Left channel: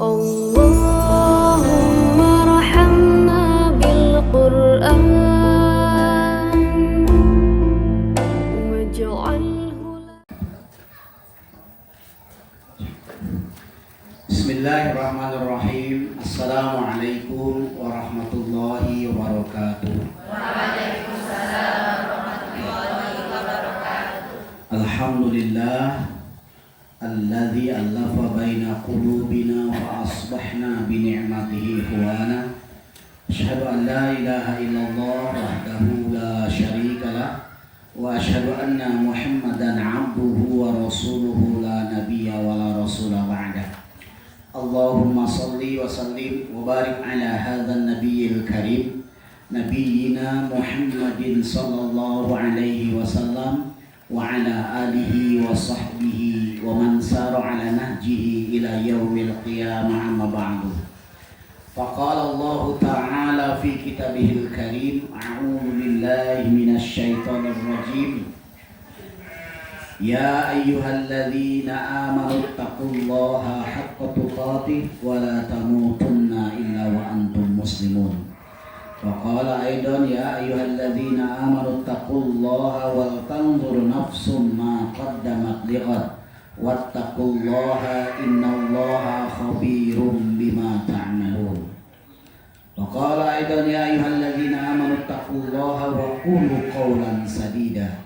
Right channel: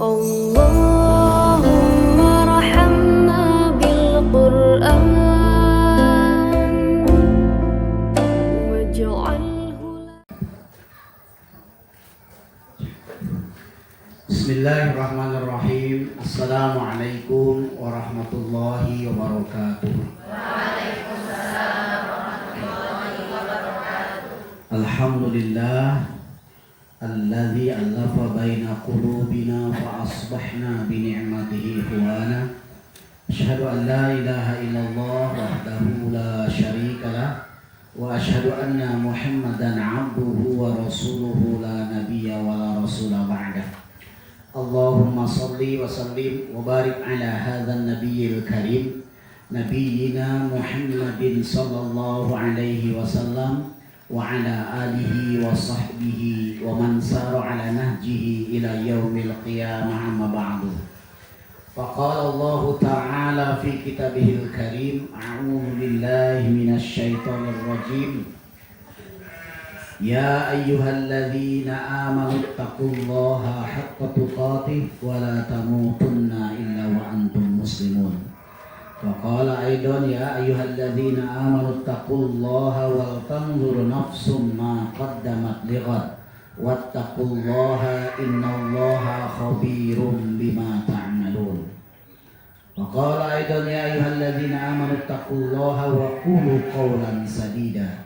اللهم ارحمنا بالقرآن واجعله Bismillahirrahmanirrahim. Assalamualaikum warahmatullahi wabarakatuh. Waalaikumsalam warahmatullahi wabarakatuh. Alhamdulillah alladzi allafa baina qulubina wa asbahna bi ni'matihi ikhwana. Asyhadu an la ilaha illallah wahdahu la syarika lah wa asyhadu anna Muhammadan 'abduhu wa rasuluhu la nabiyya wa la rasula ba'dah. Allahumma salli wa sallim wa barik ala hadzal nabiyil karim nabiyyina Muhammadin sallallahu alaihi wasallam wa ala alihi wa sahbihi wa man sara ala nahjihi ila yaumil qiyamah amma ba'du. Faqala Allah ta'ala fi kitabihil karim a'udzu billahi minasy syaithanir rajim. Ya ayyuhalladzina amanu taqullaha haqqa tuqatih wa la tamutunna illa wa antum muslimun. Wa qala aidan ya ayyuhalladzina amanu taqullaha wal tanzur nafsum ma qaddamat lighad wattaqullaha innallaha khabirum bima ta'malun. Wa qala aidan ya ayyuhalladzina amanu taqullaha wa qulu qawlan sadida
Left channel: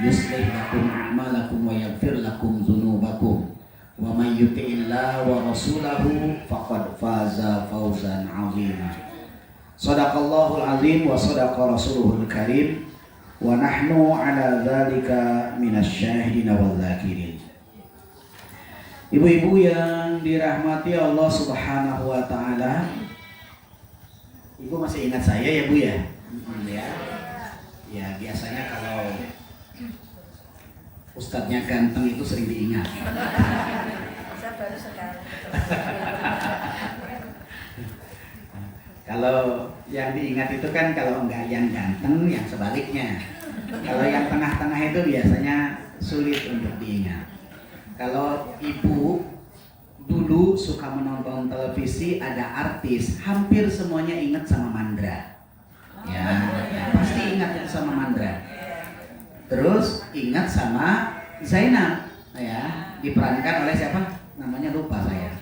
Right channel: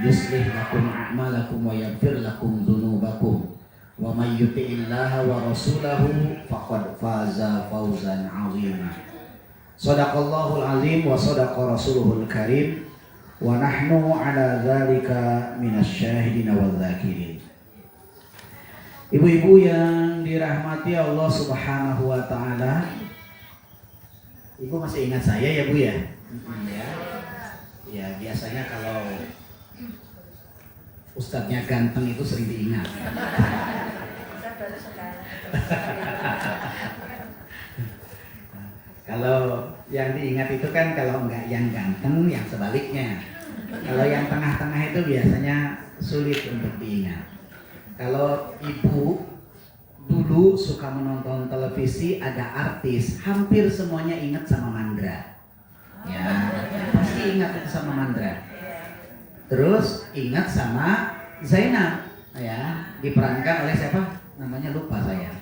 yuslih lakum a'malakum wa yaghfir lakum dzunubakum wa may yuti'illaha wa rasulahu faqad faza fawzan 'azima. Shadaqallahul 'azim wa shadaqa rasuluhul karim wa nahnu 'ala dzalika minasyahidin wal dzakirin. Ibu-ibu yang dirahmati Allah Subhanahu wa taala. Ibu masih ingat saya ya, Bu ya? Ya, biasanya kalau ustadznya ganteng itu sering diingat. Kalau yang diingat itu kan kalau enggak yang ganteng, yang sebaliknya. Kalau yang tengah-tengah itu biasanya sulit untuk diingat. Kalau ibu dulu suka menonton televisi, ada artis, hampir semuanya ingat sama Mandra. Ya, pasti ingat sama Mandra. Terus ingat sama Zainab, ya, diperankan oleh siapa? Namanya lupa saya.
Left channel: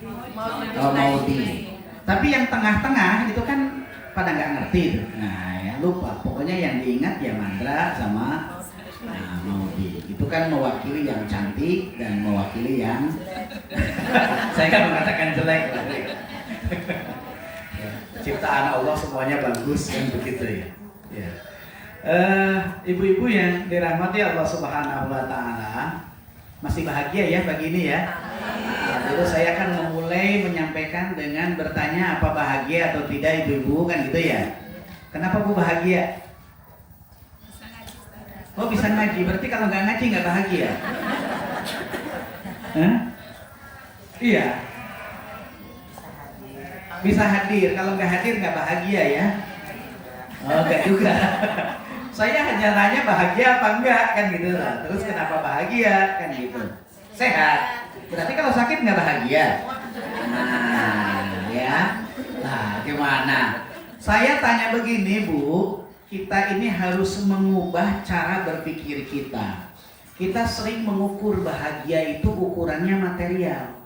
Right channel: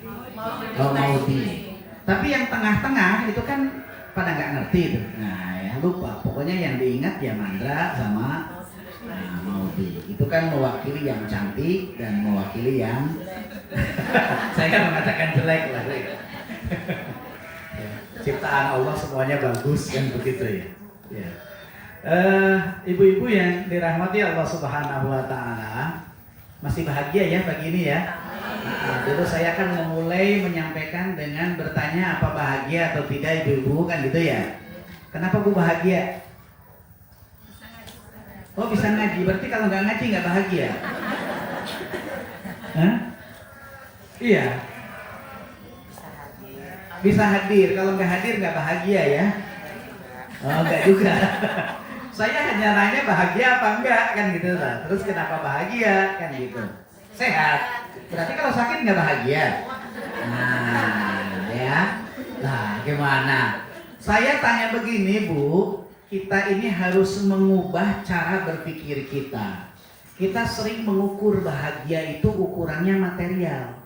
Maudi. Tapi yang tengah-tengah itu kan pada nggak ngerti itu. Nah, ya lupa. Pokoknya yang diingat ya Mandra sama Maudi. Itu kan mewakili yang cantik dan mewakili yang saya kan mengatakan jelek lah. Ciptaan Allah semuanya bagus kan begitu ya. Ya. Ibu-ibu yang dirahmati Allah Subhanahu wa taala, masih bahagia ya pagi ini ya. Dulu saya akan memulai menyampaikan dengan bertanya apa bahagia atau tidak ibu-ibu kan gitu ya. Kenapa Bu bahagia? Oh bisa ngaji, berarti kalau nggak ngaji nggak bahagia. Hah? Iya. Bisa hadir, kalau nggak hadir nggak bahagia ya. Oh nggak juga. Saya hanya nanya bahagia apa enggak kan gitu lah. Terus kenapa bahagia kan gitu. Sehat. Berarti kalau sakit nggak bahagia. Nah ya. Nah gimana? Saya tanya begini Bu, kita ini harus mengubah cara berpikir kita. Kita sering mengukur bahagia itu ukurannya material.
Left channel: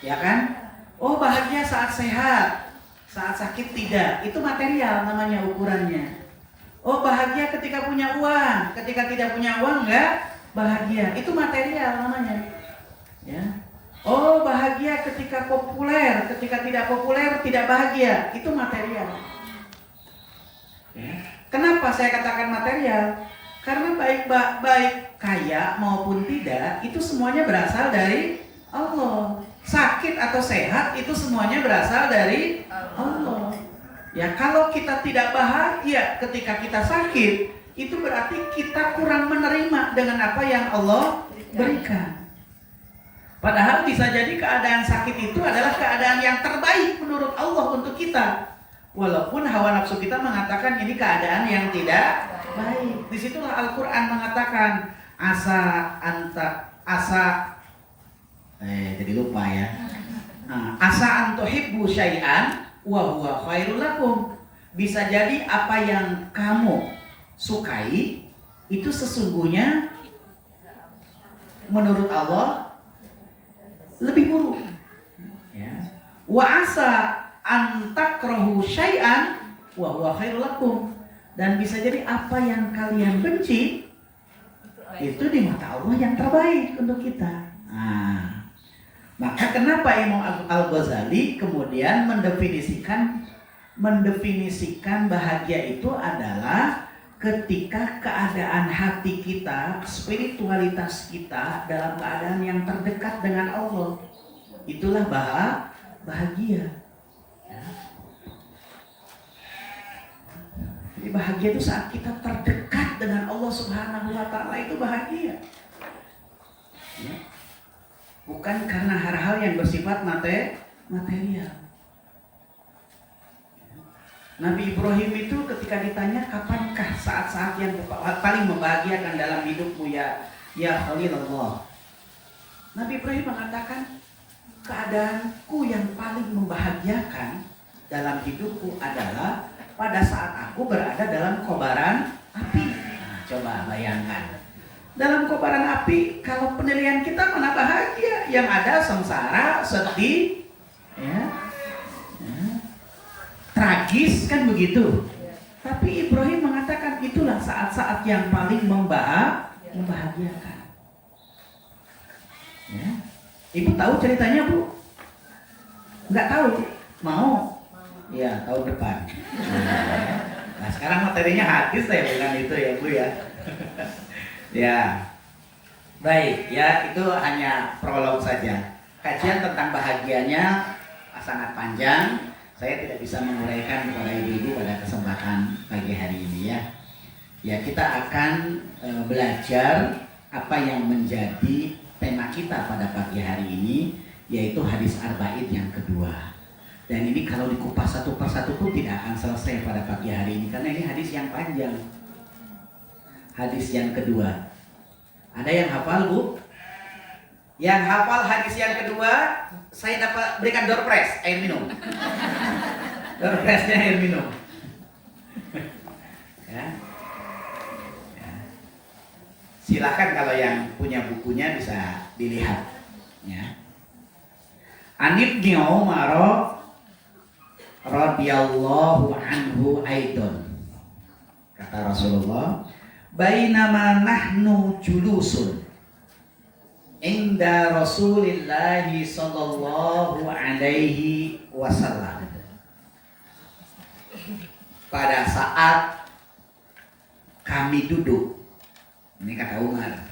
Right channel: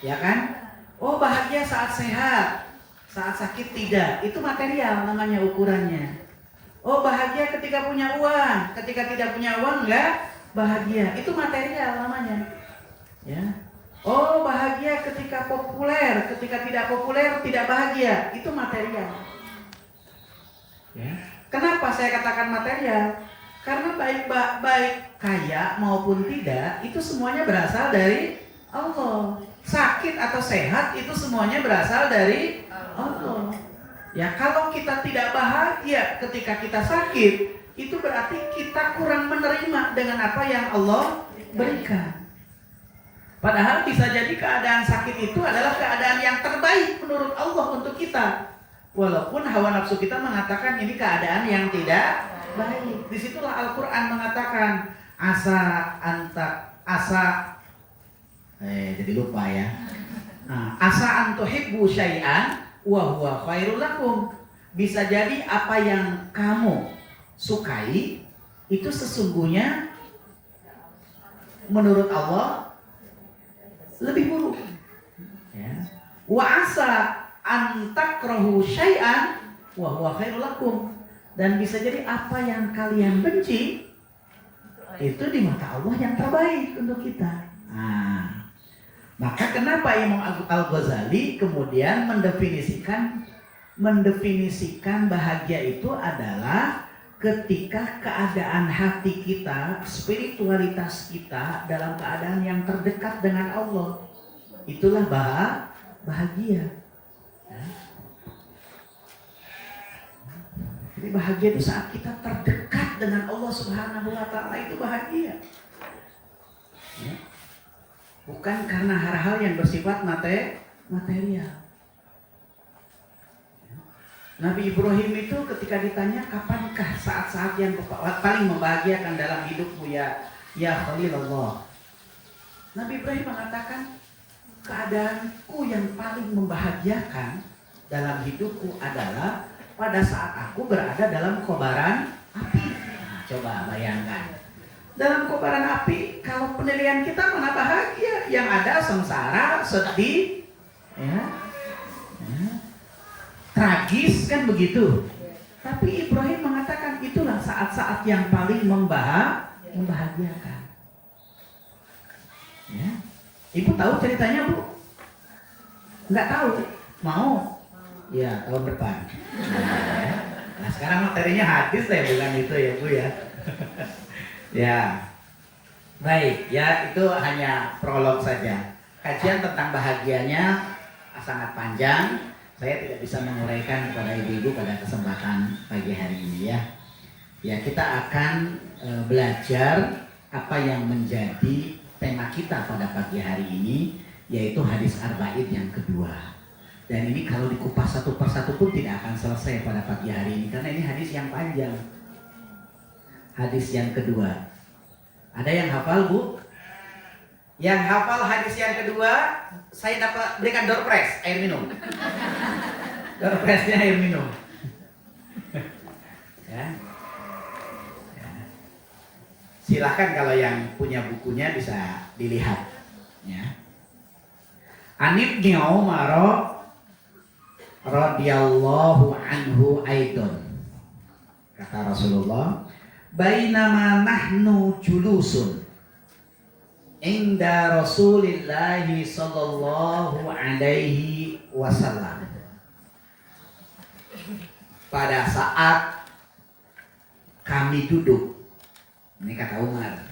Ya kan? Oh bahagia saat sehat, saat sakit tidak. Itu material namanya ukurannya. Oh bahagia ketika punya uang, ketika tidak punya uang enggak bahagia. Itu material namanya. Ya. Oh bahagia ketika populer, ketika tidak populer tidak bahagia. Itu material. Ya. Kenapa saya katakan material? Karena baik kaya maupun tidak itu semuanya berasal dari Allah. Sakit atau sehat itu semuanya berasal dari Allah. Ya kalau kita tidak bahagia ketika kita sakit, itu berarti kita kurang menerima dengan apa yang Allah berikan. Padahal bisa jadi keadaan sakit itu adalah keadaan yang terbaik menurut Allah untuk kita. Walaupun hawa nafsu kita mengatakan ini keadaan yang tidak baik. Disitulah Al-Quran mengatakan jadi lupa ya. Nah, asa an tuhibbu syai'an wa huwa khairul lakum. Bisa jadi apa yang kamu sukai itu sesungguhnya menurut Allah lebih buruk. Ya. Wa asa an takrahu syai'an wa huwa khairul lakum. Dan bisa jadi apa yang kalian benci itu di mata Allah yang terbaik untuk kita. Nah, maka kenapa Imam Al-Ghazali kemudian mendefinisikan bahagia itu adalah ketika keadaan hati kita, spiritualitas kita dalam keadaan yang terdekat dengan Allah. Itulah bahagia. Ya. Jadi bahagia itu saat kita terdekat dengan Allah Subhanahu wa Ta'ala, itu bahagia. Ya. Bukan karena hal-hal yang bersifat material. Nabi Ibrahim itu ketika ditanya kapankah saat-saat yang paling membahagiakan dalam hidupmu ya Khalilullah. Nabi Ibrahim mengatakan keadaanku yang paling membahagiakan dalam hidupku adalah pada saat aku berada dalam kobaran api. Nah, coba bayangkan. Dalam kobaran api, kalau penilaian kita mana bahagia, yang ada sengsara, sedih, ya, tragis kan begitu. Tapi Ibrahim mengatakan itulah saat-saat yang paling membahagiakan. Ya. Ibu tahu ceritanya, Bu? Enggak tahu? Mau? Ya, tahun depan. Nah, sekarang materinya hadis ya, bukan itu ya, Bu ya. Ya. Baik, ya itu hanya prolog saja. Kajian tentang bahagianya sangat panjang. Saya tidak bisa menguraikan kepada ibu-ibu pada kesempatan pagi hari ini ya. Ya, kita akan belajar apa yang menjadi tema kita pada pagi hari ini, yaitu hadis arba'in yang kedua. Dan ini kalau dikupas satu persatu pun tidak akan selesai pada pagi hari ini, karena ini hadis yang panjang. Hadis yang kedua. Ada yang hafal, Bu? Yang hafal hadis yang kedua, saya dapat berikan door prize, air minum. Door prize-nya air minum. Ya. Ya. Silahkan kalau yang punya bukunya bisa dilihat. Ya. An Ibnu Umar radhiyallahu anhu aidon, kata Rasulullah, bainama nahnu julusun inda Rasulillah sallallahu alaihi wasallam. Pada saat kami duduk, ini kata Umar,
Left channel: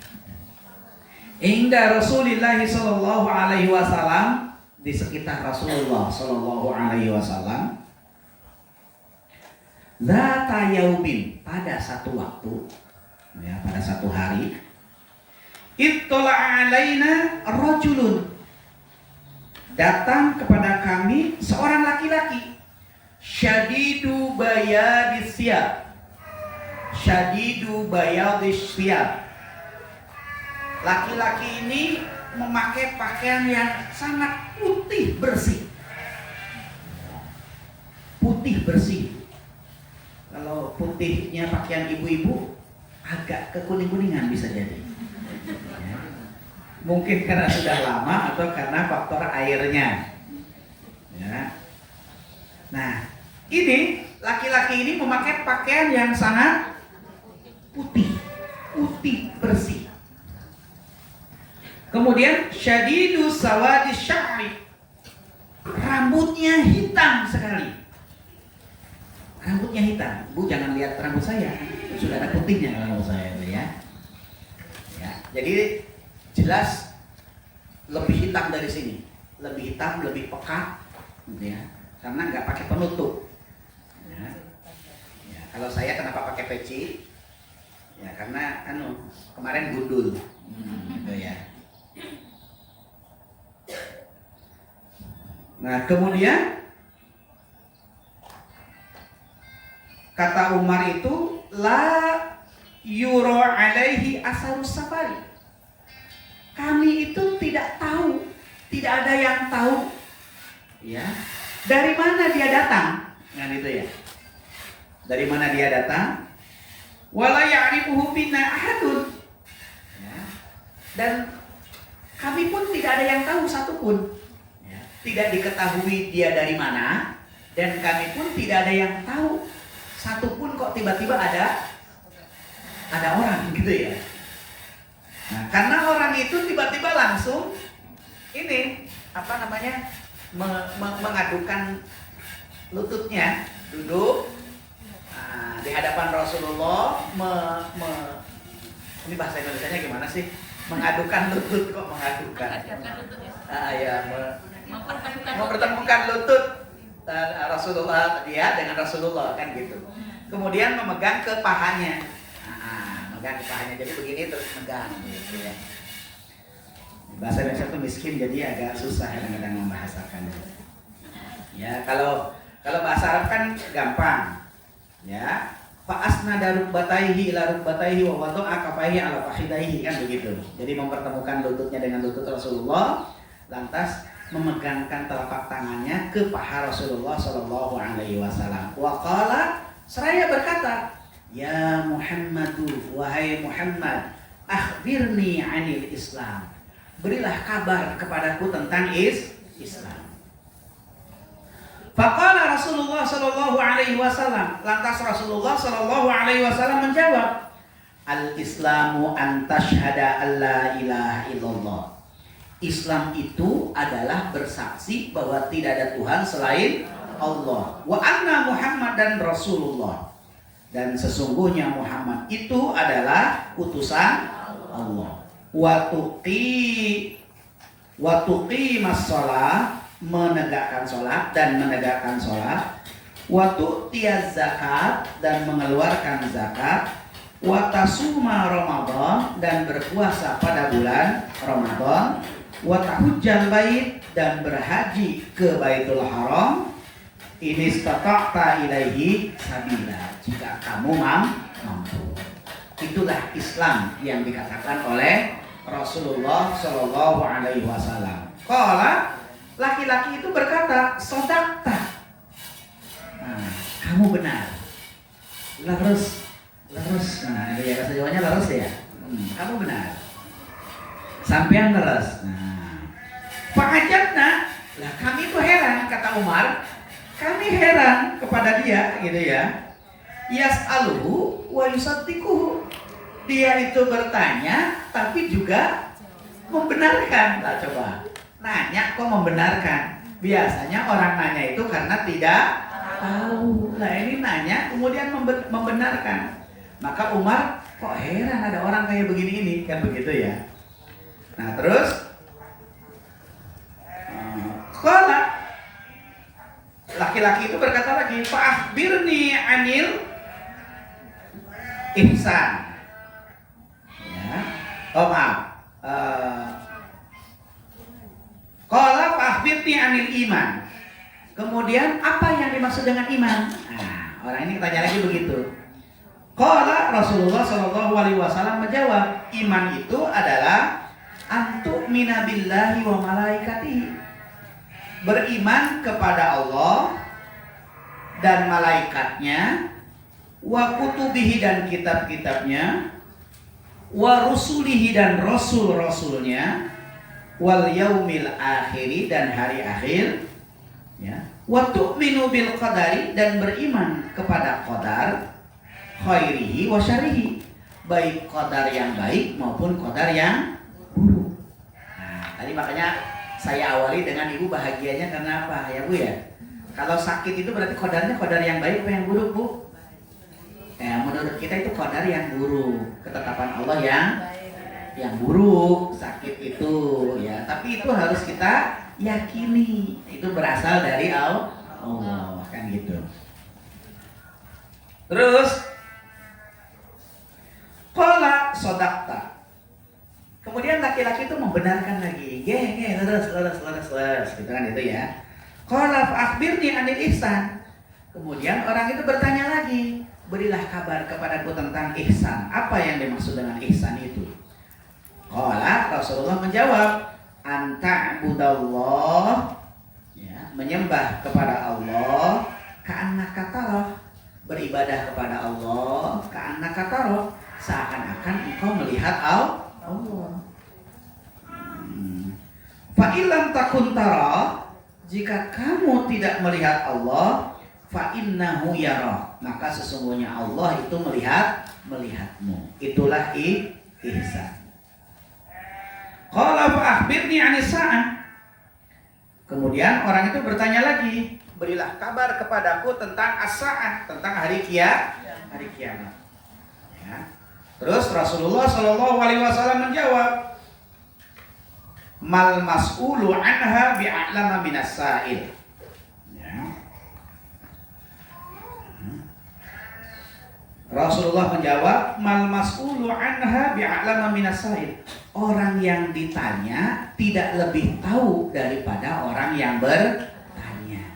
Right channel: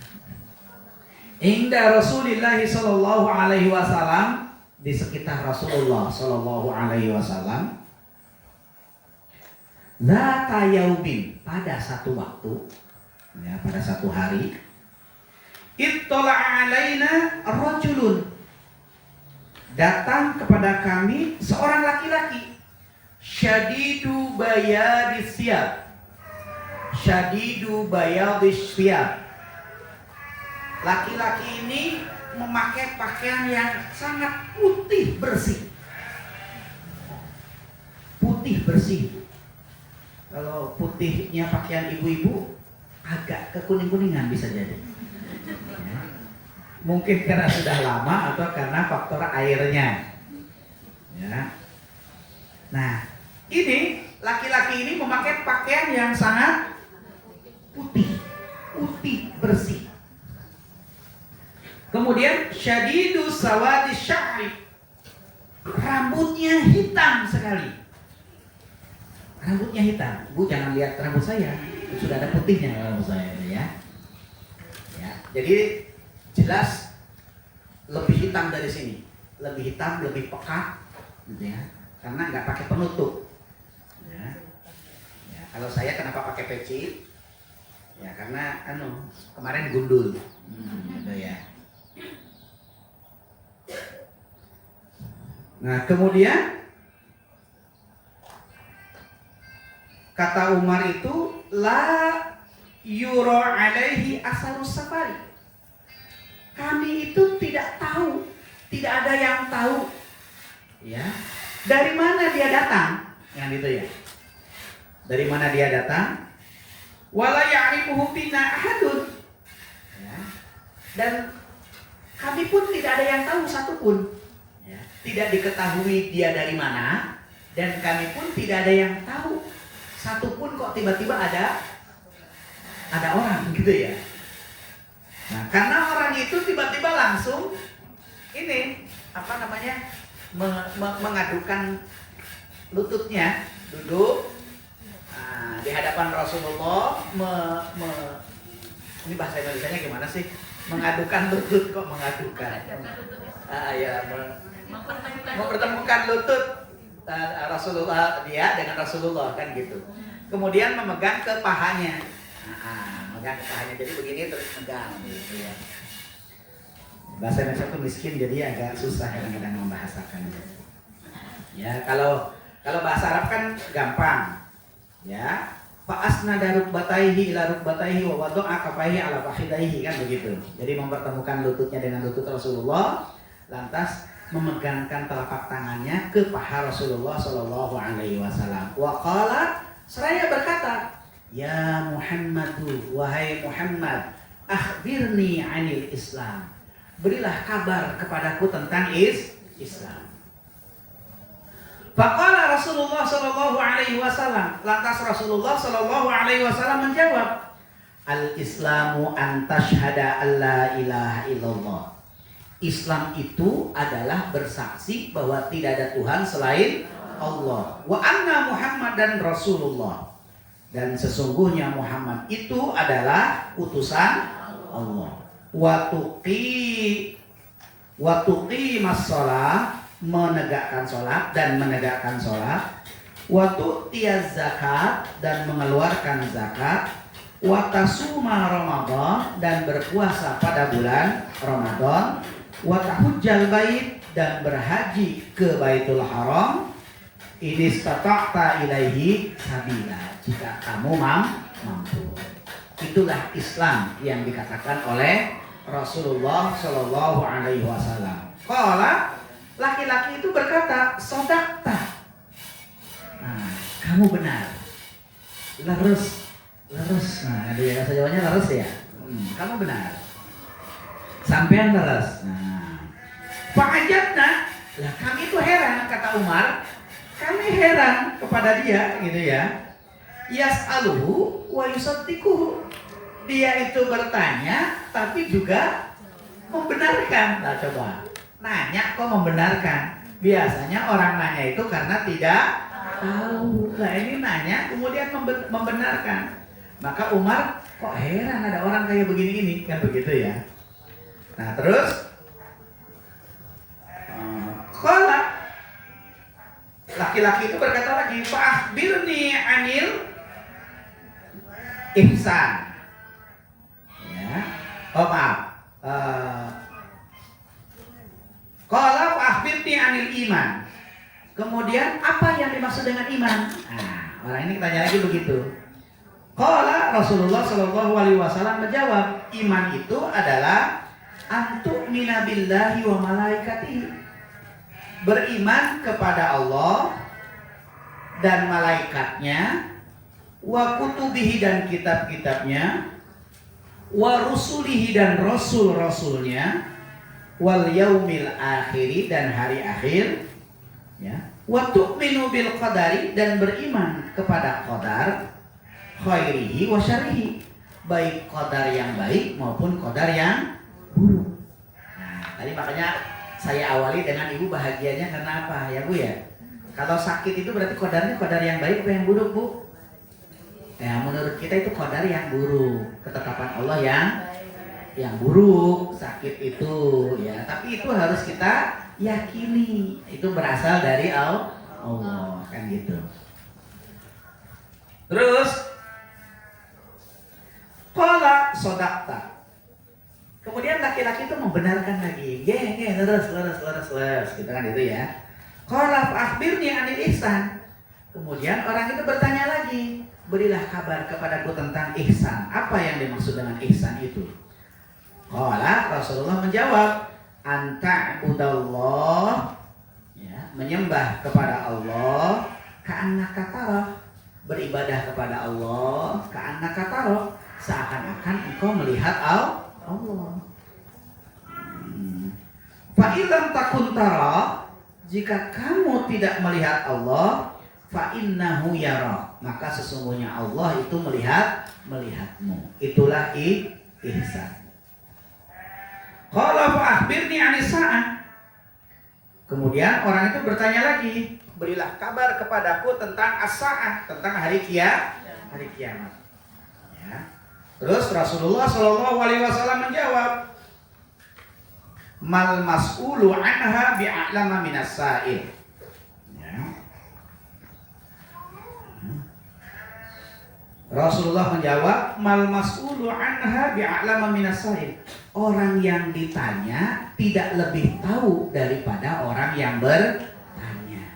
inda Rasulillah sallallahu alaihi wasallam, di sekitar Rasulullah sallallahu alaihi wasallam, dzata yaumin, pada satu waktu, ya, pada satu hari, ittala'a alaina rajulun, datang kepada kami seorang laki-laki, syadidu bayadis siyab, syadidu bayadis siyab. Laki-laki ini memakai pakaian yang sangat putih bersih. Putih bersih. Kalau putihnya pakaian ibu-ibu agak kekuning-kuningan bisa jadi. Ya. Mungkin karena sudah lama atau karena faktor airnya. Ya. Nah, ini laki-laki ini memakai pakaian yang sangat putih, putih bersih. Kemudian syadidu sawadi sya'ri, rambutnya hitam sekali. Rambutnya hitam. Bu, jangan lihat rambut saya, sudah ada putihnya rambut saya ya. Ya, jadi jelas lebih hitam dari sini, lebih hitam, lebih pekat, gitu ya, karena nggak pakai penutup. Ya. Ya, kalau saya kenapa pakai peci? Ya karena kan kemarin gundul, gitu ya. Nah, kemudian kata Umar itu, la yuro alaihi asarus safari. Kami itu tidak tahu, tidak ada yang tahu Ya. Dari mana dia datang? Kan gitu ya. Dari mana dia datang? Wala ya'rifuhu bina ahadun. Ya. Dan kami pun tidak ada yang tahu satupun. Ya. Tidak diketahui dia dari mana, dan kami pun tidak ada yang tahu satupun kok tiba-tiba ada orang gitu ya. Nah, karena orang itu tiba-tiba langsung ini mengadukan lututnya, duduk di hadapan Rasulullah, ini bahasa Indonesianya gimana sih? Mengadukan lutut, kok mengadukan? Mempertemukan lutut Rasulullah, dia dengan Rasulullah, kan gitu. Kemudian memegang ke pahanya, memegang ke pahanya, jadi begini terus megang gitu ya. Bahasa Indonesia tuh miskin, jadi agak susah kadang-kadang membahasakannya. Ya, kalau bahasa Arab kan gampang. Ya, fa asnada rukbataihi ila rukbataihi wa wada'a kafaihi ala fakhidaihi, kan begitu. Jadi mempertemukan lututnya dengan lutut Rasulullah, lantas memegangkan telapak tangannya ke paha Rasulullah sallallahu alaihi wasallam. Wa qala, seraya berkata, "Ya Muhammadu, wahai Muhammad, akhbirni 'anil Islam." Berilah kabar kepadaku tentang Islam. Faqala Rasulullah sallallahu alaihi wasallam, lantas Rasulullah sallallahu alaihi wasallam menjawab, "Al-Islamu an tashhada alla ilaha illallah." Islam itu adalah bersaksi bahwa tidak ada Tuhan selain Allah. Wa anna Muhammadan Rasulullah. Dan sesungguhnya Muhammad itu adalah utusan Allah. Wa tuqimas shalah, menegakkan sholat dan menegakkan sholat. Wa tu'tiyaz zakat, dan mengeluarkan zakat. Wa tasuma Ramadan, dan berpuasa pada bulan Ramadan. Wa tahujjal bait, dan berhaji ke Baitul Haram. Ini istata'ta ilaihi sabila, jika kamu mampu. Itulah Islam yang dikatakan oleh Rasulullah Shallallahu Alaihi Wasallam. Qala, laki-laki itu berkata, "Shadaqta." Nah, kamu benar. Leres. Nah, ada bahasa Jawanya leres ya. Kamu benar. Sampean leres. Nah, fa'ajabna, lah kami itu heran, kata Umar. Kami heran kepada dia, gitu ya. Yas'aluhu wa yusaddiquhu. Dia itu bertanya tapi juga membenarkan. Lah coba, nanya kok membenarkan. Biasanya orang nanya itu karena tidak tahu. Lah ini nanya kemudian membenarkan. Maka Umar kok heran ada orang kayak begini ini, kan begitu ya. Nah terus qala, laki-laki itu berkata lagi, "Fa'akhbirni 'anil ihsan." Oh maaf. Qala fa'akhbirni 'anil iman. Kemudian apa yang dimaksud dengan iman? Nah, orang ini tanya lagi begitu. Qala Rasulullah sallallahu alaihi wasallam menjawab, iman itu adalah antu'mina billahi wa malaikatihi. Beriman kepada Allah dan malaikatnya, wa kutubihi, dan kitab-kitabnya, wa rusulihi, dan rasul-rasulnya, wal yaumil akhiri, dan hari akhir, ya. Wa tu'minu bil qadari, dan beriman kepada qadar, khairihi wa syarrihi, baik qadar yang baik maupun qadar yang buruk. Nah, tadi makanya saya awali dengan ibu bahagianya karena apa ya Bu ya? Kalau sakit itu berarti qadarnya qadar yang baik atau yang buruk Bu? Ya, menurut kita itu qadar yang buruk, ketetapan Allah yang buruk, sakit itu ya. Tapi itu harus kita yakini, itu berasal dari Allah, kan gitu. Terus qala shadaqta. Kemudian laki-laki itu membenarkan lagi. Leres gitu kan itu ya. Qala akhbirni 'anil ihsan. Kemudian orang itu bertanya lagi, berilah kabar kepadaku tentang ihsan. Apa yang dimaksud dengan ihsan itu? Qala, Rasulullah menjawab, anta budallah, ya, menyembah kepada Allah, ka'annaka tarah, beribadah kepada Allah, ka'annaka tarah, seakan-akan engkau melihat Allah. Fa illam takun tarah, jika kamu tidak melihat Allah, fa innahu yara, maka sesungguhnya Allah itu melihatmu. Itulah ihsan. Qala fa akhbirni 'anis sa'ah. Kemudian orang itu bertanya lagi, berilah kabar kepadaku tentang as-sa'ah, tentang hari kiamat. Ya. Terus Rasulullah Shallallahu Alaihi Wasallam menjawab, mal mas'ulu anha bi'a'lama minas sa'il. Ya. Rasulullah menjawab, mal mas'ulu anha bi'a'lama minas sa'il. Orang yang ditanya tidak lebih tahu daripada orang yang bertanya.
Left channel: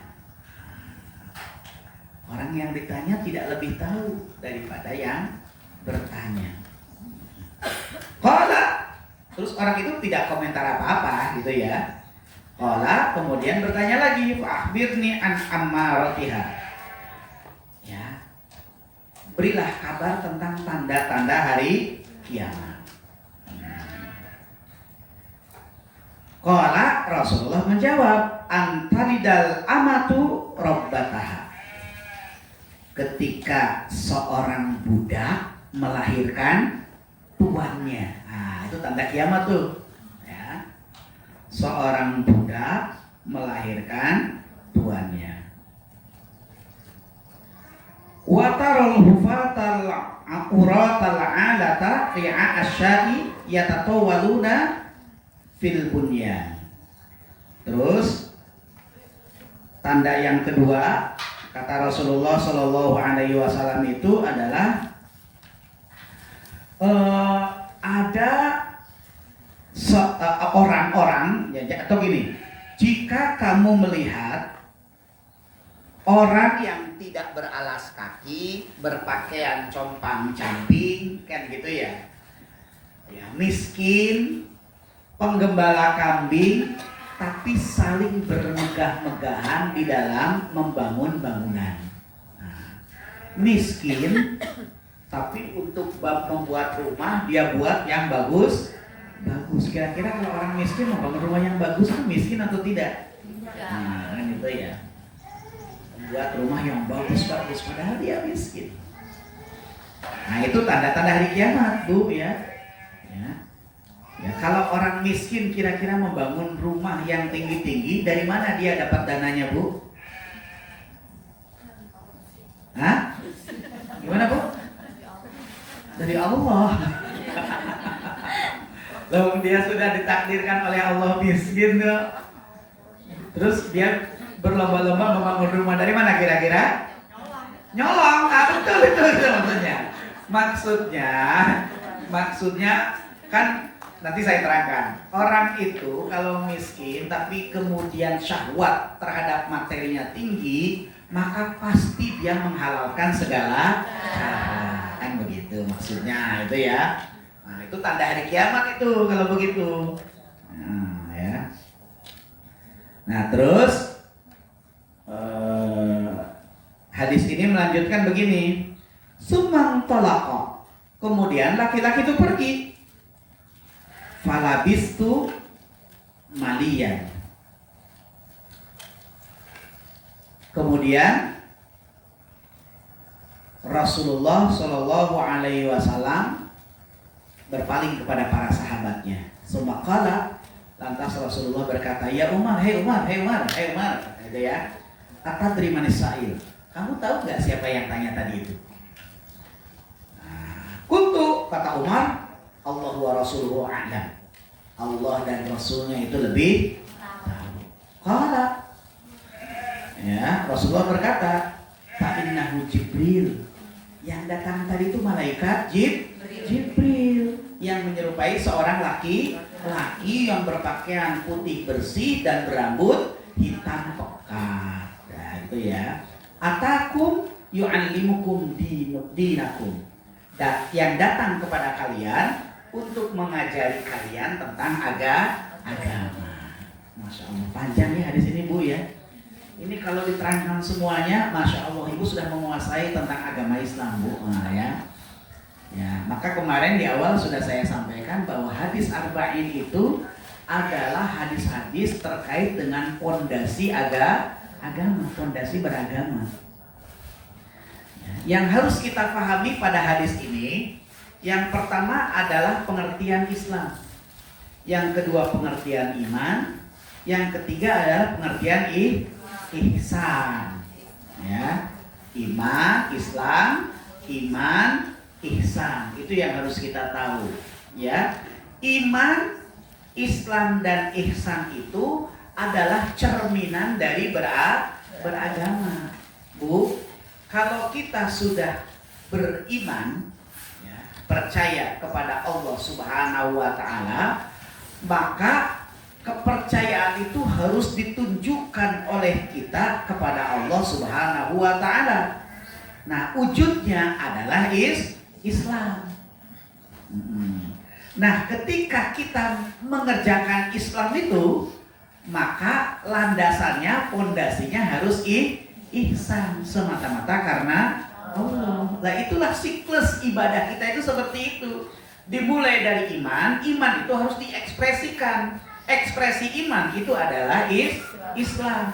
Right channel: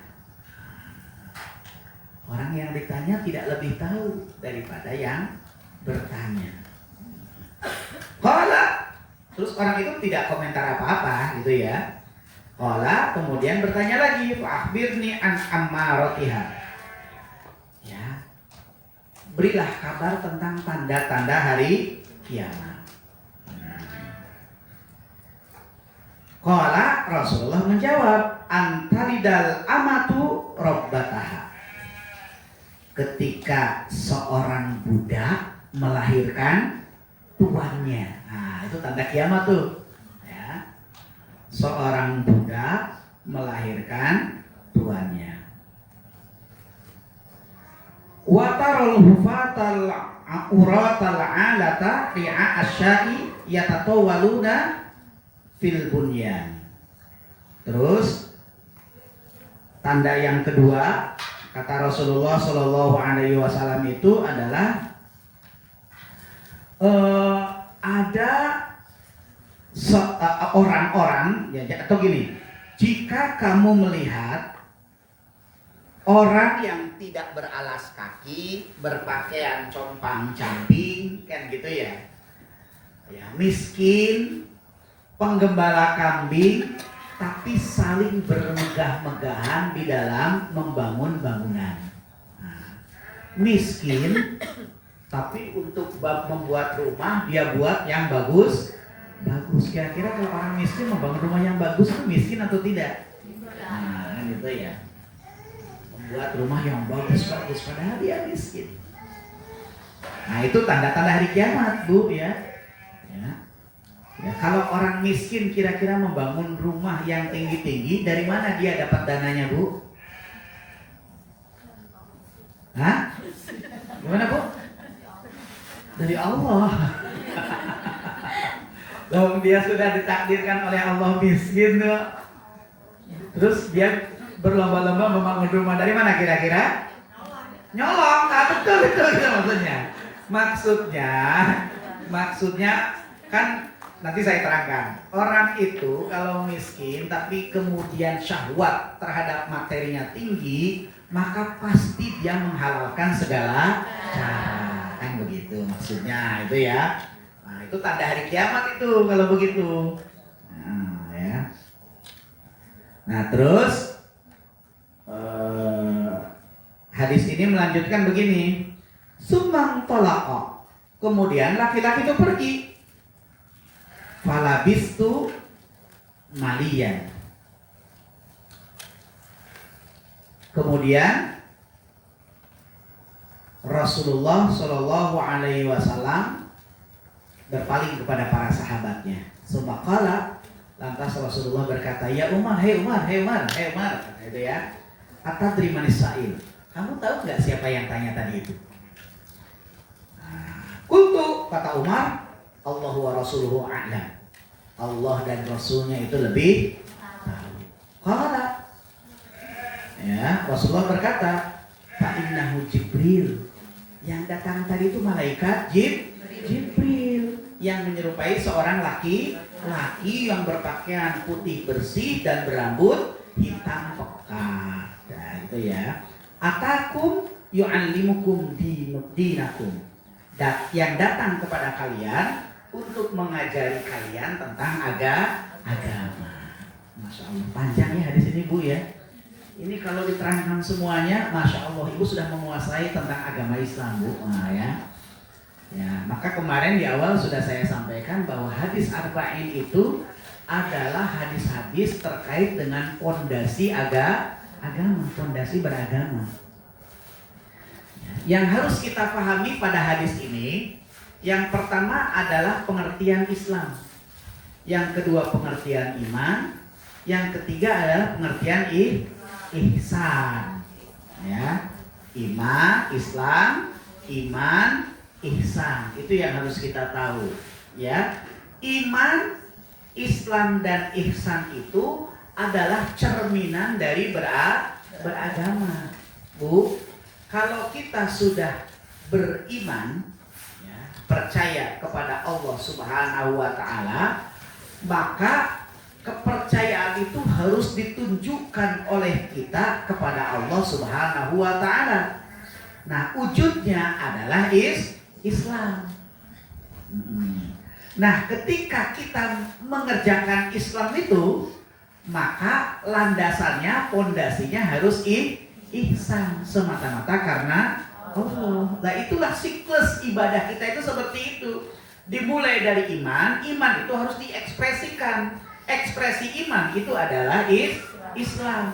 Orang yang ditanya tidak lebih tahu daripada yang bertanya. Qala, terus orang itu tidak komentar apa-apa gitu ya. Qala, kemudian bertanya lagi, akhbirni an ammaratiha. Ya. Berilah kabar tentang tanda-tanda hari kiamat. Qala, Rasulullah menjawab, antalidal amatu rabbataha. Ketika seorang budak melahirkan tuannya. Nah, itu tanda kiamat tuh. Ya. Seorang budak melahirkan tuannya. Wa tarul hufatal uratal alata ri'a asya'i yatatawaluna fil bunyan. Terus tanda yang kedua kata Rasulullah Shallallahu Alaihi Wasallam itu adalah ada orang-orang ya, atau gini, jika kamu melihat orang yang tidak beralas kaki, berpakaian compang-camping, kan gitu ya, miskin, penggembala kambing, tapi saling bermegah-megahan di dalam membangun bangunan. Nah, miskin, tapi untuk membuat rumah dia buat yang bagus. Kira-kira kalau orang miskin membangun rumah yang bagus itu miskin atau tidak? Nah, kan itu ya. Membuat rumah yang bagus padahal dia miskin. Nah, itu tanda-tanda hari kiamat, Bu ya. Ya, kalau orang miskin kira-kira membangun rumah yang tinggi-tinggi, dari mana dia dapat dananya, Bu? Hah? Gimana, Bu? Dari Allah. Lalu dia sudah ditakdirkan oleh Allah miskin tuh. Terus dia berlomba-lomba membangun rumah, dari mana kira-kira? Nyolong. Betul itu maksudnya. Maksudnya kan nanti saya terangkan. Orang itu kalau miskin tapi kemudian syahwat terhadap materinya tinggi, maka pasti dia menghalalkan segala cara. Kan begitu maksudnya itu ya. Nah, itu tanda hari kiamat itu kalau begitu. Nah, ya. Nah, terus hadis ini melanjutkan begini. Sumang tolaqa. Kemudian laki-laki itu pergi. Falabistu maliyan. Kemudian Rasulullah Shallallahu Alaihi Wasallam berpaling kepada para sahabatnya. Sumakala, lantas Rasulullah berkata, ya Umar, hei Umar, kata itu ya. Atadri manis sa'il. Kamu tahu nggak siapa yang tanya tadi itu? Kuntu, kata Umar, Allah wa Rasuluhu a'lam. Allah dan Rasulnya itu lebih tahu. Qala, ya, Rasulullah berkata, fa'innahu Jibril. Yang datang tadi itu malaikat Jibril yang menyerupai seorang laki-laki yang berpakaian putih bersih dan berambut hitam pekat. Nah, itu ya. Atakum yu'allimukum dinakum. Yang datang kepada kalian untuk mengajari kalian tentang agama. Masya Allah, panjang ya hadis ini, Bu ya. Ini kalau diterangkan semuanya, Masya Allah, Ibu sudah menguasai tentang agama Islam, Bu. Nah, ya. Ya, maka kemarin di awal sudah saya sampaikan bahwa hadis arba'in itu adalah hadis-hadis terkait dengan fondasi agama, fondasi beragama. Ya, yang harus kita pahami pada hadis ini, yang pertama adalah pengertian Islam, yang kedua pengertian iman, yang ketiga adalah pengertian ihsan. Ya, iman, Islam, iman, ihsan, itu yang harus kita tahu, ya. Iman, Islam dan ihsan itu adalah cerminan dari beragama, Bu. Kalau kita sudah beriman, ya, percaya kepada Allah Subhanahu wa taala, maka kepercayaan itu harus ditunjukkan oleh kita kepada Allah Subhanahu wa taala. Nah, wujudnya adalah Islam. Nah, ketika kita mengerjakan Islam itu, maka landasannya, fondasinya harus ihsan, semata-mata karena Allah. Nah, itulah siklus ibadah kita itu seperti itu. Dimulai dari iman itu harus diekspresikan. Ekspresi iman itu adalah Islam.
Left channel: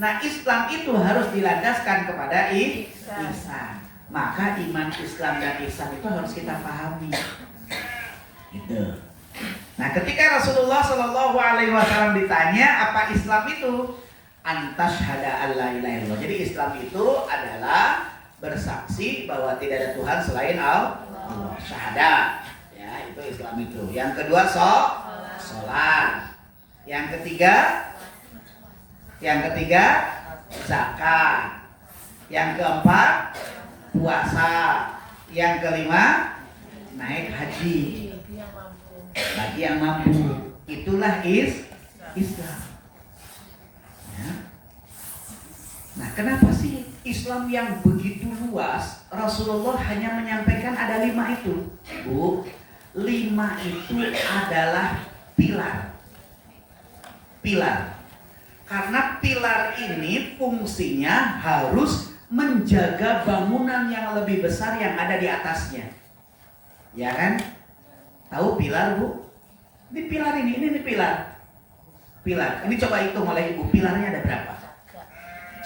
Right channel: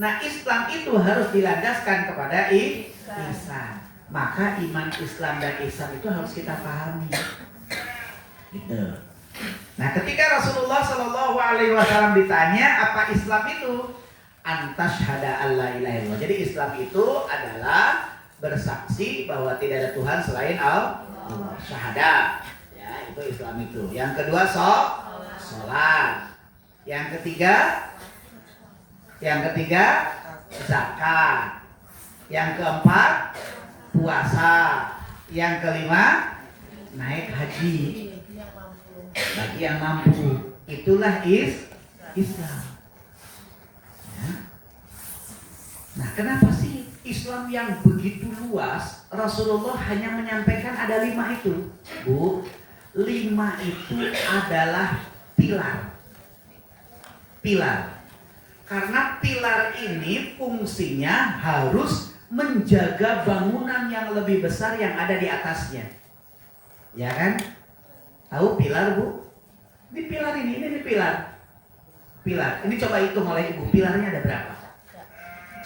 Nah, Islam itu harus dilandaskan kepada ihsan. Maka iman, Islam dan ihsan itu harus kita pahami. Gitu. Nah, ketika Rasulullah Shallallahu Alaihi Wasallam ditanya apa Islam itu, antasyhada alla ilaha illallah. Jadi Islam itu adalah bersaksi bahwa tidak ada Tuhan selain Allah. Syahadat. Ya, itu Islam itu. Yang kedua sholat. Yang ketiga zakat. Yang keempat puasa. Yang kelima naik haji bagi yang mampu. Itulah Islam, ya. Nah, kenapa sih Islam yang begitu luas Rasulullah hanya menyampaikan ada 5 itu, Bu? 5 itu adalah pilar. Karena pilar ini fungsinya harus menjaga bangunan yang lebih besar yang ada di atasnya. Ya kan? Tahu pilar, Bu? Ini pilar ini pilar. Ini coba hitung oleh Ibu, pilarnya ada berapa?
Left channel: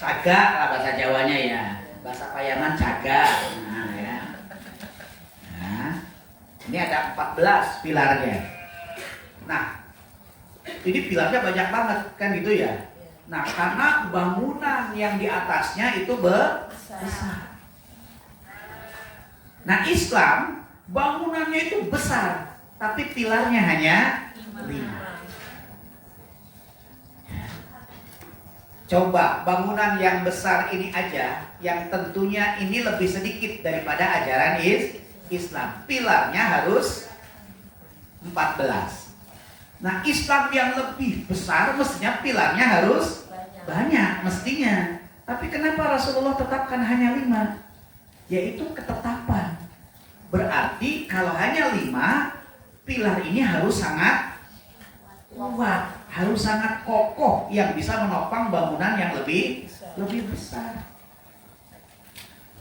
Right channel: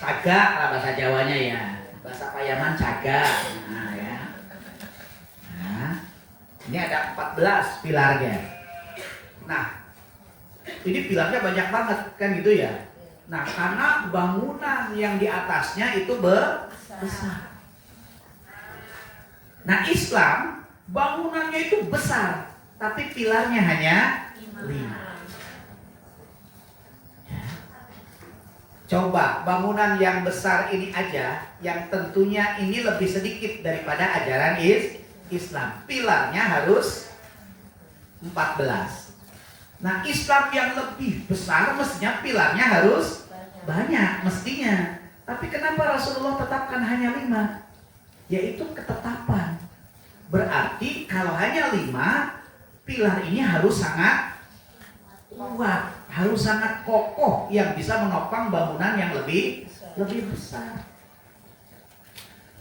Cagak lah bahasa Jawanya ya. Bahasa Payaman cagak. Nah, ya. Nah, ini ada 14 pilarnya. Nah, ini pilarnya banyak banget kan gitu ya. Nah, karena bangunan yang di atasnya itu besar. Nah, Islam bangunannya itu besar, tapi pilarnya hanya 5. Coba bangunan yang besar ini aja, yang tentunya ini lebih sedikit daripada ajaran Islam. Pilarnya harus 14. Nah, Islam yang lebih besar mestinya pilarnya harus banyak mestinya. Tapi kenapa Rasulullah tetapkan hanya 5? Yaitu ketetapan. Berarti kalau hanya 5, pilar ini harus sangat kuat, harus sangat kokoh yang bisa menopang bangunan yang lebih besar.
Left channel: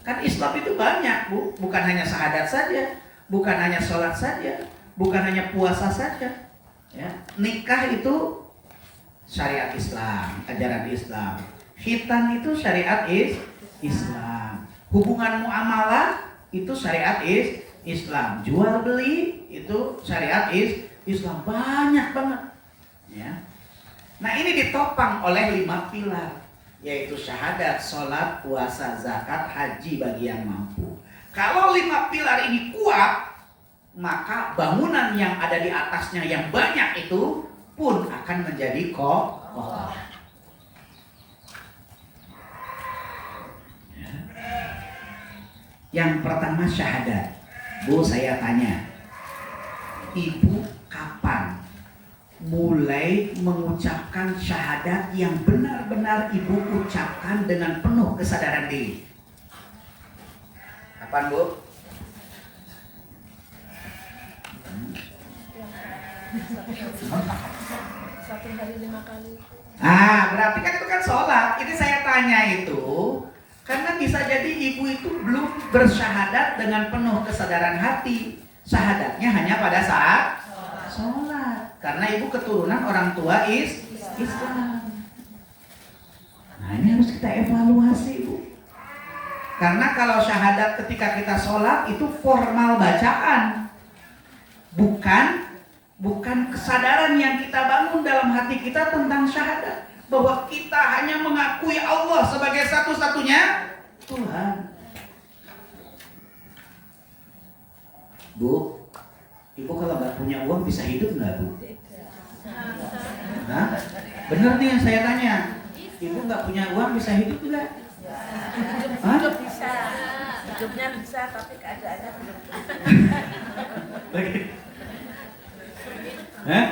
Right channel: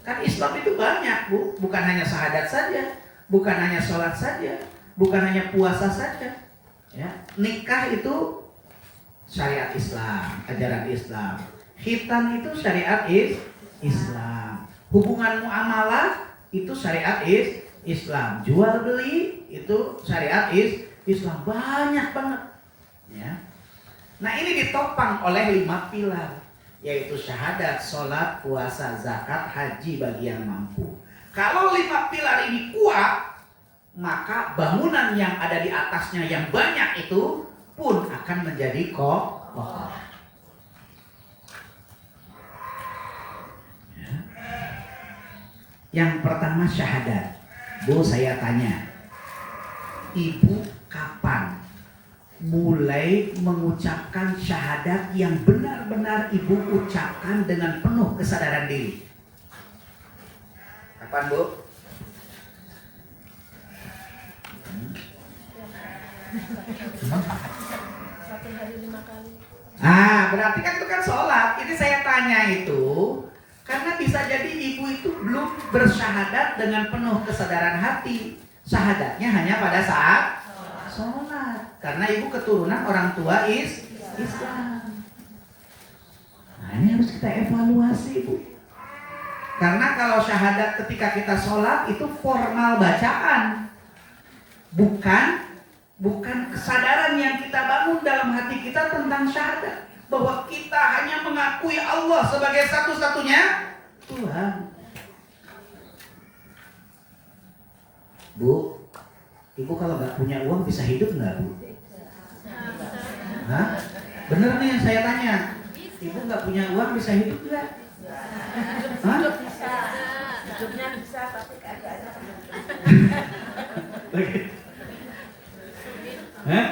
Kan Islam itu banyak, Bu. Bukan hanya syahadat saja, bukan hanya sholat saja, bukan hanya puasa saja. Ya, nikah itu syariat Islam, ajaran Islam. Khitan itu syariat Islam. Hubungan muamalah itu syariat Islam. Jual beli itu syariat Islam. Banyak banget. Ya. Nah, ini ditopang oleh 5 pilar, yaitu syahadat, sholat, puasa, zakat, haji bagi yang mampu. Kalau 5 pilar ini kuat, maka bangunan yang ada di atasnya yang banyak itu pun akan menjadi kokoh. Ya. Yang pertama syahadat. Bu, saya tanya, Ibu kapan mulai mengucapkan syahadat yang benar-benar Ibu ucapkan dengan penuh kesadaran diri? Kapan, Bu? Satu hari 5 kali. Berarti kan itu kan sholat. Ini saya tanya itu karena bisa jadi ibu itu belum bersyahadat dengan penuh kesadaran hati. Syahadatnya hanya pada saat sholat. Karena ibu keturunan orang tua Islam. Nah ini harus kita evaluasi ibu. Karena kalau syahadat ketika kita sholat itu formal bacaan, bukan kesadaran yang kita bangun dalam hati kita tentang syahadat, bahwa kita hanya mengakui Allah sebagai satu-satunya Tuhan. Bu, ibu kalau nggak punya uang bisa hidup nggak bu? Hah? Bener nih yang saya tanya. Ibu nggak punya uang bisa hidup nggak? Hah? Bisa. Hidupnya bisa tapi keadaannya. Hah?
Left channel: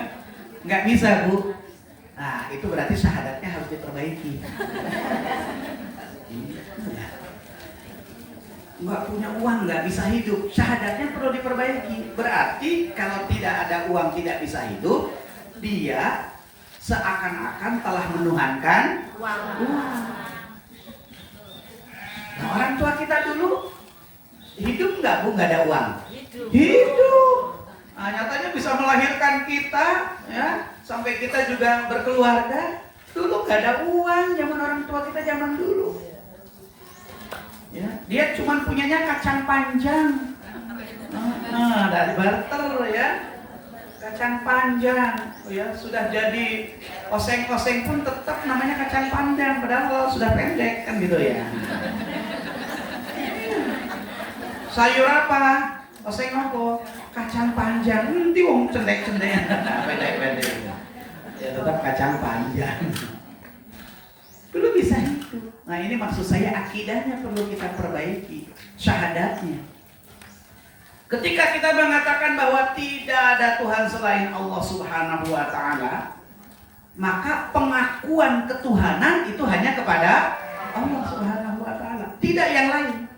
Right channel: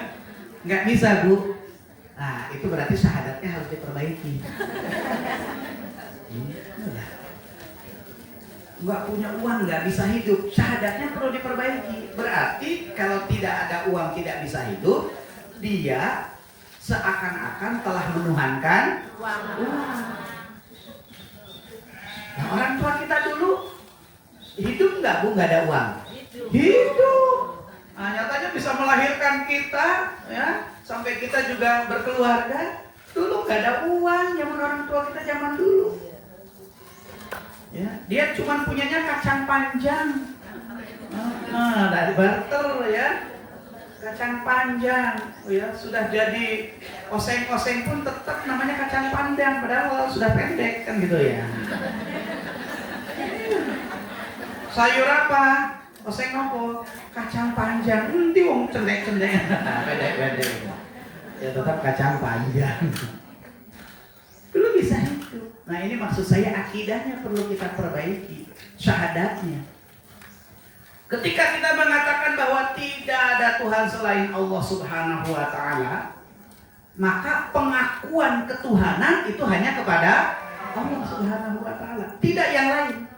Nggak bisa bu. Nah itu berarti syahadatnya harus diperbaiki. Nggak punya uang nggak bisa hidup, syahadatnya perlu diperbaiki. Berarti kalau tidak ada uang tidak bisa hidup, dia seakan-akan telah menuhankan uang. Nah, orang tua kita dulu hidup nggak bu nggak ada uang? Hidup. Nah, nyatanya bisa melahirkan kita, ya, sampai kita juga berkeluarga. Dulu nggak ada uang zaman orang tua kita zaman dulu. Ya, dia cuma punyanya kacang panjang. Dari barter ya, kacang panjang. Ya, sudah jadi oseng-oseng pun tetap namanya kacang panjang, padahal sudah pendek kan gitu ya. Sayur apa? Oseng apa? Kacang panjang. Nanti wong cendek-cendek. Pendek-pendek. Ya tetap kacang panjang. Belum bisa hidup. Nah ini maksud saya akidahnya perlu kita perbaiki, syahadatnya. Ketika kita mengatakan bahwa tidak ada Tuhan selain Allah Subhanahu wa Ta'ala, maka pengakuan ketuhanan itu hanya kepada Allah Subhanahu wa Ta'ala, tidak yang lain.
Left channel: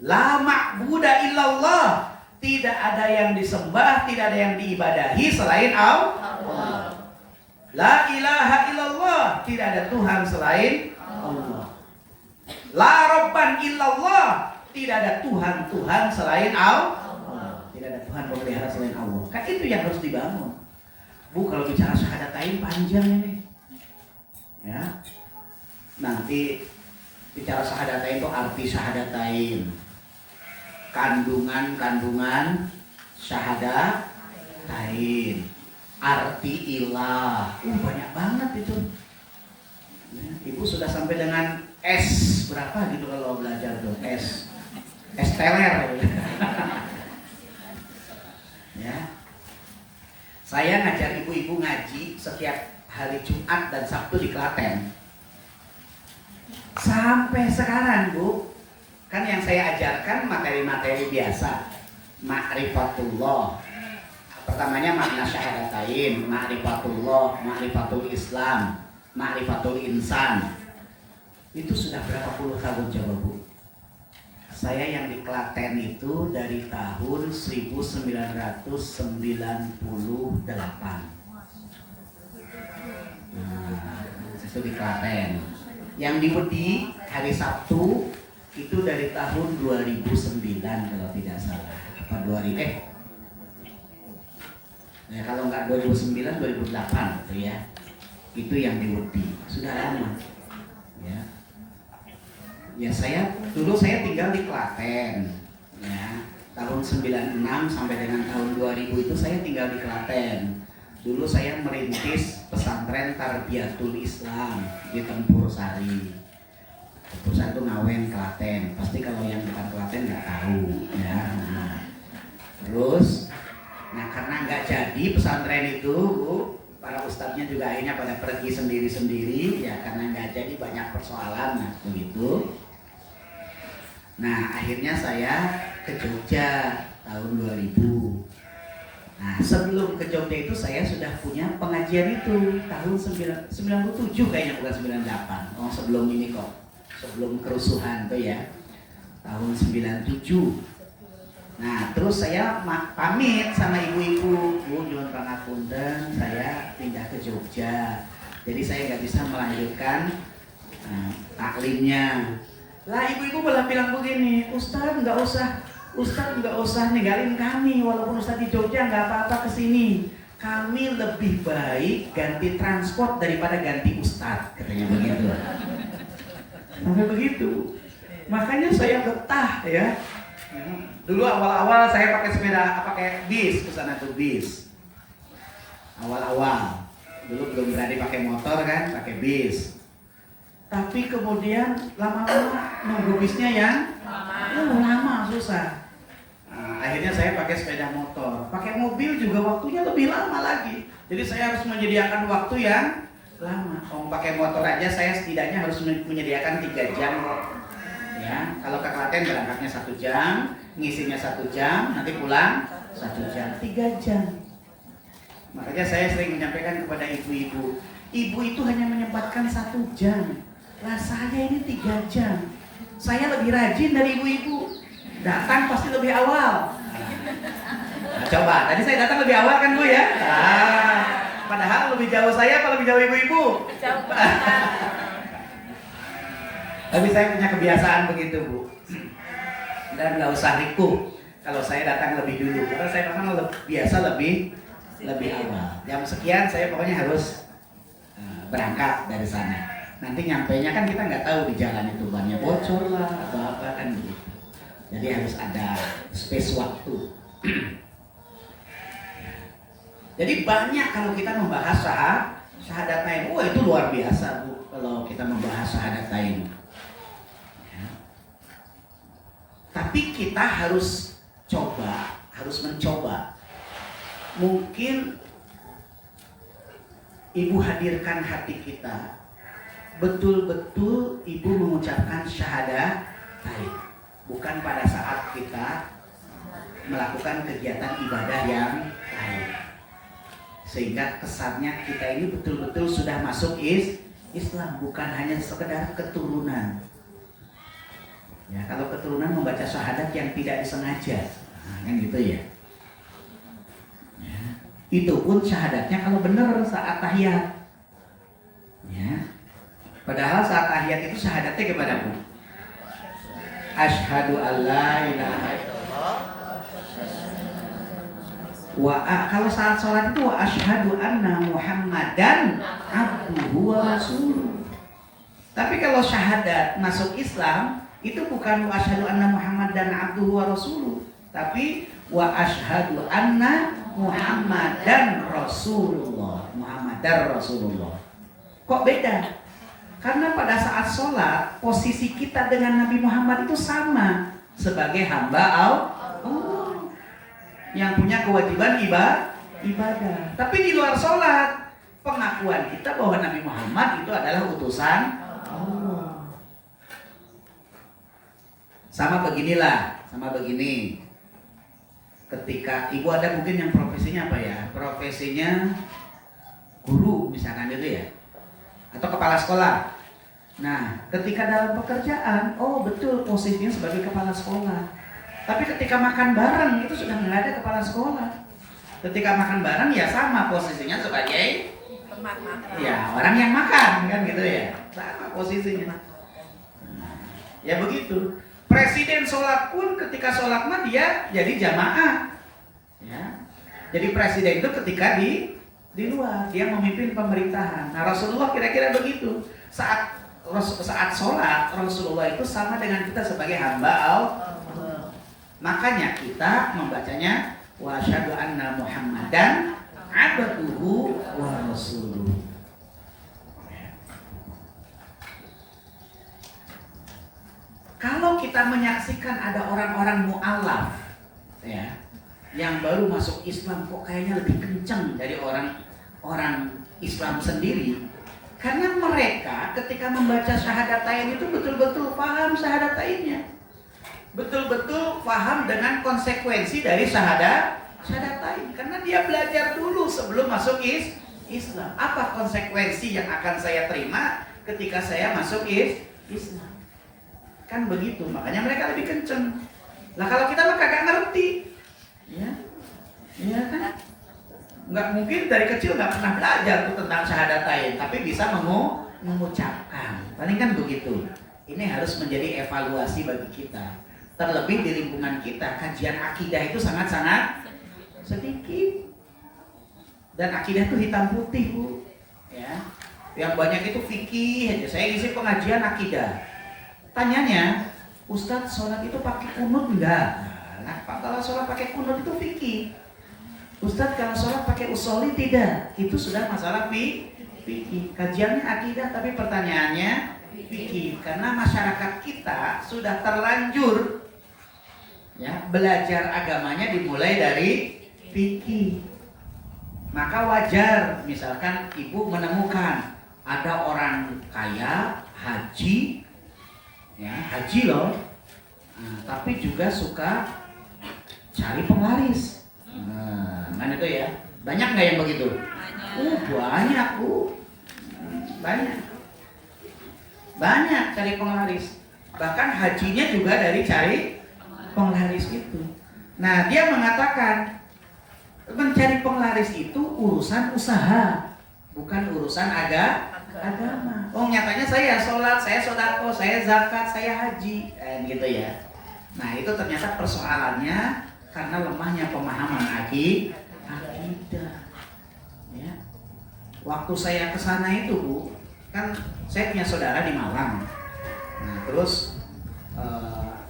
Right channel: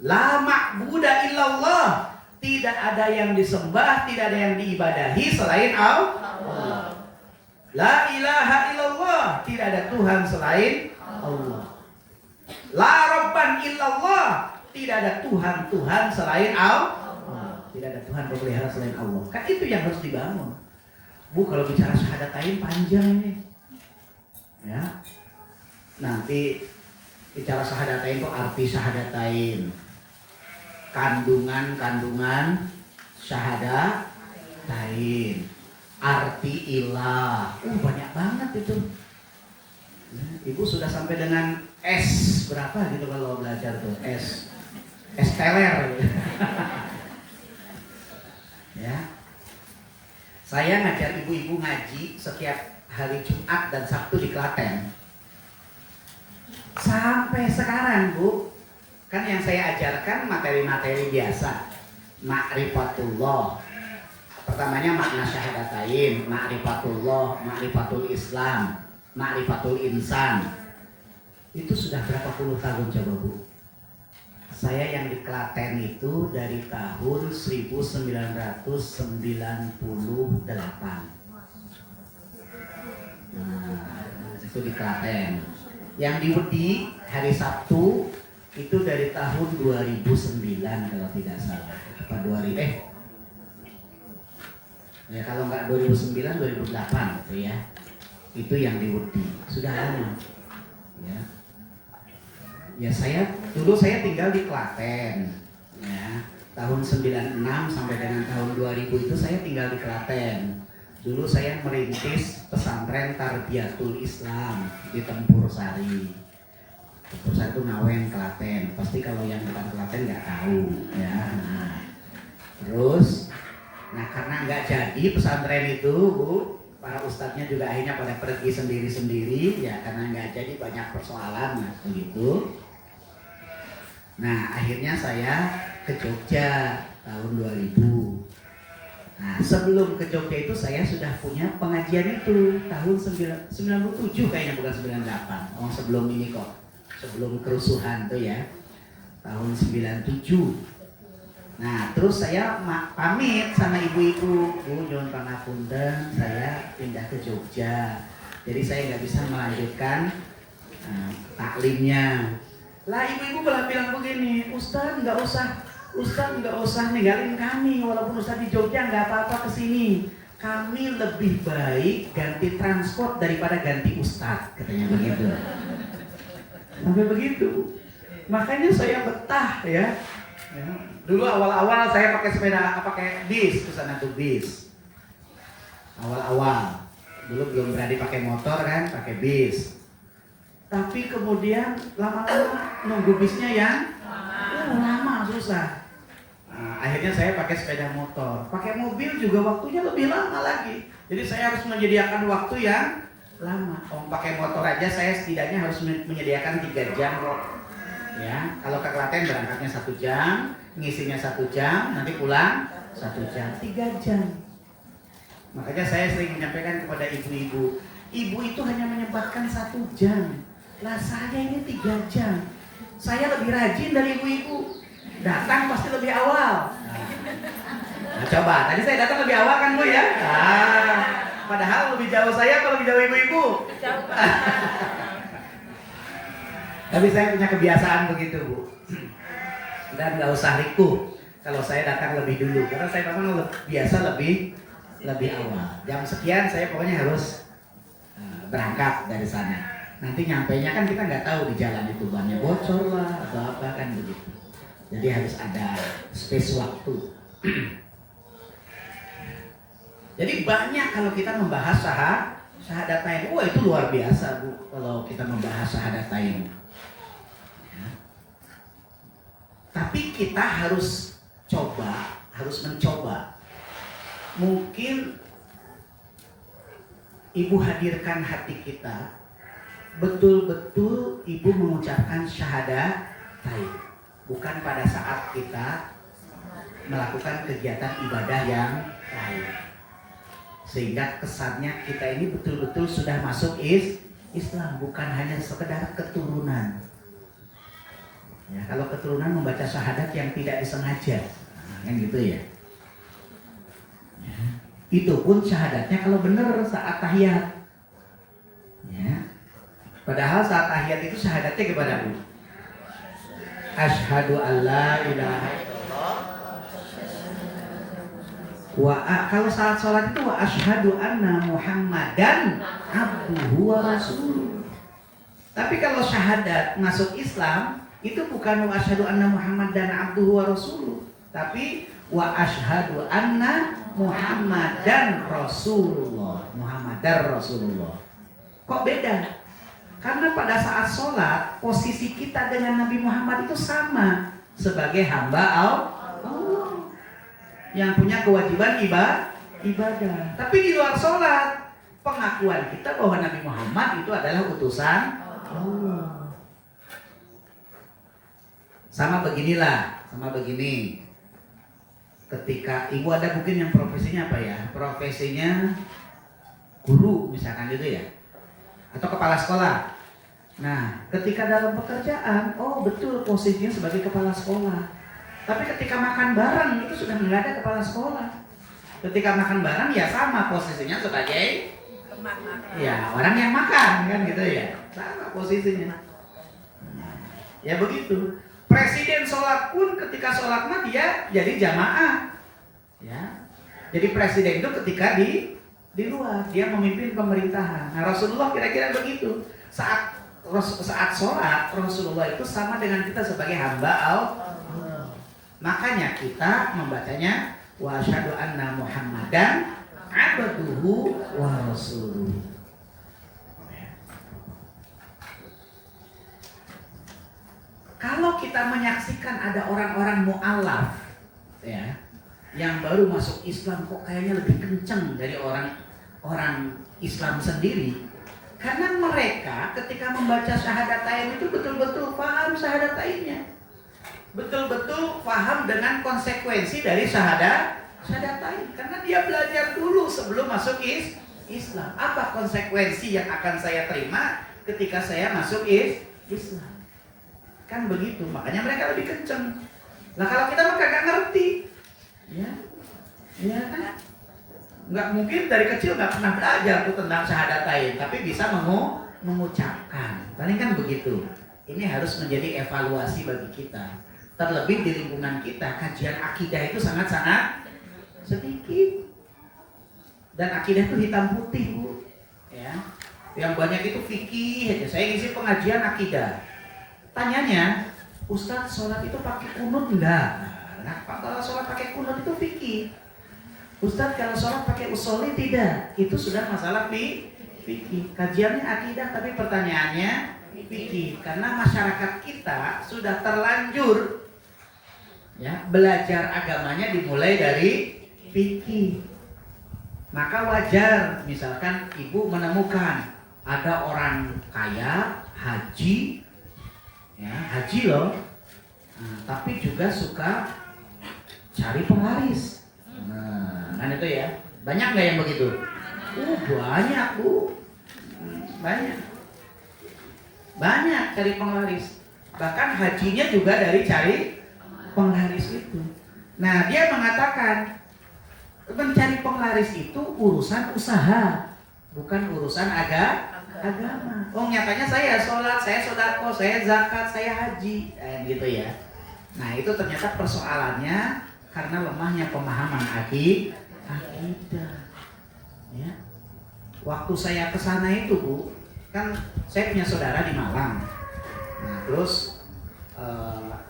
La ma'buda illallah, tidak ada yang disembah, tidak ada yang diibadahi selain Allah. La ilaha illallah, tidak ada Tuhan selain Allah. La rabban illallah, tidak ada Tuhan selain Allah. Tidak ada Tuhan pemelihara selain Allah. Kan itu yang harus dibangun. Bu, kalau bicara syahadatain panjang ini. Ya. Nanti bicara syahadatain itu arti syahadatain. Kandungan syahadatain. Arti ilah, banyak banget itu. Ibu sudah sampai dengan S berapa gitu kalau belajar tuh, S teler. Ya, saya ngajar ibu-ibu ngaji setiap hari Jumat dan Sabtu di Klaten. Sampai sekarang bu, kan yang saya ajarkan materi-materi biasa, ma'rifatullah. Pertamanya makna syahadatain, ma'rifatullah, ma'rifatul Islam, ma'rifatul insan. Itu sudah berapa puluh tahun coba bu? Saya yang di Klaten itu dari tahun 1998. Nah, itu di Klaten. Yang di Wedi hari Sabtu itu dari tahun 2009 kalau tidak salah. Apa 2000? Ya kalau nggak 2009, 2008 gitu ya. Itu yang di Wedi. Sudah lama. Ya. Ya dulu saya tinggal di Klaten. Ya. Tahun 96 sampai dengan tahun 2000 itu saya tinggal di Klaten. Dulu saya merintis pesantren Tarbiyatul Islam di Tempur Sari. Tempur Sari itu Ngawen, Klaten. Pasti kalau yang dekat Klaten nggak tahu. Ya. Terus karena nggak jadi pesantren itu, Bu, para ustadznya juga akhirnya pada pergi sendiri-sendiri, ya karena nggak jadi banyak persoalan, begitu. Nah, akhirnya saya ke Jogja tahun 2000. Nah, sebelum ke Jogja itu saya sudah punya pengajian itu tahun 97 kayaknya, bukan 98. Oh, sebelum ini kok. Sebelum kerusuhan tuh ya. Tahun 97. Nah, terus saya pamit sama ibu-ibu, Bu, John Pangapunten, saya pindah ke Jogja. Jadi saya nggak bisa melanjutkan taklimnya. Lah ibu-ibu malah bilang begini, Ustadz nggak usah ninggalin kami, walaupun Ustadz di Jogja nggak apa-apa kesini. Kami lebih baik ganti transport daripada ganti Ustadz, katanya begitu. Sampai begitu. Makanya saya betah ya. Dulu awal-awal saya pakai bis ke sana tuh bis. Awal-awal. Dulu belum berani pakai motor kan, pakai bis. Tapi kemudian lama-lama nunggu bisnya yang lama susah. Nah, akhirnya saya pakai sepeda motor. Pakai mobil juga waktunya lebih lama lagi. Jadi saya harus menyediakan waktu yang lama. Pakai motor aja saya setidaknya harus menyediakan 3 jam kok. Ya, kalau ke Klaten berangkatnya 1 jam, ngisinya 1 jam, nanti pulang 1 jam, 3 jam. Makanya saya sering menyampaikan kepada ibu-ibu, ibu itu hanya menyempatkan 1 jam. Lah saya ini 3 jam. Saya lebih rajin dari ibu-ibu. Datang pasti lebih awal. Nah, coba, tadi saya datang lebih awal kan Bu ya? Padahal lebih jauh saya apa lebih jauh ibu-ibu? Jauh. Tapi saya punya kebiasaan begitu Bu. Dan nggak usah riku kalau saya datang lebih dulu, karena saya memang biasa lebih awal. Jam sekian saya pokoknya harus berangkat dari sana. Nanti nyampainya kan kita nggak tahu di jalan itu bannya bocor lah atau apa kan begitu. Jadi harus ada space waktu. Jadi banyak kalau kita membahas syahadatain. Oh itu luar biasa Bu kalau kita membahas syahadatain. Tapi kita harus mencoba. Mungkin Ibu hadirkan hati kita, betul-betul Ibu mengucapkan syahadatain, bukan pada saat kita melakukan kegiatan ibadah yang lain. Sehingga kesannya kita ini betul-betul sudah masuk Islam, bukan hanya sekedar keturunan. Ya, kalau keturunan membaca syahadat yang tidak disengaja, kan gitu ya. Itu pun syahadatnya kalau benar saat tahiyat. Ya. Padahal saat tahiyat itu syahadatnya kepada Bu. Asyhadu alla ilaha illallah. Kalau saat sholat itu wa asyhadu anna Muhammadan abduhu wa rasuluh. Tapi kalau syahadat masuk Islam itu bukan wa asyhadu anna Muhammadan abduhu wa rasuluh, tapi wa asyhadu anna Muhammadan Rasulullah. Muhammadan Rasulullah. Kok beda? Karena pada saat sholat posisi kita dengan Nabi Muhammad itu sama sebagai hamba Allah yang punya kewajiban ibadah. Tapi di luar sholat pengakuan kita bahwa Nabi Muhammad itu adalah utusan Allah. Sama begini. Ketika ibu ada mungkin yang profesinya apa ya? Profesinya guru misalkan gitu ya, atau kepala sekolah. Nah, ketika dalam pekerjaan, oh betul posisinya sebagai kepala sekolah. Tapi ketika makan bareng itu sudah nggak ada kepala sekolah. Ketika makan bareng ya sama posisinya sebagai ya orang yang makan kan gitu ya, sama posisinya. Ya begitu. Presiden sholat pun ketika sholat mah dia jadi jamaah, ya. Jadi presiden itu ketika di luar dia memimpin pemerintahan. Nah Rasulullah kira-kira begitu. Saat sholat Rasulullah itu sama dengan kita sebagai hamba Allah. Makanya kita membacanya wa asyhadu anna Muhammadan abduhu wa rasuluh. Kalau kita menyaksikan ada orang-orang mu'alaf ya, yang baru masuk Islam kok kayaknya lebih kenceng dari orang Islam sendiri, karena mereka ketika membaca syahadatain itu betul-betul paham syahadatainnya, betul-betul paham dengan konsekuensi dari syahadatain, karena dia belajar dulu sebelum masuk Islam. Apa konsekuensi yang akan saya terima ketika saya masuk Islam? Kan begitu, makanya mereka lebih kenceng. Lah kalau kita mah kagak ngerti, ya, iya kan? Nggak mungkin dari kecil nggak pernah belajar tuh tentang syahadatain, tapi bisa mengucapkan. Paling kan begitu. Ini harus menjadi evaluasi bagi kita. Terlebih di lingkungan kita, kajian akidah itu sangat-sangat sedikit. Dan akidah itu hitam putih, Bu. Ya. Yang banyak itu fikih aja. Saya ngisi pengajian akidah. Tanyanya, Ustadz sholat itu pakai kunut enggak? Nah, kalau sholat pakai kunut itu fikih. Ustadz kalau sholat pakai usoli tidak? Itu sudah masalah fikih. Kajiannya akidah, tapi pertanyaannya fikih. Karena masyarakat kita sudah terlanjur ya belajar agamanya dimulai dari fikih. Maka wajar misalkan ibu menemukan ada orang kaya haji, ya haji loh, tapi juga suka cari penglaris. Mana itu ya? Banyak nggak yang begitu? Banyak, Bu. Banyak cari penglaris. Bahkan hajinya juga dari cari penglaris itu. Nah, dia mengatakan mencari penglaris itu urusan usaha, bukan urusan agama. Oh, nyatanya saya sholat, saya sodako, saya zakat, saya haji, gitu ya. Nah, itu ternyata persoalannya karena lemahnya pemahaman akidah. Ya. Waktu saya ke sana itu, Bu, kan saya punya saudara di Malang. Nah, terus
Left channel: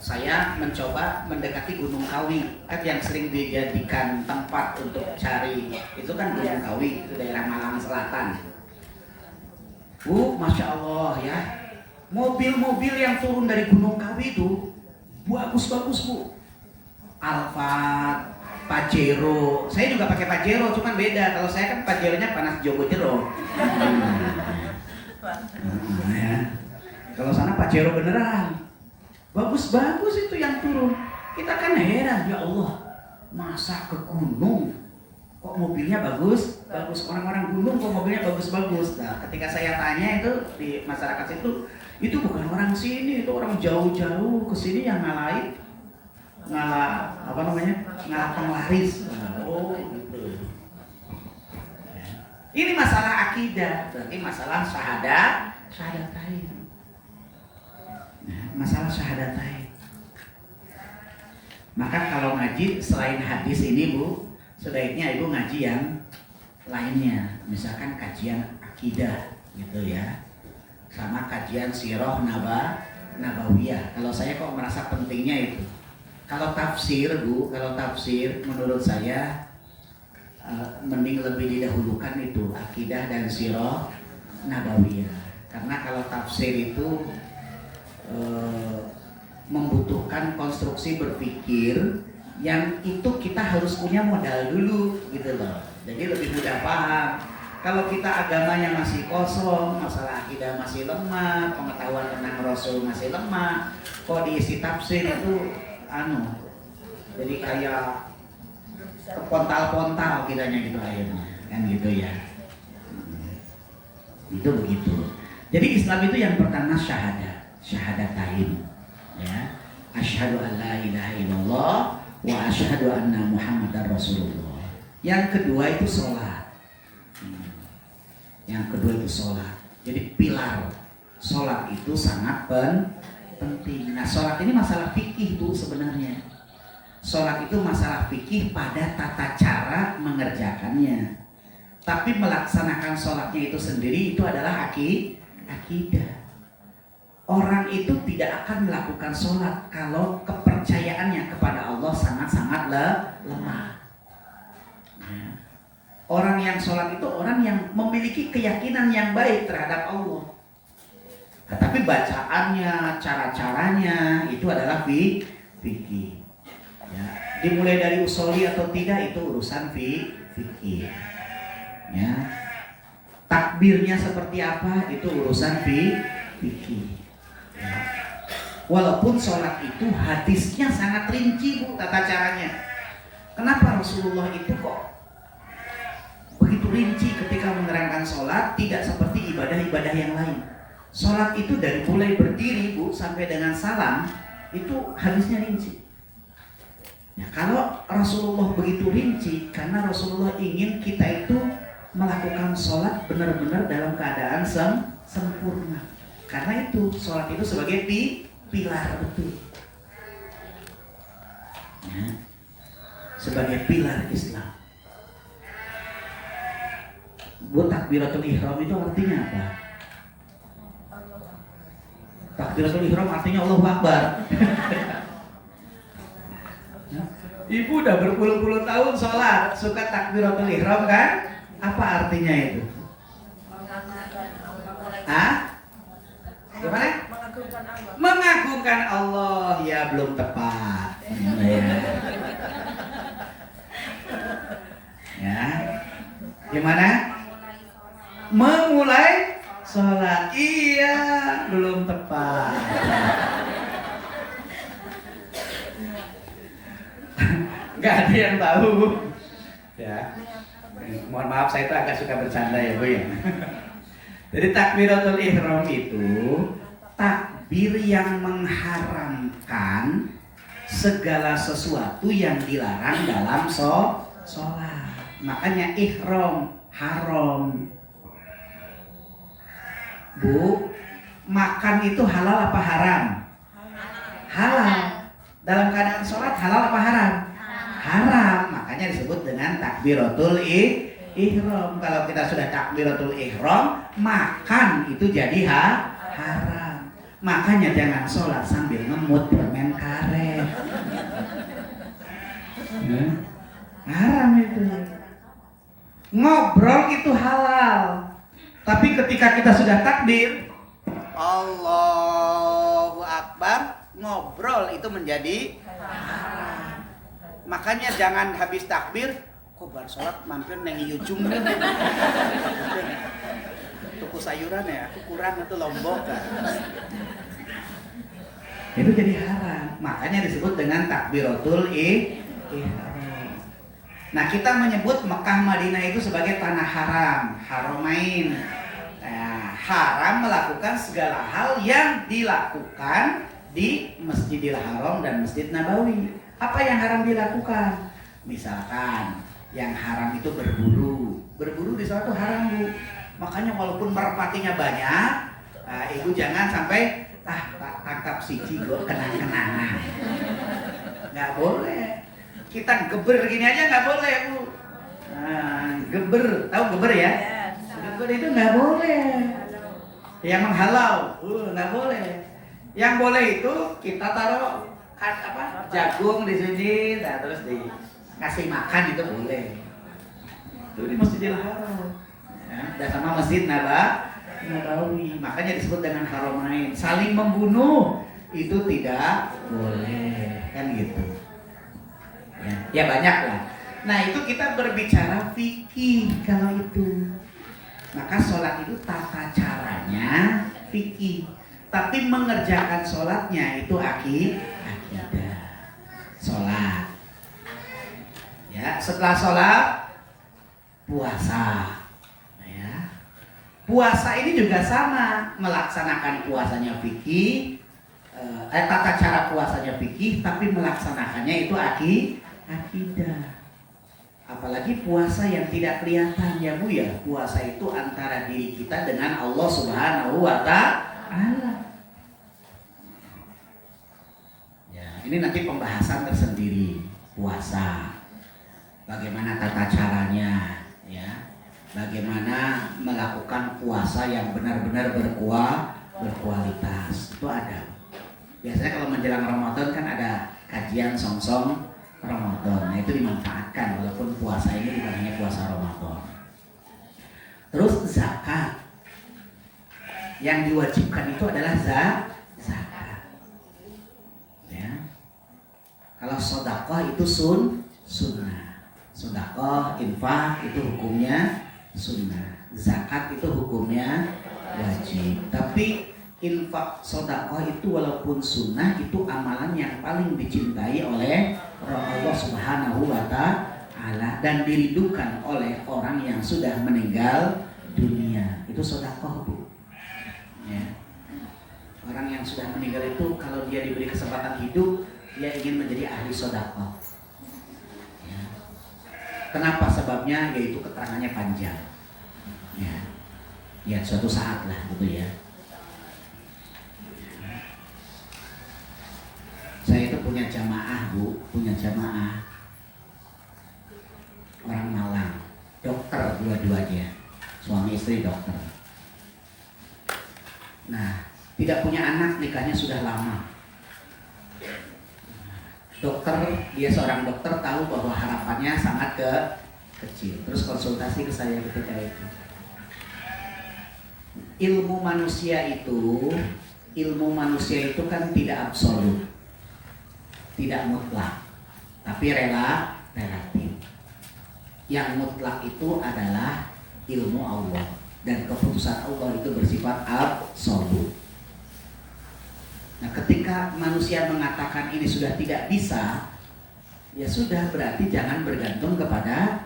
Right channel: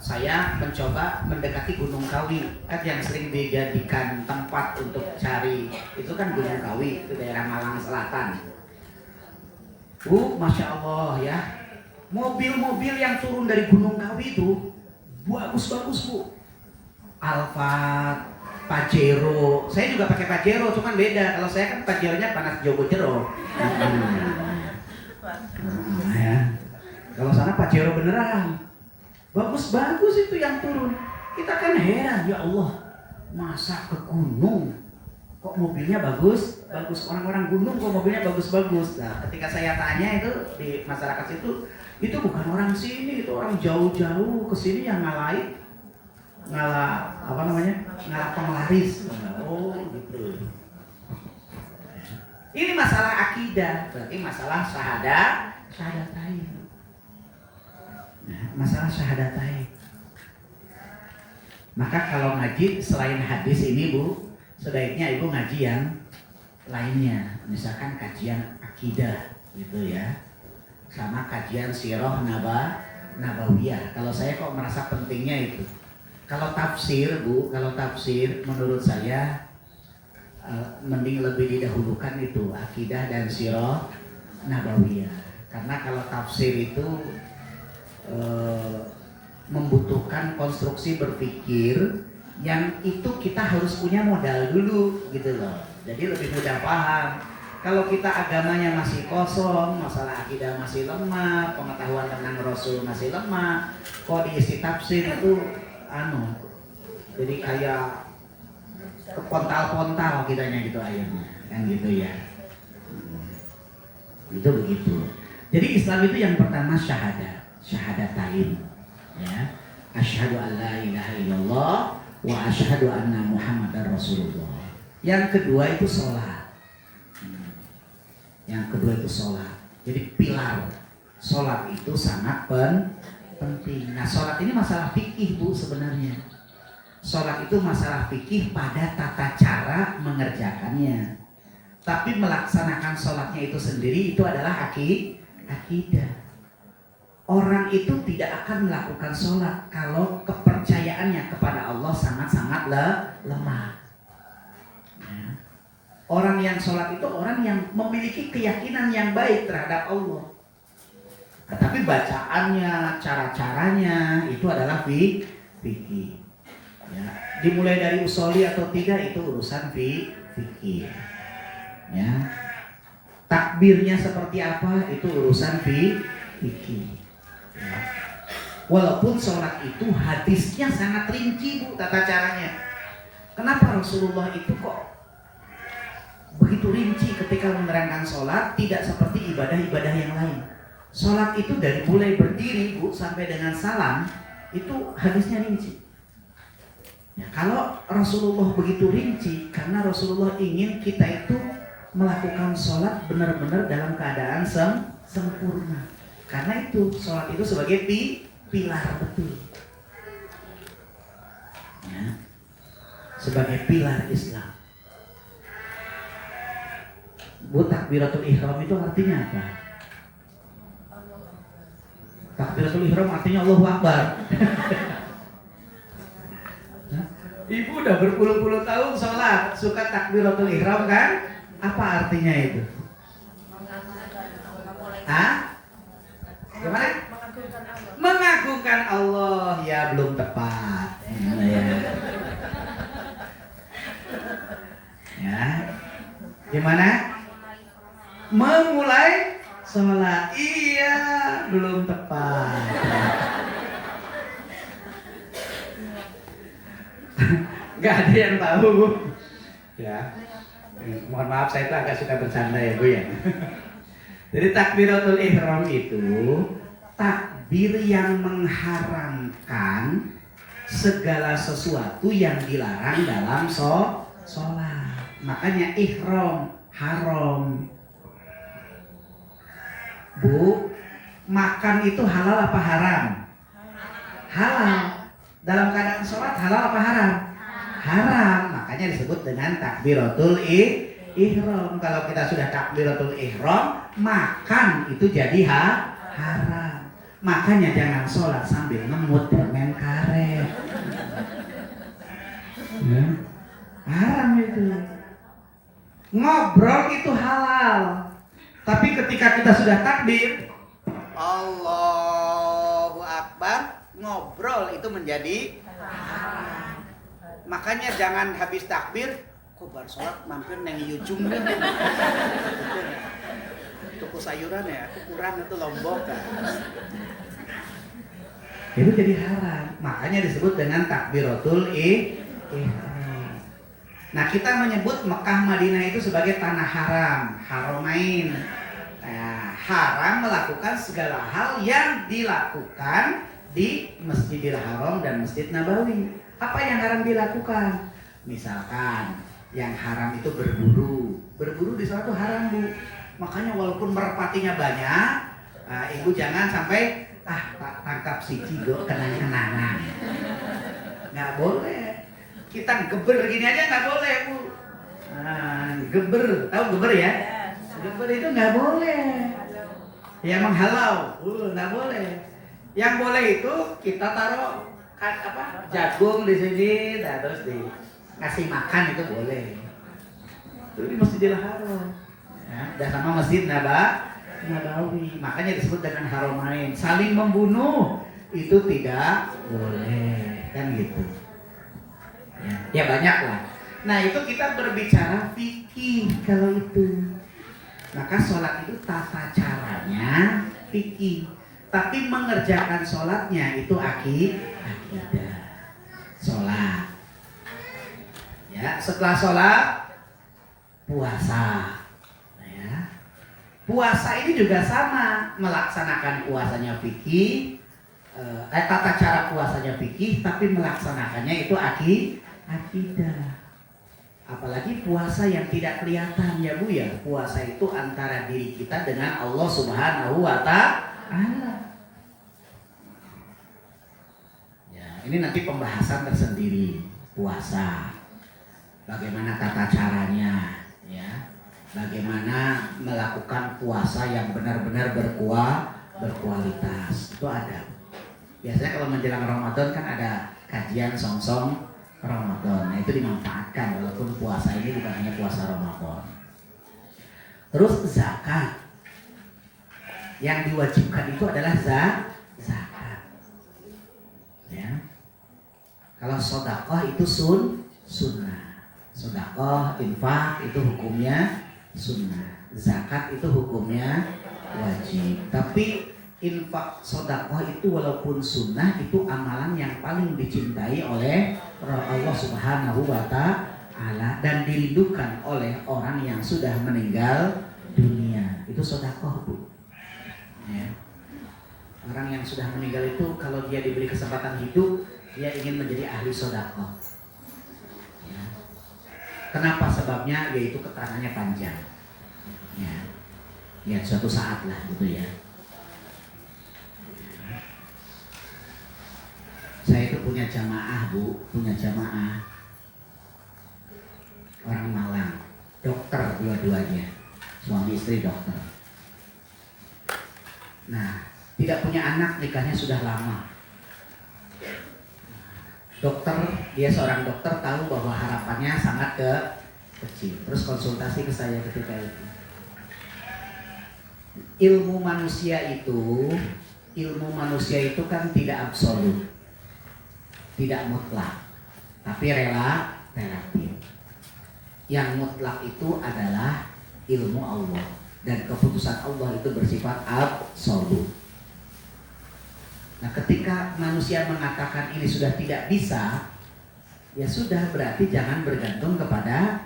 saya mencoba mendekati Gunung Kawi, kan yang sering dijadikan tempat untuk cari itu kan Gunung Kawi, itu daerah Malang Selatan. Bu, Masya Allah ya, mobil-mobil yang turun dari Gunung Kawi itu bagus-bagus, Bu. Alphard, Pajero, saya juga pakai Pajero, cuman beda. Kalau saya kan Pajeronya panas Jogo Jero. Ya. Kalau sana Pajero beneran, bagus-bagus itu yang turun. Kita kan heran, ya Allah, masa ke gunung kok mobilnya bagus? Orang-orang gunung kok mobilnya bagus-bagus. Nah, ketika saya tanya itu di masyarakat itu bukan orang sini, itu orang jauh-jauh ke sini yang ngalah penglaris. Oh, gitu. Ini masalah akidah, berarti masalah syahadatain. Nah, masalah syahadatain. Maka kalau ngaji selain hadis ini, Bu, sebaiknya Ibu ngaji yang lainnya. Misalkan kajian akidah gitu ya. Sama kajian sirah nabawiyah. Kalau saya kok merasa pentingnya itu. Kalau tafsir, Bu, menurut saya mending lebih didahulukan itu akidah dan sirah nabawiyah. Karena kalau tafsir itu membutuhkan konstruksi berpikir yang itu kita harus punya modal dulu gitu loh. Jadi lebih mudah paham. Kalau kita agamanya masih kosong, masalah akidah masih lemah, pengetahuan tentang Rasul masih lemah, kok diisi tafsir itu jadi kayak kepontal-pontal kiranya gitu akhirnya, kan gitu ya. Itu begitu. Jadi Islam itu yang pertama syahadatain, ya. Asyhadu an la ilaha illallah wa asyhadu anna Muhammadar Rasulullah. Yang kedua itu sholat. Jadi pilar sholat itu sangat penting. Nah, sholat ini masalah fikih, Bu, sebenarnya. Sholat itu masalah fikih pada tata cara mengerjakannya. Tapi melaksanakan sholatnya itu sendiri itu adalah akidah. Orang itu tidak akan melakukan sholat kalau kepercayaannya kepada Allah sangat-sangat lemah. Ya. Orang yang sholat itu orang yang memiliki keyakinan yang baik terhadap Allah. Nah, tapi bacaannya, cara-caranya itu adalah fikih. Ya. Dimulai dari usoli atau tidak itu urusan fikih. Ya. Takbirnya seperti apa itu urusan fikih. Ya. Walaupun sholat itu hadisnya sangat rinci, Bu, tata caranya. Kenapa Rasulullah itu kok begitu rinci ketika menerangkan sholat, tidak seperti ibadah-ibadah yang lain. Sholat itu dari mulai berdiri, Bu, sampai dengan salam itu hadisnya rinci. Ya, kalau Rasulullah begitu rinci, karena Rasulullah ingin kita itu melakukan sholat benar-benar dalam keadaan sempurna. Karena itu sholat itu sebagai pilar betul. Ya, sebagai pilar Islam. Buat takbiratul ihram itu artinya apa? Takbiratul ihram artinya Allahu Akbar. Ibu udah berpuluh-puluh tahun sholat, suka takbiratul ihram kan? Apa artinya itu? Hah? Gimana? Mengagungkan Allah. Ya belum tepat. Ya. Gimana? Memulai sholat. Iya, belum tepat. Nggak ada yang tahu. Ya. Mohon maaf, saya itu agak suka bercanda ya Bu ya. Jadi takbiratul ihram itu takbir yang mengharamkan segala sesuatu yang dilarang dalam sholat. Makanya ihram haram. Bu, makan itu halal apa haram? Halal. Dalam keadaan sholat halal apa haram? Haram. Makanya disebut dengan takbiratul ihram. Kalau kita sudah takbiratul ihram, makan itu jadi haram. Makanya jangan sholat sambil ngemut permen karet. Haram itu. Ngobrol itu halal. Tapi ketika kita sudah takbir, Allahu Akbar, ngobrol itu menjadi haram. Makanya jangan habis takbir, kok bar sholat mampir neng Yujum kan? Tuku sayuran ya, aku kurang itu Lombok kan? Itu jadi haram. Makanya disebut dengan takbiratul ihram. Nah, kita menyebut Mekah Madinah itu sebagai tanah haram, haramain. Nah, haram melakukan segala hal yang dilakukan di Masjidil Haram dan Masjid Nabawi. Apa yang haram dilakukan? Misalkan yang haram itu berburu. Berburu di sana itu haram, Bu. Makanya walaupun merpatinya banyak, Ibu jangan sampai tangkap siji kok kenang-kenangan. Nggak boleh. Kita geber gini aja nggak boleh, Bu. Geber, tahu geber ya? Geber itu nggak boleh. Yang menghalau, nggak boleh. Yang boleh itu kita taruh jagung di sini, nah, terus ngasih makan itu boleh. Itu di Masjidil Haram. Ya, dan sama Masjid Nabawi. Makanya disebut dengan haramain. Saling membunuh itu tidak boleh, kan gitu. Ya banyak lah. Nah itu kita berbicara fikih kalau itu. Maka sholat itu tata caranya fikih. Tapi mengerjakan sholatnya itu akidah. Sholat. Ya, setelah sholat puasa. Ya. Puasa ini juga sama, melaksanakan puasanya fikih. Tata cara puasanya fikih, tapi melaksanakannya itu akidah. Apalagi puasa yang tidak kelihatan ya Bu ya. Puasa itu antara diri kita dengan Allah Subhanahu wa Ta'ala. Ya, ini nanti pembahasan tersendiri puasa. Bagaimana tata caranya ya. Bagaimana melakukan puasa yang benar-benar berkualitas. Itu ada. Biasanya kalau menjelang Ramadan kan ada kajian song-song Ramadan. Nah itu dimanfaatkan walaupun puasa ini bukan hanya puasa Ramadan. Terus zakat. Yang diwajibkan itu adalah zakat. Ya. Kalau sedekah itu sunnah. Sedekah, infak itu hukumnya sunnah. Zakat itu hukumnya wajib. Tapi infak sedekah itu walaupun sunnah itu amalan yang paling dicintai oleh Allah Subhanahu wa Ta'ala dan dirindukan oleh orang yang sudah meninggal dunia. Itu sedekah, Bu. Ya. Orang yang sudah meninggal itu kalau dia diberi kesempatan hidup, dia ingin menjadi ahli sedekah. Kenapa sebabnya? Yaitu keterangannya panjang. Ya suatu saat lah gitu ya. Saya itu punya jamaah Bu, punya jamaah orang Malang, dokter dua-duanya, suami istri dokter. Nah, tidak punya anak, nikahnya sudah lama. Dokter, dia seorang dokter, tahu bahwa harapannya sangat kecil. Terus konsultasi ke saya ketika itu. Ilmu manusia itu kan tidak absolut, tidak mutlak, tapi relatif. Yang mutlak itu adalah ilmu Allah, dan keputusan Allah itu bersifat absolut. Nah, ketika manusia mengatakan ini sudah tidak bisa, ya sudah, berarti jangan bergantung kepada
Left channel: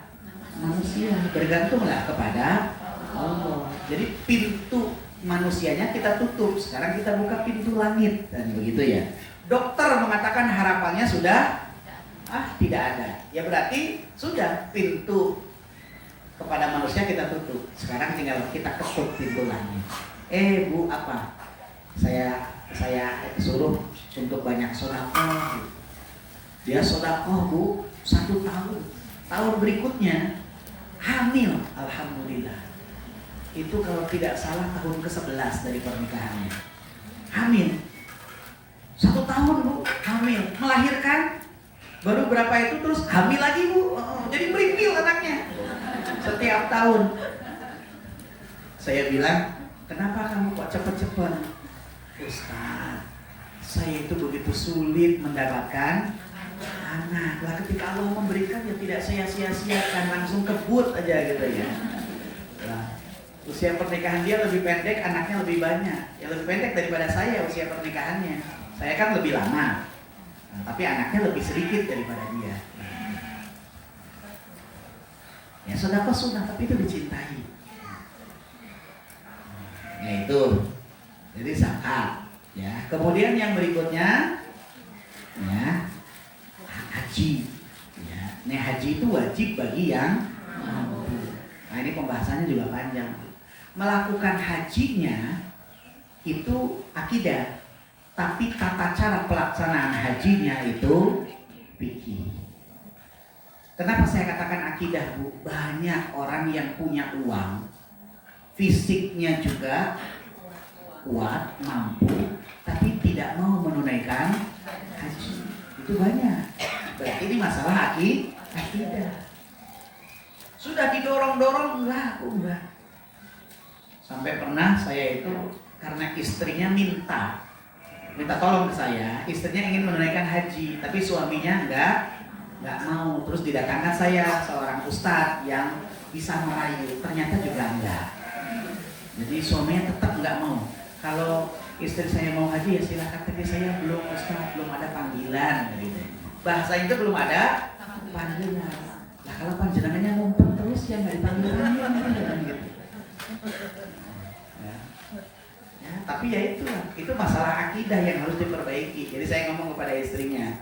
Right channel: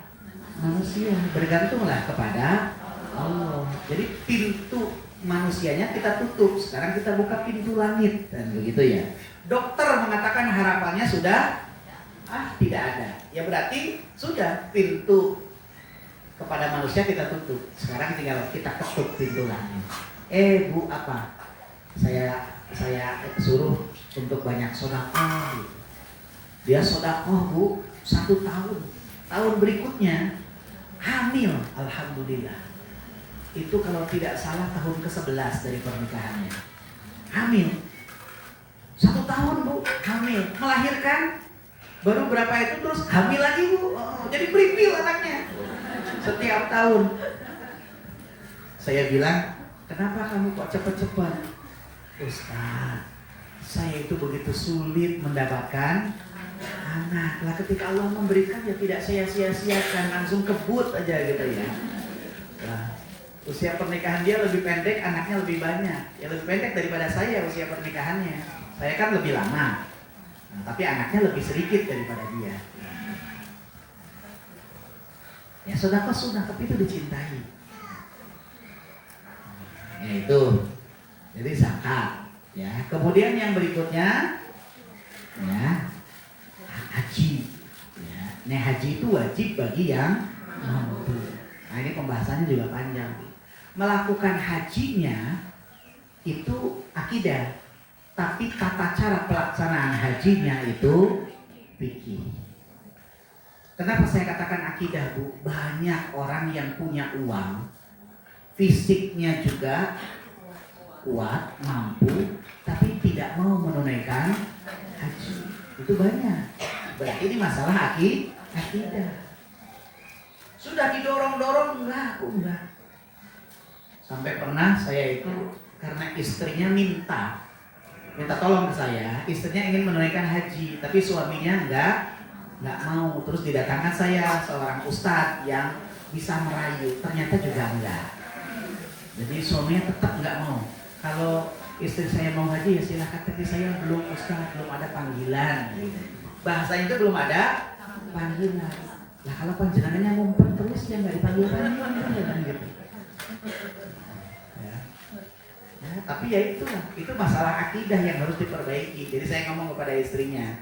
manusia, bergantunglah kepada Allah. Jadi pintu manusianya kita tutup, sekarang kita buka pintu langit, dan begitu ya. Dokter mengatakan harapannya sudah tidak ada, ya berarti sudah, pintu kepada manusia kita tutup. Sekarang tinggal kita ketuk pintu langit. Bu, apa? Saya suruh untuk banyak sedekah. Dia sedekah Bu 1 tahun. Tahun berikutnya hamil, alhamdulillah. Itu kalau tidak salah tahun ke-11 dari pernikahannya. Hamil. 1 tahun Bu, hamil. Melahirkan. Baru berapa itu terus hamil lagi Bu. Jadi berimpil anaknya. Setiap tahun. Saya bilang, kenapa kamu kok cepat-cepat? Ustaz, saya itu begitu sulit mendapatkan anak. Lah ketika Allah memberikan ya tidak saya sia-siakan, langsung kebut aja gitu ya. Nah, usia pernikahan dia lebih pendek, anaknya lebih banyak. Ya lebih pendek daripada saya usia pernikahannya. Saya kan lebih lama, nah, tapi anaknya lebih sedikit daripada dia. Ya sedekah sunnah, tapi itu dicintai. Ya itu. Jadi zakat, ya. Kemudian yang berikutnya, ya, haji. Ya. Nah, haji itu wajib bagi yang mampu. Nah, ini pembahasannya juga panjang. Melakukan hajinya itu akidah, tapi tata cara pelaksanaan hajinya itu fikih. Kenapa saya katakan akidah Bu? Banyak orang yang punya uang, fisiknya juga kuat, mampu, tapi tidak mau menunaikan haji. Itu banyak. Berarti ini masalah akidah. Sudah didorong-dorong, enggak. Sampai pernah saya itu karena istrinya minta tolong ke saya, istrinya ingin menunaikan haji, tapi suaminya enggak mau. Terus didatangkan saya seorang ustadz yang bisa merayu, ternyata juga enggak. Jadi suaminya tetap enggak mau. Kalau istri saya mau haji ya silakan, tapi saya belum Ustaz, belum ada panggilan gitu. Bahasa itu belum ada panggilan. Lah kalau panjenengannya ngumpet terus ya nggak dipanggil kan gitu. Ya, tapi ya itu masalah akidah yang harus diperbaiki. Jadi saya ngomong kepada istrinya,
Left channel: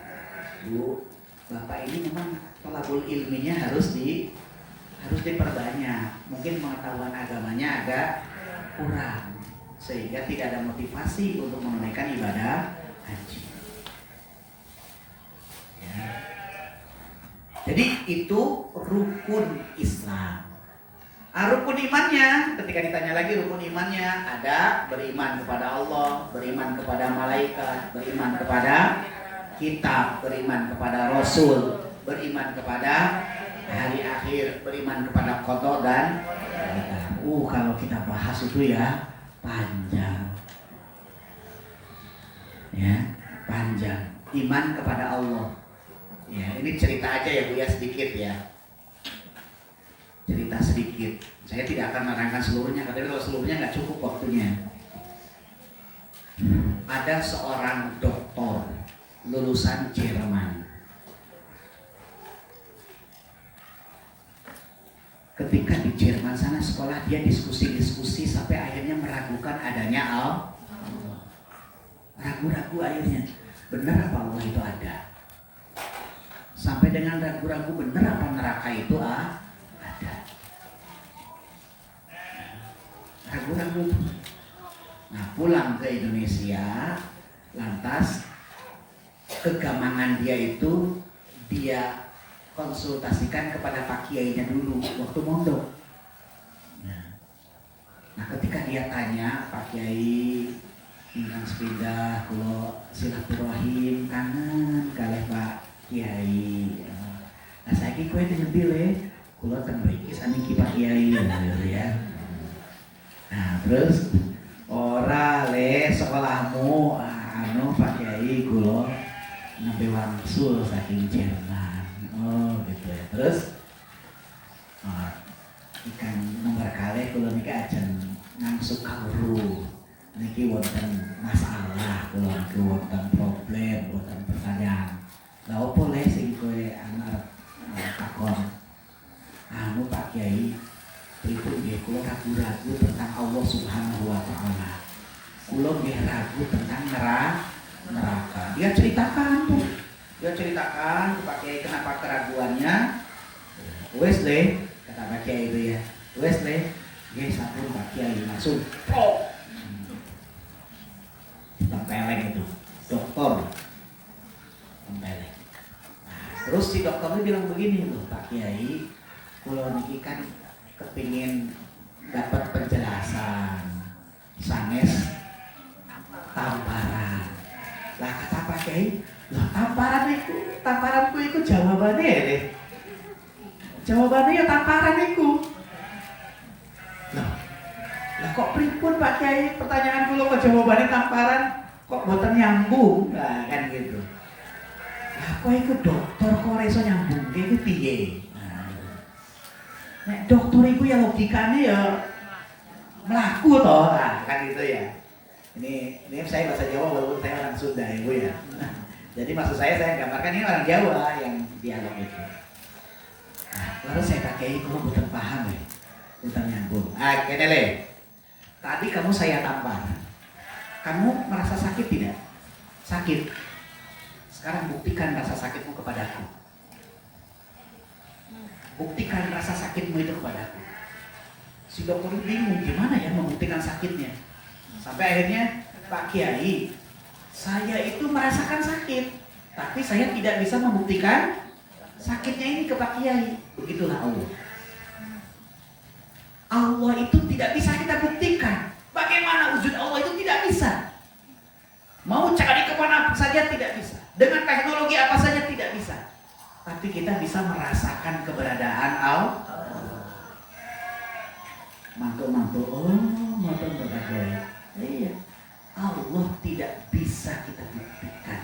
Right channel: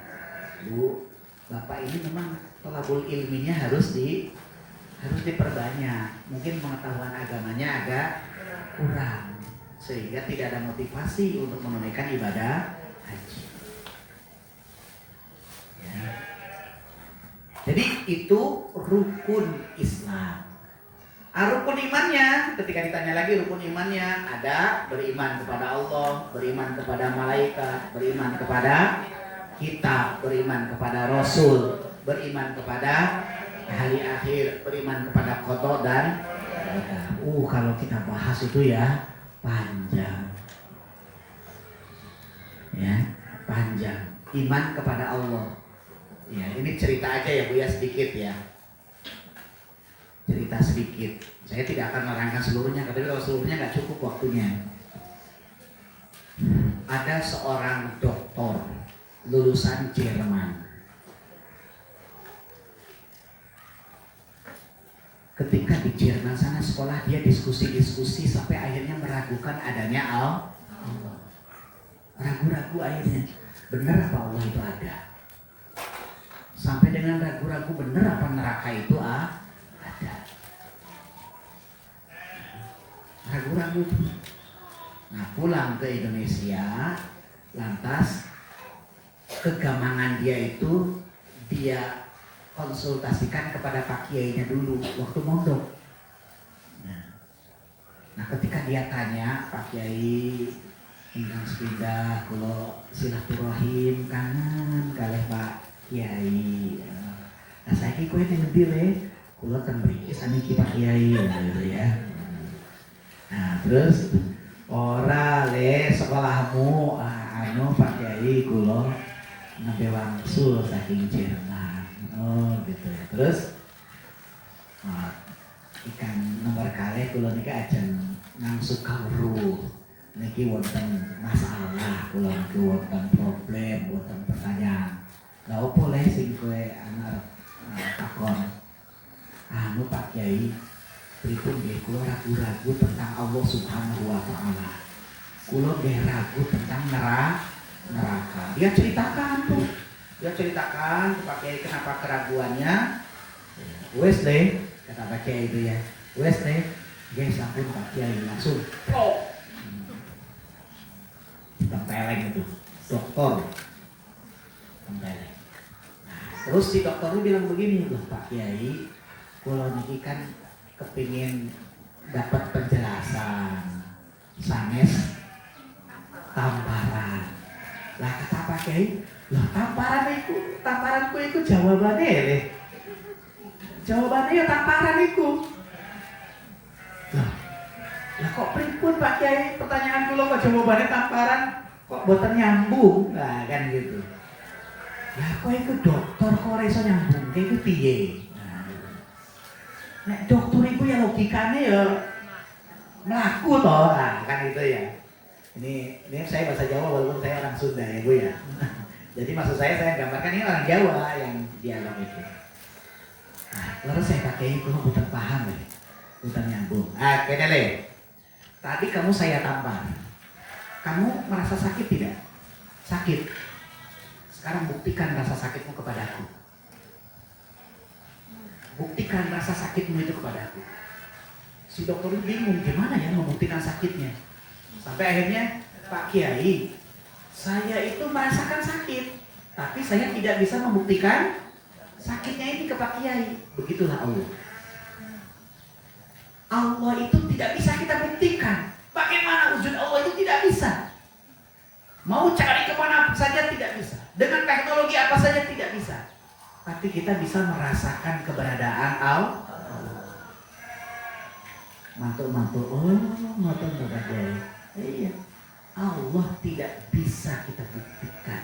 Bu, Bapak ini memang thalabul ilminya harus diperbanyak. Mungkin pengetahuan agamanya agak kurang, sehingga tidak ada motivasi untuk menunaikan ibadah haji. Ya. Jadi itu rukun Islam. Rukun imannya, ketika ditanya lagi rukun imannya, ada beriman kepada Allah, beriman kepada malaikat, beriman kepada kitab, beriman kepada Rasul, beriman kepada hari akhir, beriman kepada qada dan kalau kita bahas itu ya panjang, ya panjang. Iman kepada Allah, ya ini cerita aja ya Bu ya, sedikit ya, cerita sedikit. Saya tidak akan menerangkan seluruhnya, tapi kalau seluruhnya nggak cukup waktunya. Ada seorang doktor lulusan Jerman. Ketika di Jerman sana sekolah, dia diskusi sampai akhirnya meragukan adanya Allah. Ragu-ragu akhirnya, benar apa Allah itu ada? sampai dengan ragu-ragu bener apa neraka itu ada. Ragu-ragu. Nah pulang ke Indonesia, lantas kegamangan dia itu dia konsultasikan kepada Pak Kiainya dulu waktu mondok. Nah ketika dia tanya, Pak Kiai ingkang sepeda kula silaturahim kangen kalih Pak Kiai. Nah saiki kowe ngendi le? Kula teng mriki saniki Pak Kiai gitu ya. Nah terus ora le sekolahmu anu Pak Kiai kula nembe wangsul saking Jerman. Oh gitu ya. Terus ikan nomor kalih kula niki ajeng ngangsuk kawruh. Niki wonten masalah kula niki wonten problem, wonten pertanyaan. Lah opo le sing kowe arep takon? Anu Pak Kiai, pripun nggih kula ragu-ragu tentang Allah Subhanahu wa taala. Kula nggih ragu tentang neraka. Dia ceritakan tuh. Dia ceritakan ke Pak Kiai kenapa keraguannya. Wes le, kata Pak Kiai itu ya. Wes le, nggih sampun Pak Kiai langsung pro. Tempeleng itu, dokter. Tempeleng. Nah, terus si dokternya bilang begini loh Pak Kiai, kula niki kan kepingin dapat penjelasan sanes tamparan. Lah kata Pak Kiai, lah tamparanku itu jawabannya ya. Jawabannya ya tamparan itu. Lah kok pripun Pak Kiai pertanyaan kula kok jawabannya tamparan kok boten nyambung. Nah kan gitu. Lah kok iku dokter kok ora iso nyambung iki piye? Nah gitu. Nek dokter iku ya logikane ya mlaku to. Nah kan gitu ya. Ini saya bahasa Jawa walaupun saya orang Sunda ya Bu ya. Jadi maksud saya gambarkan ini orang Jawa yang dialog itu. Nah, lalu saya pakai kalau bukan paham ya, bukan nyambung. Kayaknya le. Tadi kamu saya tampar. Kamu merasa sakit tidak? Sakit. Sekarang buktikan rasa sakitmu kepadaku. Buktikan rasa sakitmu itu kepadaku. Si dokter bingung gimana ya membuktikan sakitnya. Sampai akhirnya Pak Kiai, saya itu merasakan sakit, tapi saya tidak bisa membuktikan sakitnya ini ke Pak Kiai. Begitulah Allah. Allah itu tidak bisa kita buktikan. Bagaimana wujud Allah itu tidak bisa. Mau cari kemana saja tidak bisa. Dengan teknologi apa saja tidak bisa. Tapi kita bisa merasakan keberadaan Allah. Mantul-mantul, mantul Pak Kiai. Iya, Allah tidak bisa kita buktikan,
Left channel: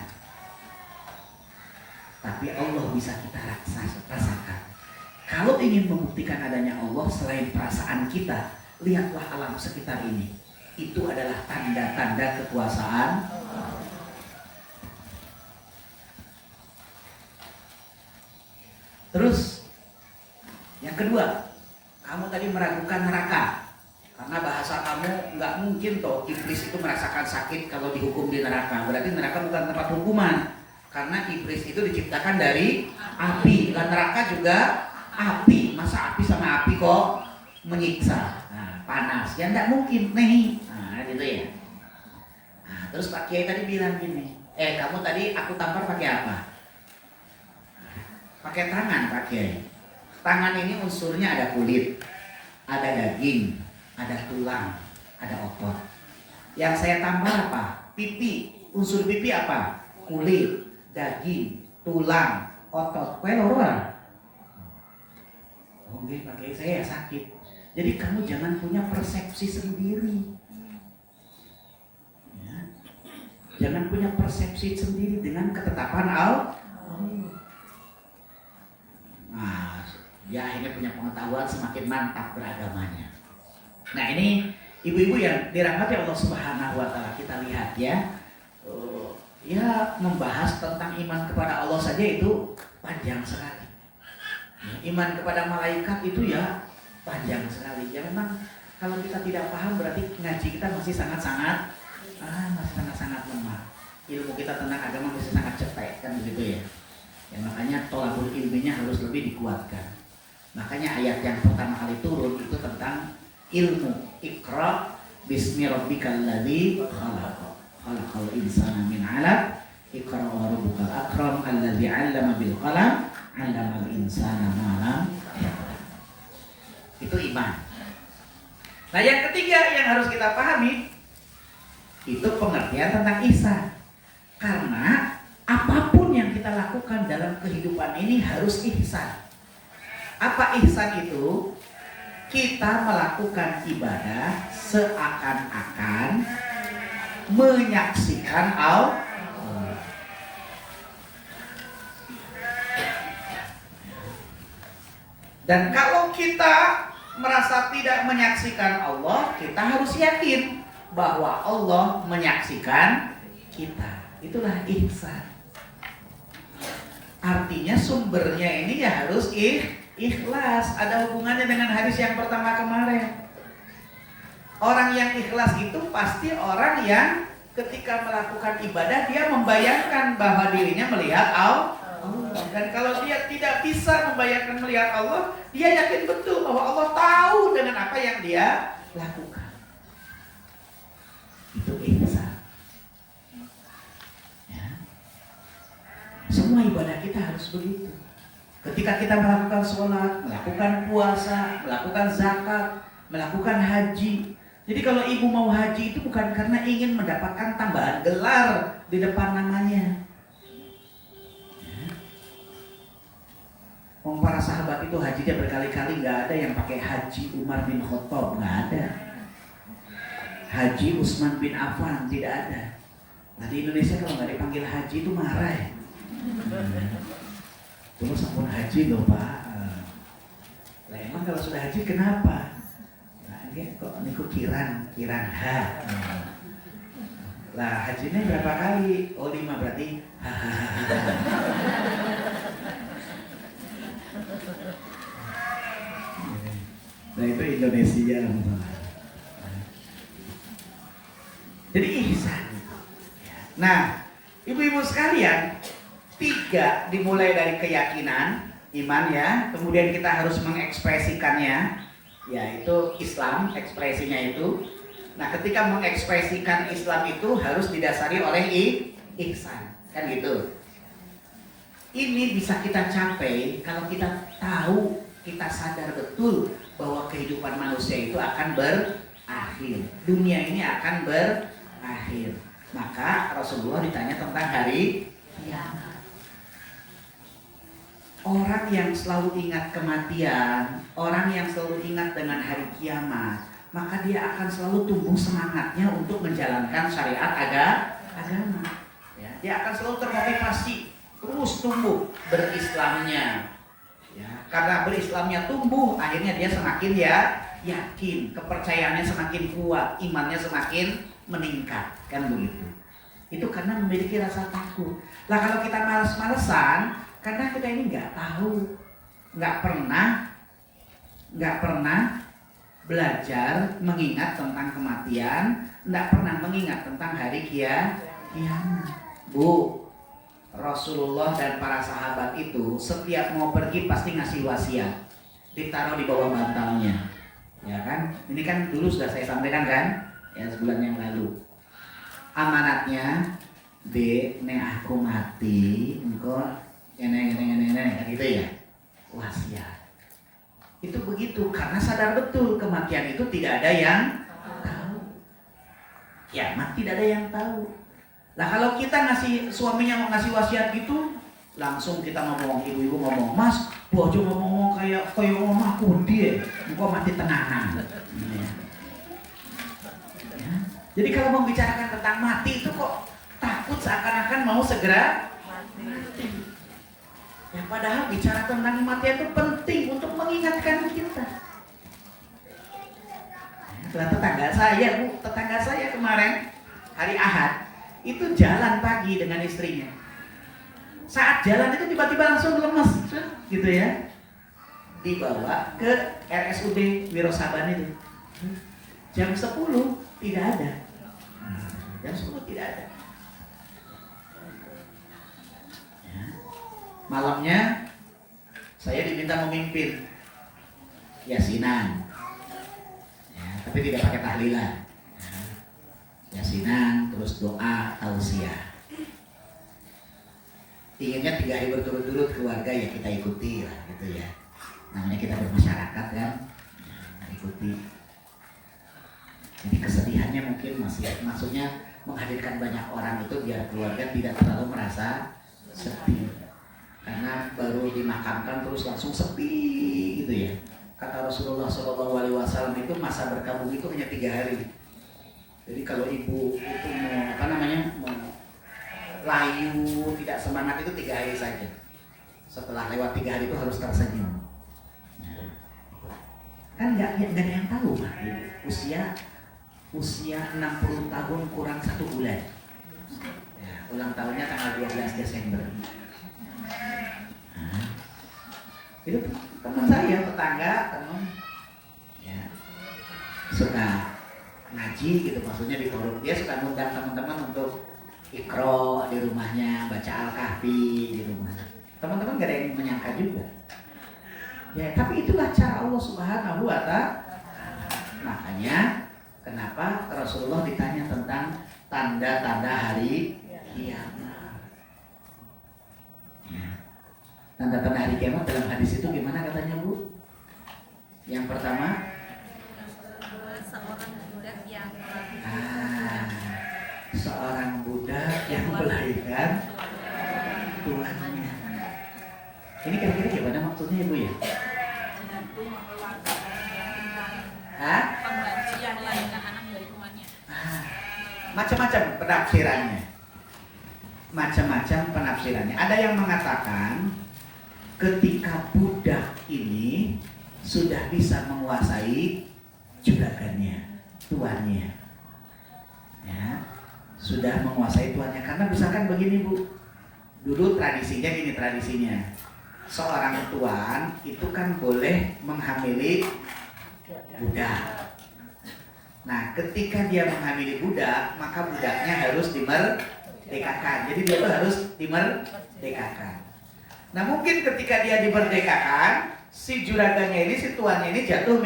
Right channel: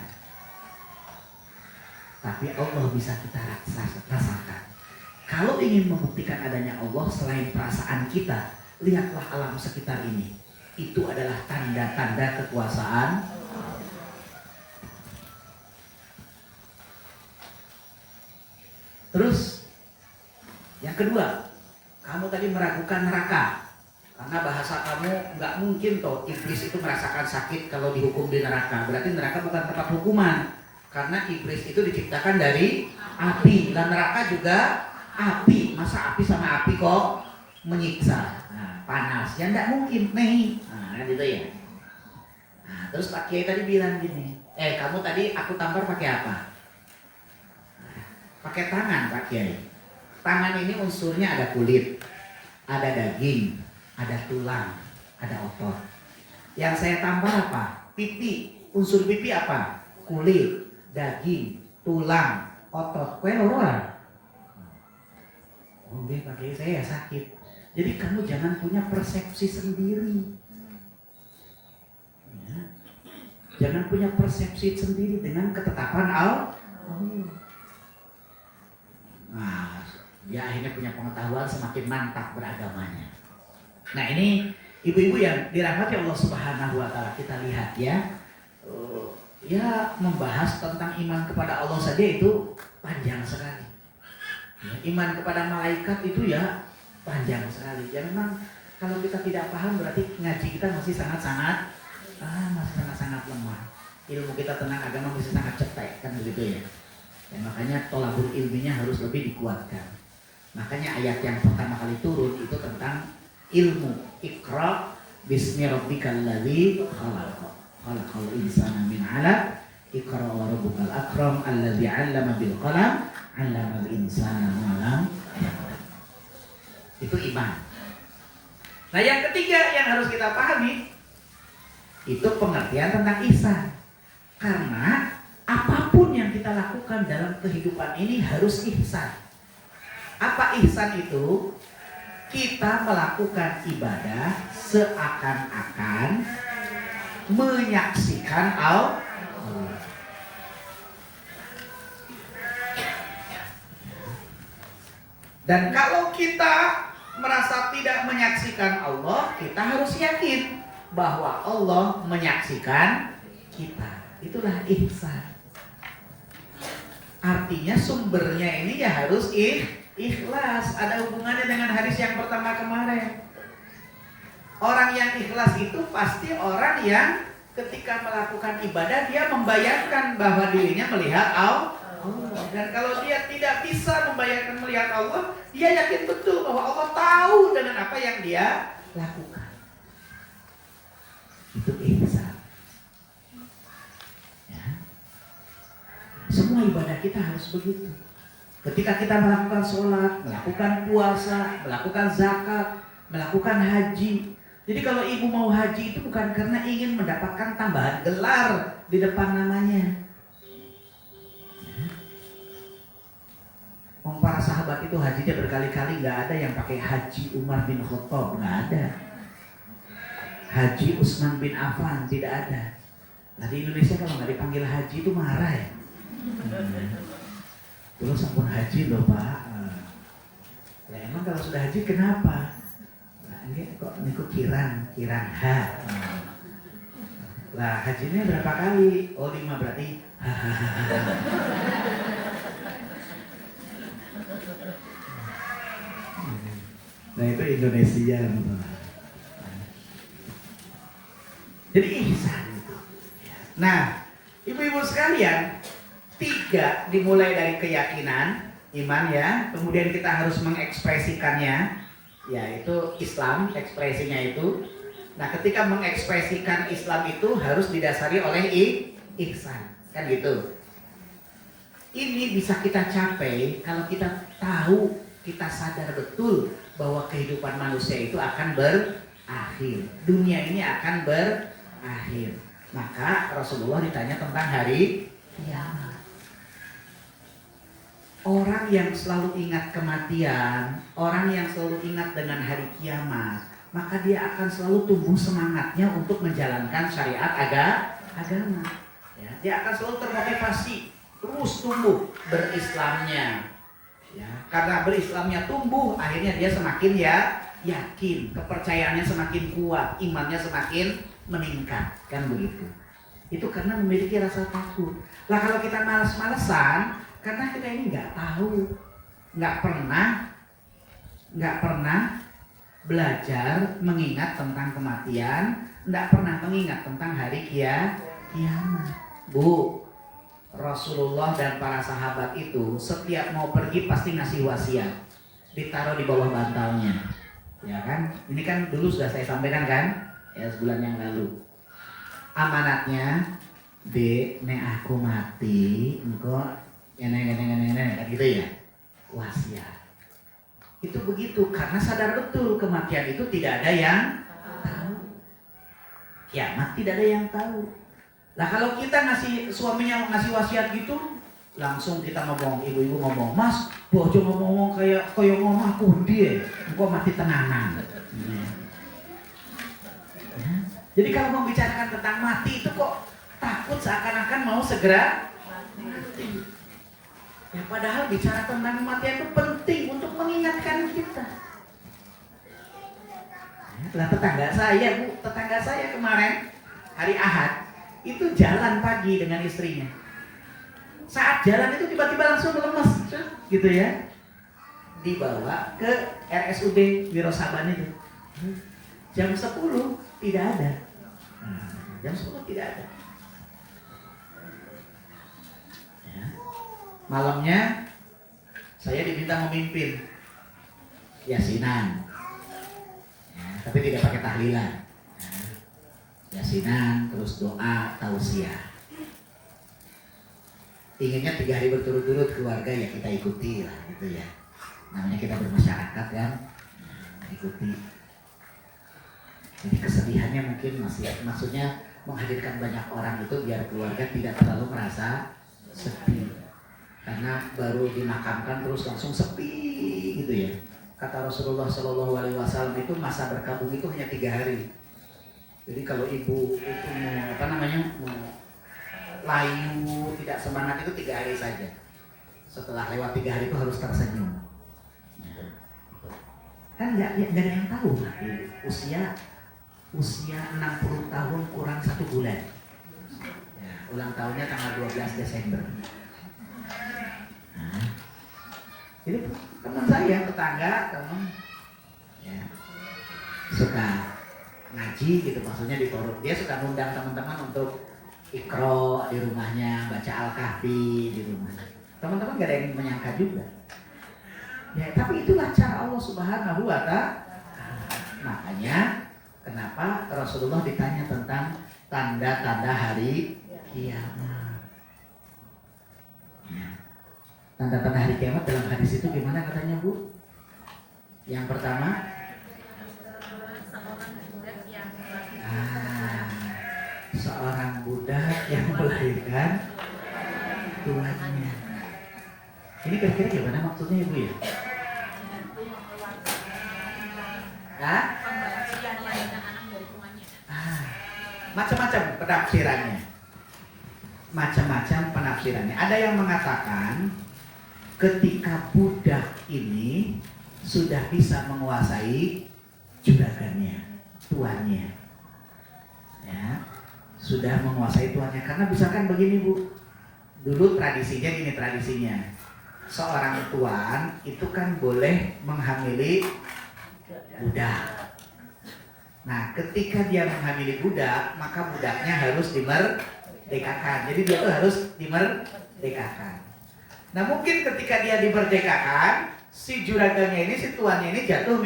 tapi Allah bisa kita rasakan. Kalau ingin membuktikan adanya Allah selain perasaan kita, lihatlah alam sekitar ini. Itu adalah tanda-tanda kekuasaan. Terus, yang kedua, kamu tadi meragukan neraka. Karena bahasa kamu nggak mungkin toh iblis itu merasakan sakit kalau dihukum di neraka. Berarti neraka bukan tempat hukuman. Karena iblis itu diciptakan dari api. Dan neraka juga api. Masa api sama api kok menyiksa? Nah, panas. Ya nggak mungkin nih. Nah gitu ya. Nah, terus Pak Kiai tadi bilang gini. Kamu tadi aku tampar pakai apa? Pakai tangan Pak Kiai. Tangan ini unsurnya ada kulit, ada daging, ada tulang, ada otot. Yang saya tampar apa? Pipi. Unsur pipi apa? Kulit, daging, tulang, otot. Kowe ora? Oh nggih Pak Kiai, saya ya sakit. Jadi kamu jangan punya persepsi sendiri. Ya. Jangan punya persepsi sendiri dengan ketetapan Allah. Nah, ya akhirnya punya pengetahuan semakin mantap beragamanya. Nah ini ibu-ibu yang dirahmati Allah Subhanahu wa taala, kita lihat ya. Ya membahas tentang iman kepada Allah saja itu panjang sekali. Ya, iman kepada malaikat itu ya panjang sekali. Ya memang kalau kita tidak paham berarti ngaji kita masih sangat-sangat lemah. Ilmu kita tentang agama masih sangat cetek kan begitu ya. Ya, makanya tolabul ilminya harus lebih dikuatkan. Makanya ayat yang pertama kali turun itu tentang ilmu. Iqra bismi rabbikal ladzi khalaq. Khalaqal insana min 'alaq. Iqra wa rabbukal akram alladzi 'allama bil qalam 'allamal insana ma lam ya'lam. Itu iman. Nah, yang ketiga yang harus kita pahami itu pengertian tentang ihsan. Karena apapun yang kita lakukan dalam kehidupan ini harus ihsan. Apa ihsan itu? Kita melakukan ibadah seakan-akan menyaksikan Allah. Dan kalau kita merasa tidak menyaksikan Allah, kita harus yakin bahwa Allah menyaksikan kita. Itulah ihsan. Artinya sumbernya ini ya harus ikhlas. Ada hubungannya dengan hadis yang pertama kemarin. Orang yang ikhlas itu pasti orang yang ketika melakukan ibadah dia membayangkan bahwa dirinya melihat Allah. Dan kalau dia tidak bisa membayangkan melihat Allah, dia yakin betul bahwa Allah tahu dengan apa yang dia lakukan. Itu ihsan. Ya. Semua ibadah kita harus begitu. Ketika kita melakukan sholat, melakukan puasa, melakukan zakat, melakukan haji. Jadi kalau ibu mau haji itu bukan karena ingin mendapatkan tambahan gelar di depan namanya. Para sahabat itu hajinya berkali-kali, nggak ada yang pakai haji Umar bin Khattab, nggak ada. Haji Utsman bin Affan tidak ada. Nah, di Indonesia kalau nggak dipanggil haji itu marah ya. Terus sampun haji loh Pak. Lah emang kalau sudah haji kenapa? Nah, enggak kok niku kiran ha. Lah hajinya berapa kali? Oh 5 berarti. Nah itu Indonesia. Jadi ihsan. Nah, ibu-ibu sekalian, 3 dimulai dari keyakinan, iman ya. Kemudian kita harus mengekspresikannya, yaitu Islam, ekspresinya itu. Nah, ketika mengekspresikan Islam itu harus didasari oleh ihsan, kan gitu. Ini bisa kita capai kalau kita tahu, kita sadar betul bahwa kehidupan manusia itu akan berakhir. Dunia ini akan berakhir. Maka Rasulullah ditanya tentang hari kiamat. Orang yang selalu ingat kematian, orang yang selalu ingat dengan hari kiamat, maka dia akan selalu tumbuh semangatnya untuk menjalankan syariat agama. Ya, dia akan selalu termotivasi terus tumbuh berislamnya. Ya, karena berislamnya tumbuh, akhirnya dia semakin yakin, kepercayaannya semakin kuat, imannya semakin meningkat, kan begitu. Itu karena memiliki rasa takut. Lah kalau kita malas-malesan, karena kita ini nggak tahu, nggak pernah belajar mengingat tentang kematian, nggak pernah mengingat tentang hari kiamat. Bu, Rasulullah dan para sahabat itu setiap mau pergi pasti ngasih wasiat, ditaruh di bawah bantalnya, ya kan? Ini kan dulu sudah saya sampaikan kan, ya sebulan yang lalu. Amanatnya, nek aku mati, engkau enek gitu ya, wasiat. Itu begitu karena sadar betul kematian itu tidak ada yang tahu, kiamat tidak ada yang tahu. Nah kalau kita suaminya ngasih wasiat gitu, langsung kita ngomong, ibu-ibu ngomong, Mas, bojo ngomong kayak ngomong aku dia, engkau mati tenangan. Ya. Jadi kalau membicarakan tentang mati itu kok takut seakan-akan mau segera mati. Ya padahal bicara tentang kematian itu penting untuk mengingatkan kita. Lah tetangga saya kemarin hari Ahad itu jalan pagi dengan istrinya. Saat jalan itu tiba-tiba langsung lemes, gitu ya. Dibawa ke RSUD Wirosaban itu. Jam 10 tidak ada. Jam 10 tidak ada. Ya. Malamnya saya diminta memimpin yasinan, ya, tapi tidak pakai tahlilan. Ya, yasinan, terus doa, tausiah. Inginnya 3 hari berturut-turut keluarga ya kita ikuti lah gitu ya. Namanya kita bermasyarakat kan, ikuti. Jadi kesedihannya mungkin masih, maksudnya menghadirkan banyak orang itu biar keluarga tidak terlalu merasa sedih. Karena baru dimakamkan terus langsung sepi gitu ya. Kata Rasulullah SAW itu masa berkabung itu hanya 3 hari. Jadi kalau ibu itu mau layu tidak semangat itu 3 hari saja. Setelah lewat 3 hari itu harus tersenyum. Kan nggak ada yang tahu usia 60 tahun kurang 1 bulan. Ya, ulang tahunnya tanggal 12 Desember. Itu teman saya, tetangga, teman ya, suka ngaji gitu, maksudnya di forum. Dia suka ngundang teman-teman untuk ikro di rumahnya, baca Al-Kahfi di rumahnya. Teman-teman gak ada yang menyangka juga. Ya, tapi itulah cara Allah Subhanahu wa Ta'ala. Makanya kenapa Rasulullah ditanya tentang tanda-tanda hari kiamat. Ya. Tanda-tanda hari kiamat dalam hadis itu gimana katanya Bu? Yang pertama, seorang budak yang melahirkan tuannya. Ini kira-kira gimana maksudnya Ibu ya? Hah? Macam-macam penafsirannya. Macam-macam penafsirannya. Ada yang mengatakan ketika budak ini sudah bisa menguasai juragannya, tuannya, ya, sudah menguasai tuannya. Karena misalkan begini Bu, dulu tradisinya gini, seorang tuan itu kan boleh menghamili budak. Nah, ketika dia menghamili budak, maka budaknya harus dimerdekakan. Jadi dia tuh harus dimerdekakan. Nah, mungkin ketika dia dimerdekakan, si juragannya ini, si tuannya ini jatuh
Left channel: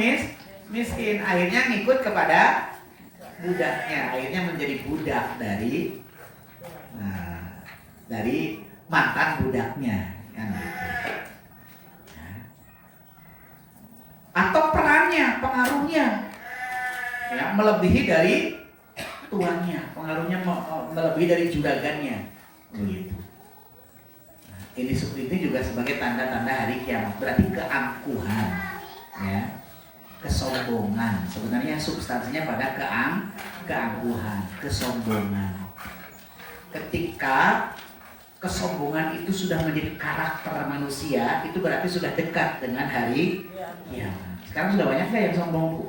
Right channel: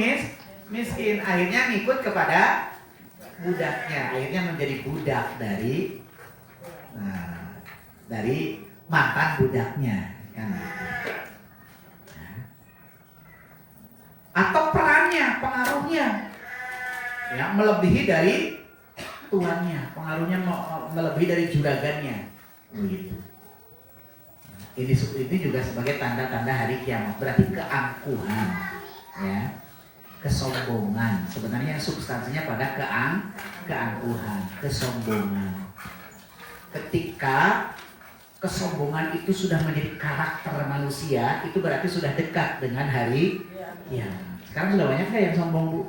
miskin. Akhirnya ngikut kepada budaknya. Akhirnya menjadi budak dari mantan budaknya. Kan gitu. Atau perannya, pengaruhnya ya, melebihi dari tuannya, pengaruhnya melebihi dari juragannya, begitu. Ini juga sebagai tanda-tanda hari kiamat, berarti keangkuhan, ya, kesombongan. Sebenarnya substansinya pada keangkuhan, kesombongan. Ketika kesombongan itu sudah menjadi karakter manusia, itu berarti sudah dekat dengan hari kiamat. Sekarang sudah banyak nggak yang sombong Bu?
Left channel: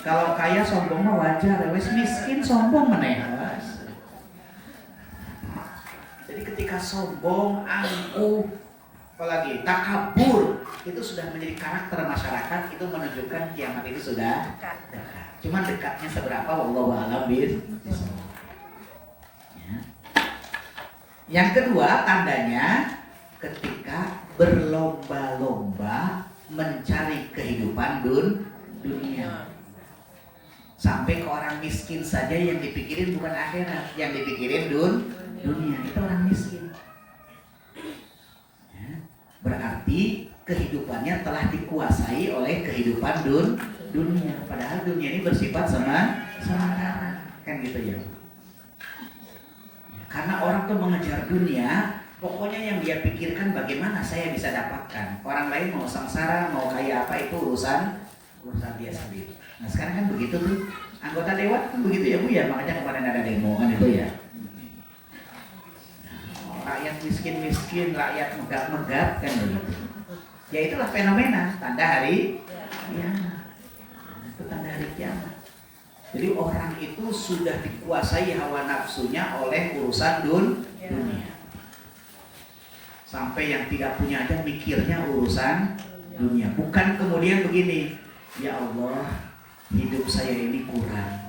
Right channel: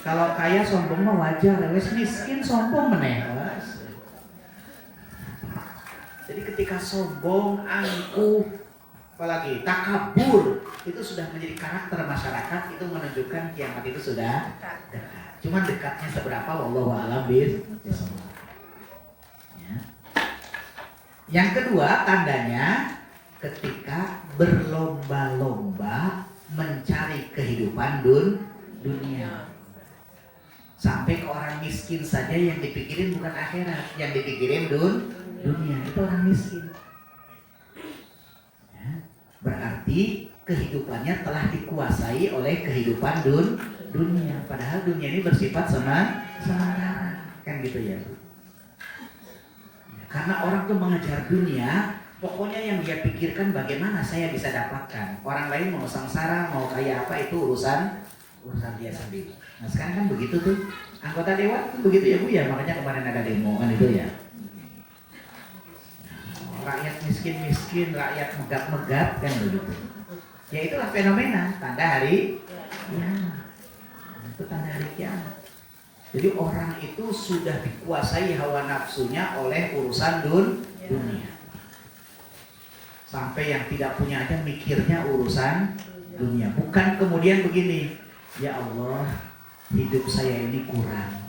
Kalau kaya sombong mah wajar, wes miskin sombong meneh. Jadi ketika sombong, angkuh, apalagi takabur, itu sudah menjadi karakter masyarakat, itu menunjukkan kiamat itu sudah dekat. Cuman dekatnya seberapa, wallahu a'lam bishawab. Ya. Yang kedua tandanya ketika berlomba-lomba mencari kehidupan dunia. Sampai ke orang miskin saja yang dipikirin bukan akhirat, yang dipikirin dunia, itu orang miskin. Ya, berarti kehidupannya telah dikuasai oleh kehidupan dunia. Padahal dunia ini bersifat sementara, kan gitu ya. Karena orang tuh mengejar dunia, pokoknya yang dia pikirkan bagaimana saya bisa dapatkan. Orang lain mau sengsara, mau kaya apa, itu urusan dia sendiri. Nah sekarang kan begitu tuh, anggota dewan kan begitu ya Bu ya, makanya kemarin ada demo kan itu ya. Rakyat miskin, rakyat megap-megap kan begitu. Ya itulah fenomena tanda hari kiamat. Itu tanda hari kiamat. Jadi orang itu sudah dikuasai hawa nafsunya oleh urusan dunia. Sampai yang tidak punya aja mikirnya urusan dunia. Bukan kemudian begini, ya Allah, hidup saya ini kurang.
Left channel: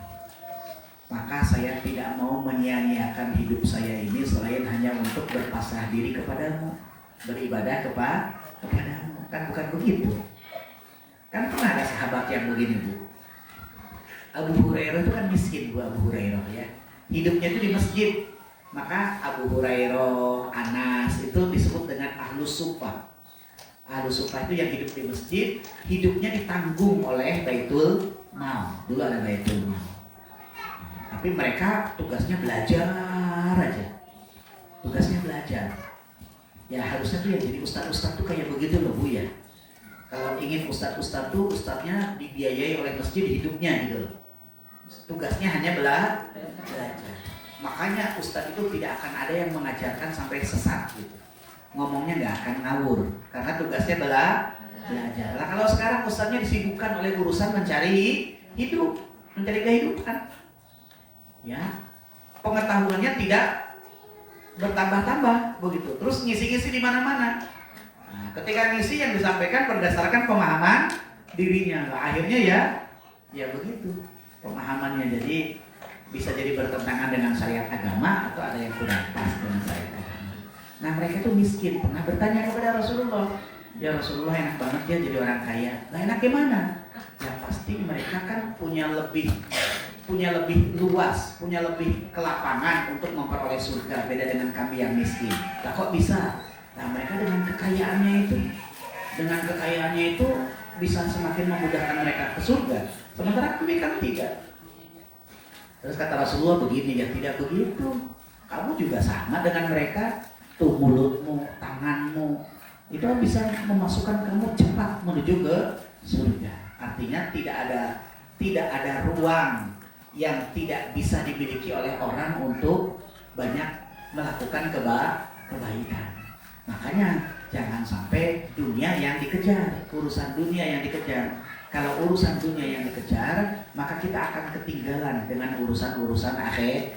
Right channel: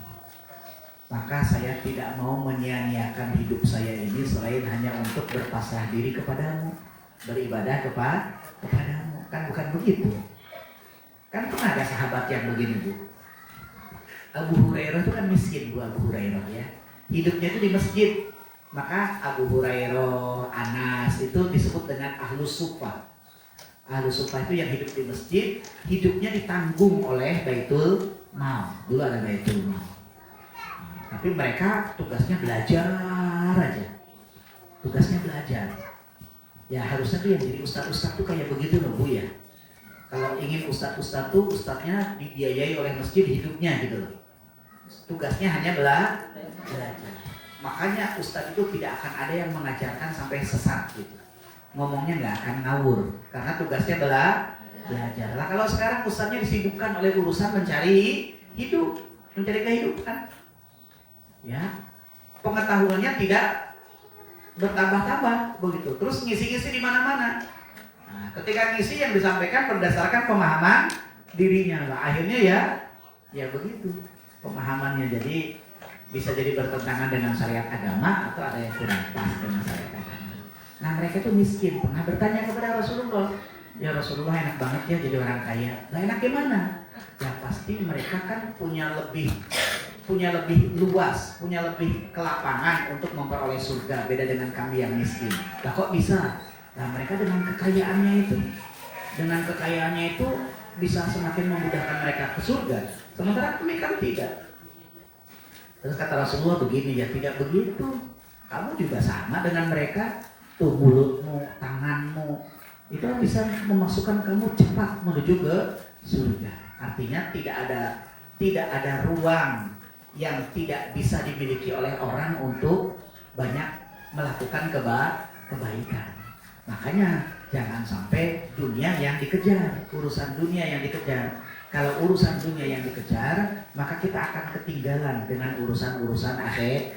maka saya tidak mau menyia-nyiakan hidup saya ini selain hanya untuk berpasrah diri kepadamu, beribadah kepadamu. Kan bukan begitu. Kan pernah ada sahabat yang begini Bu. Abu Hurairah itu kan miskin Bu, Abu Hurairah ya. Hidupnya itu di masjid. Maka Abu Hurairah, Anas itu disebut dengan Ahlus Suffah. Ahlus Suffah itu yang hidup di masjid, hidupnya ditanggung oleh Baitul Mal. Dulu ada Baitul Mal. Tapi mereka tugasnya belajar aja. Tugasnya belajar. Ya harusnya tuh yang jadi ustadz-ustadz tuh kayak begitu loh Bu ya. Kalau ingin ustadz-ustadz tuh ustadznya dibiayai oleh masjid hidupnya gitu loh. Tugasnya hanya belajar. Makanya ustadz itu tidak akan ada yang mengajarkan sampai sesat gitu. Ngomongnya nggak akan ngawur karena tugasnya belajar. Lah kalau sekarang ustadznya disibukkan oleh urusan mencari hidup, mencari kehidupan. Ya, pengetahuannya tidak bertambah-tambah begitu. Terus ngisi-ngisi di mana-mana. Nah, ketika ngisi yang disampaikan berdasarkan pemahaman dirinya. Nah, akhirnya ya begitu pemahamannya. Jadi bisa jadi bertentangan dengan syariat agama atau ada yang kurang pas dengan syariat agama. Nah, mereka itu miskin. Pernah bertanya kepada Rasulullah, ya Rasulullah enak banget ya jadi orang kaya. Nah, enak gimana? Ya pasti mereka kan punya lebih luas, punya lebih kelapangan untuk memperoleh surga. Beda dengan kami yang miskin. Lah kok bisa? Nah mereka dengan kekayaannya itu bisa semakin memudahkan mereka ke surga. Sementara kami kan tidak. Terus kata Rasulullah begini, ya tidak begitu. Kamu juga sama dengan mereka. Tuh mulutmu, tanganmu, itu bisa memasukkan kamu cepat menuju ke surga. Artinya tidak ada ruang yang tidak bisa dimiliki oleh orang untuk banyak melakukan kebaikan. Makanya jangan sampai dunia yang dikejar, urusan dunia yang dikejar. Kalau urusan dunia yang dikejar, maka kita akan ketinggalan dengan urusan-urusan akhirat.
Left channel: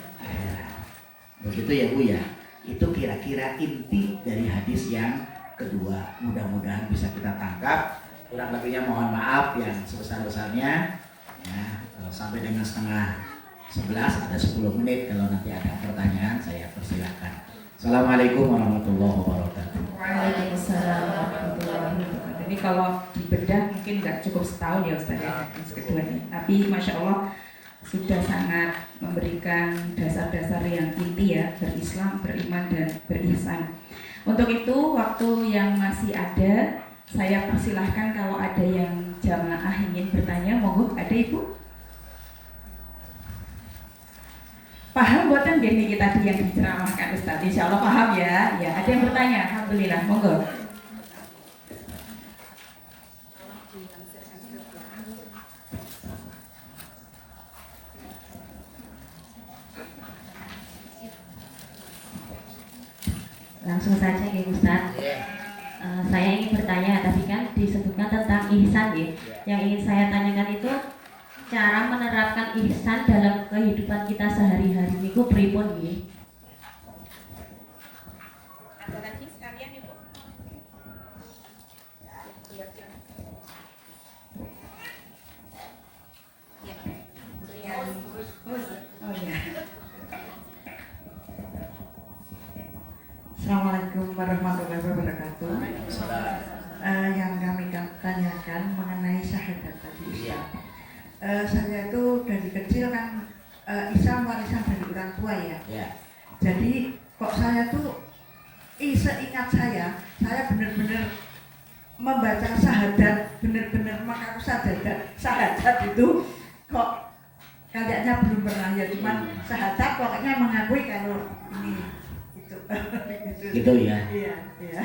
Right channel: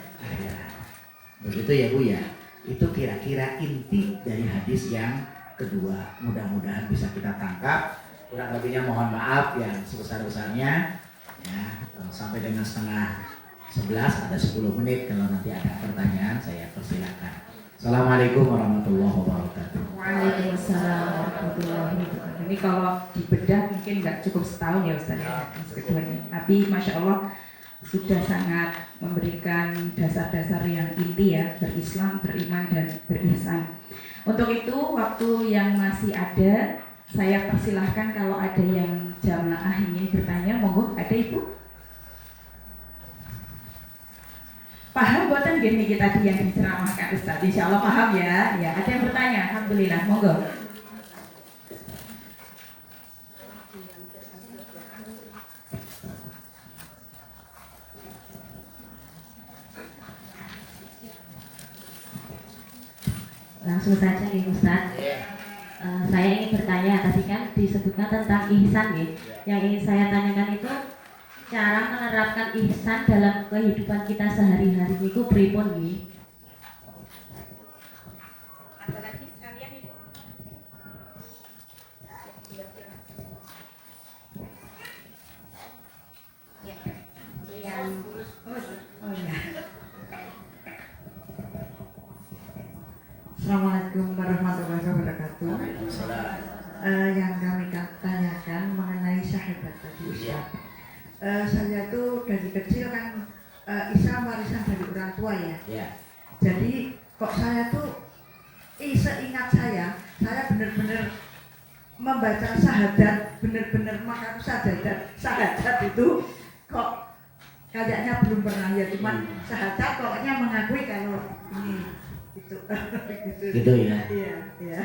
Begitu ya Bu ya. Itu kira-kira inti dari hadis yang kedua. Mudah-mudahan bisa kita tangkap. Kurang lebihnya mohon maaf yang sebesar-besarnya. Ya, sampai dengan 10:30 ada 10 menit. Kalau nanti ada pertanyaan saya persilakan. Assalamualaikum warahmatullahi wabarakatuh. Waalaikumsalam warahmatullahi wabarakatuh. Ini kalau dibedah mungkin nggak cukup setahun ya Ustaz ya, keduanya. Tapi Masya Allah sudah sangat memberikan dasar-dasar yang inti ya, berislam, beriman, dan berihsan. Untuk itu waktu yang masih ada, saya persilahkan kalau ada yang jamaah ingin bertanya, monggo. Ada Ibu? Paham buatan gini kita tadi yang diceramahkan Ustaz? Insya Allah paham ya. Ya, ada yang bertanya? Alhamdulillah, monggo. Langsung saja ya Ustaz. Saya ingin bertanya, tadi kan disebutkan tentang ihsan ya. Yang ingin saya tanyakan itu cara menerapkan ihsan dalam kehidupan kita sehari-hari itu pripun nggih? Assalamualaikum warahmatullahi wabarakatuh. Yang kami tanyakan mengenai syahadat tadi Ustaz. Saya itu dari kecil kan Islam warisan dari orang tua ya. Jadi kok saya tuh seingat saya benar-benar membaca syahadat, benar-benar mengaku syahadat itu kok kayaknya belum pernah ya, cuman syahadat pokoknya mengakui kalau ini itu. Gitu ya. Iya.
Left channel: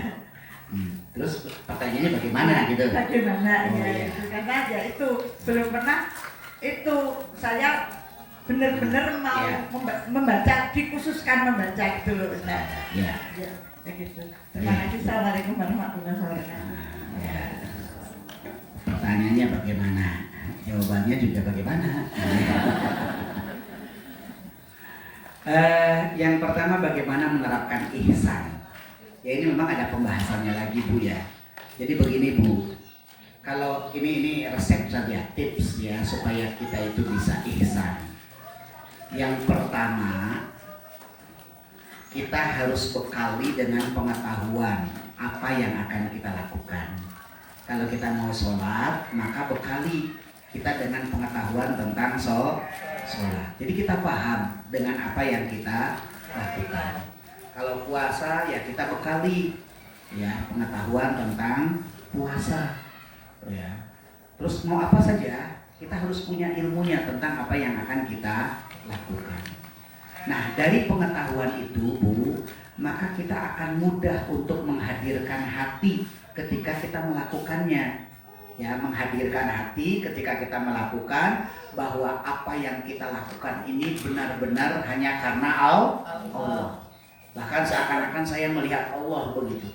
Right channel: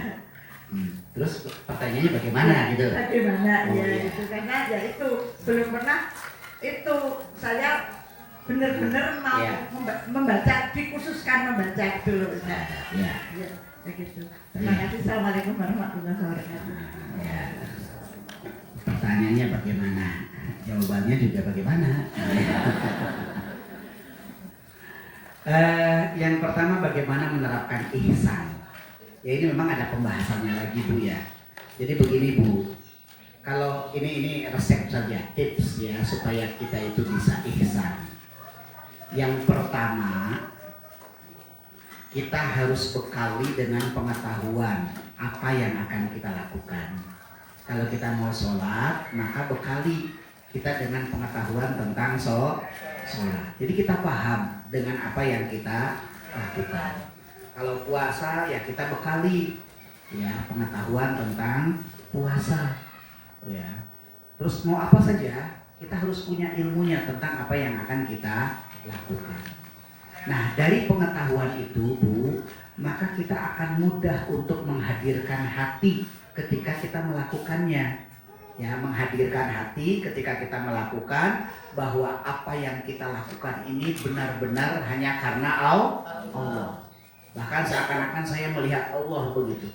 Terus pertanyaannya bagaimana gitu? Bagaimana Oh, ya, iya. gitu. Karena ya itu belum pernah itu saya benar-benar mau Iya. membaca, dikhususkan membaca itu loh. Nah, Ya. ya, begitu. Terima kasih. Assalamualaikum warahmatullahi wabarakatuh. Ya. Pertanyaannya bagaimana? Jawabannya juga bagaimana? Yang pertama bagaimana menerapkan ihsan. Ya ini memang ada pembahasannya lagi Bu ya. Jadi begini Bu, kalau ini resep saja, tips ya supaya kita itu bisa ihsan. Yang pertama, kita harus bekali dengan pengetahuan apa yang akan kita lakukan. Kalau kita mau sholat, maka bekali kita dengan pengetahuan tentang sholat. Jadi kita paham dengan apa yang kita lakukan. Kalau puasa ya kita bekali ya pengetahuan tentang puasa. Ya. Terus mau apa saja, kita harus punya ilmunya tentang apa yang akan kita lakukan. Nah, dari pengetahuan itu, Bu, maka kita akan mudah untuk menghadirkan hati ketika kita melakukannya. Ya, menghadirkan hati ketika kita melakukan bahwa apa yang kita lakukan ini benar-benar hanya karena Allah. Bahkan seakan-akan saya melihat Allah begitu.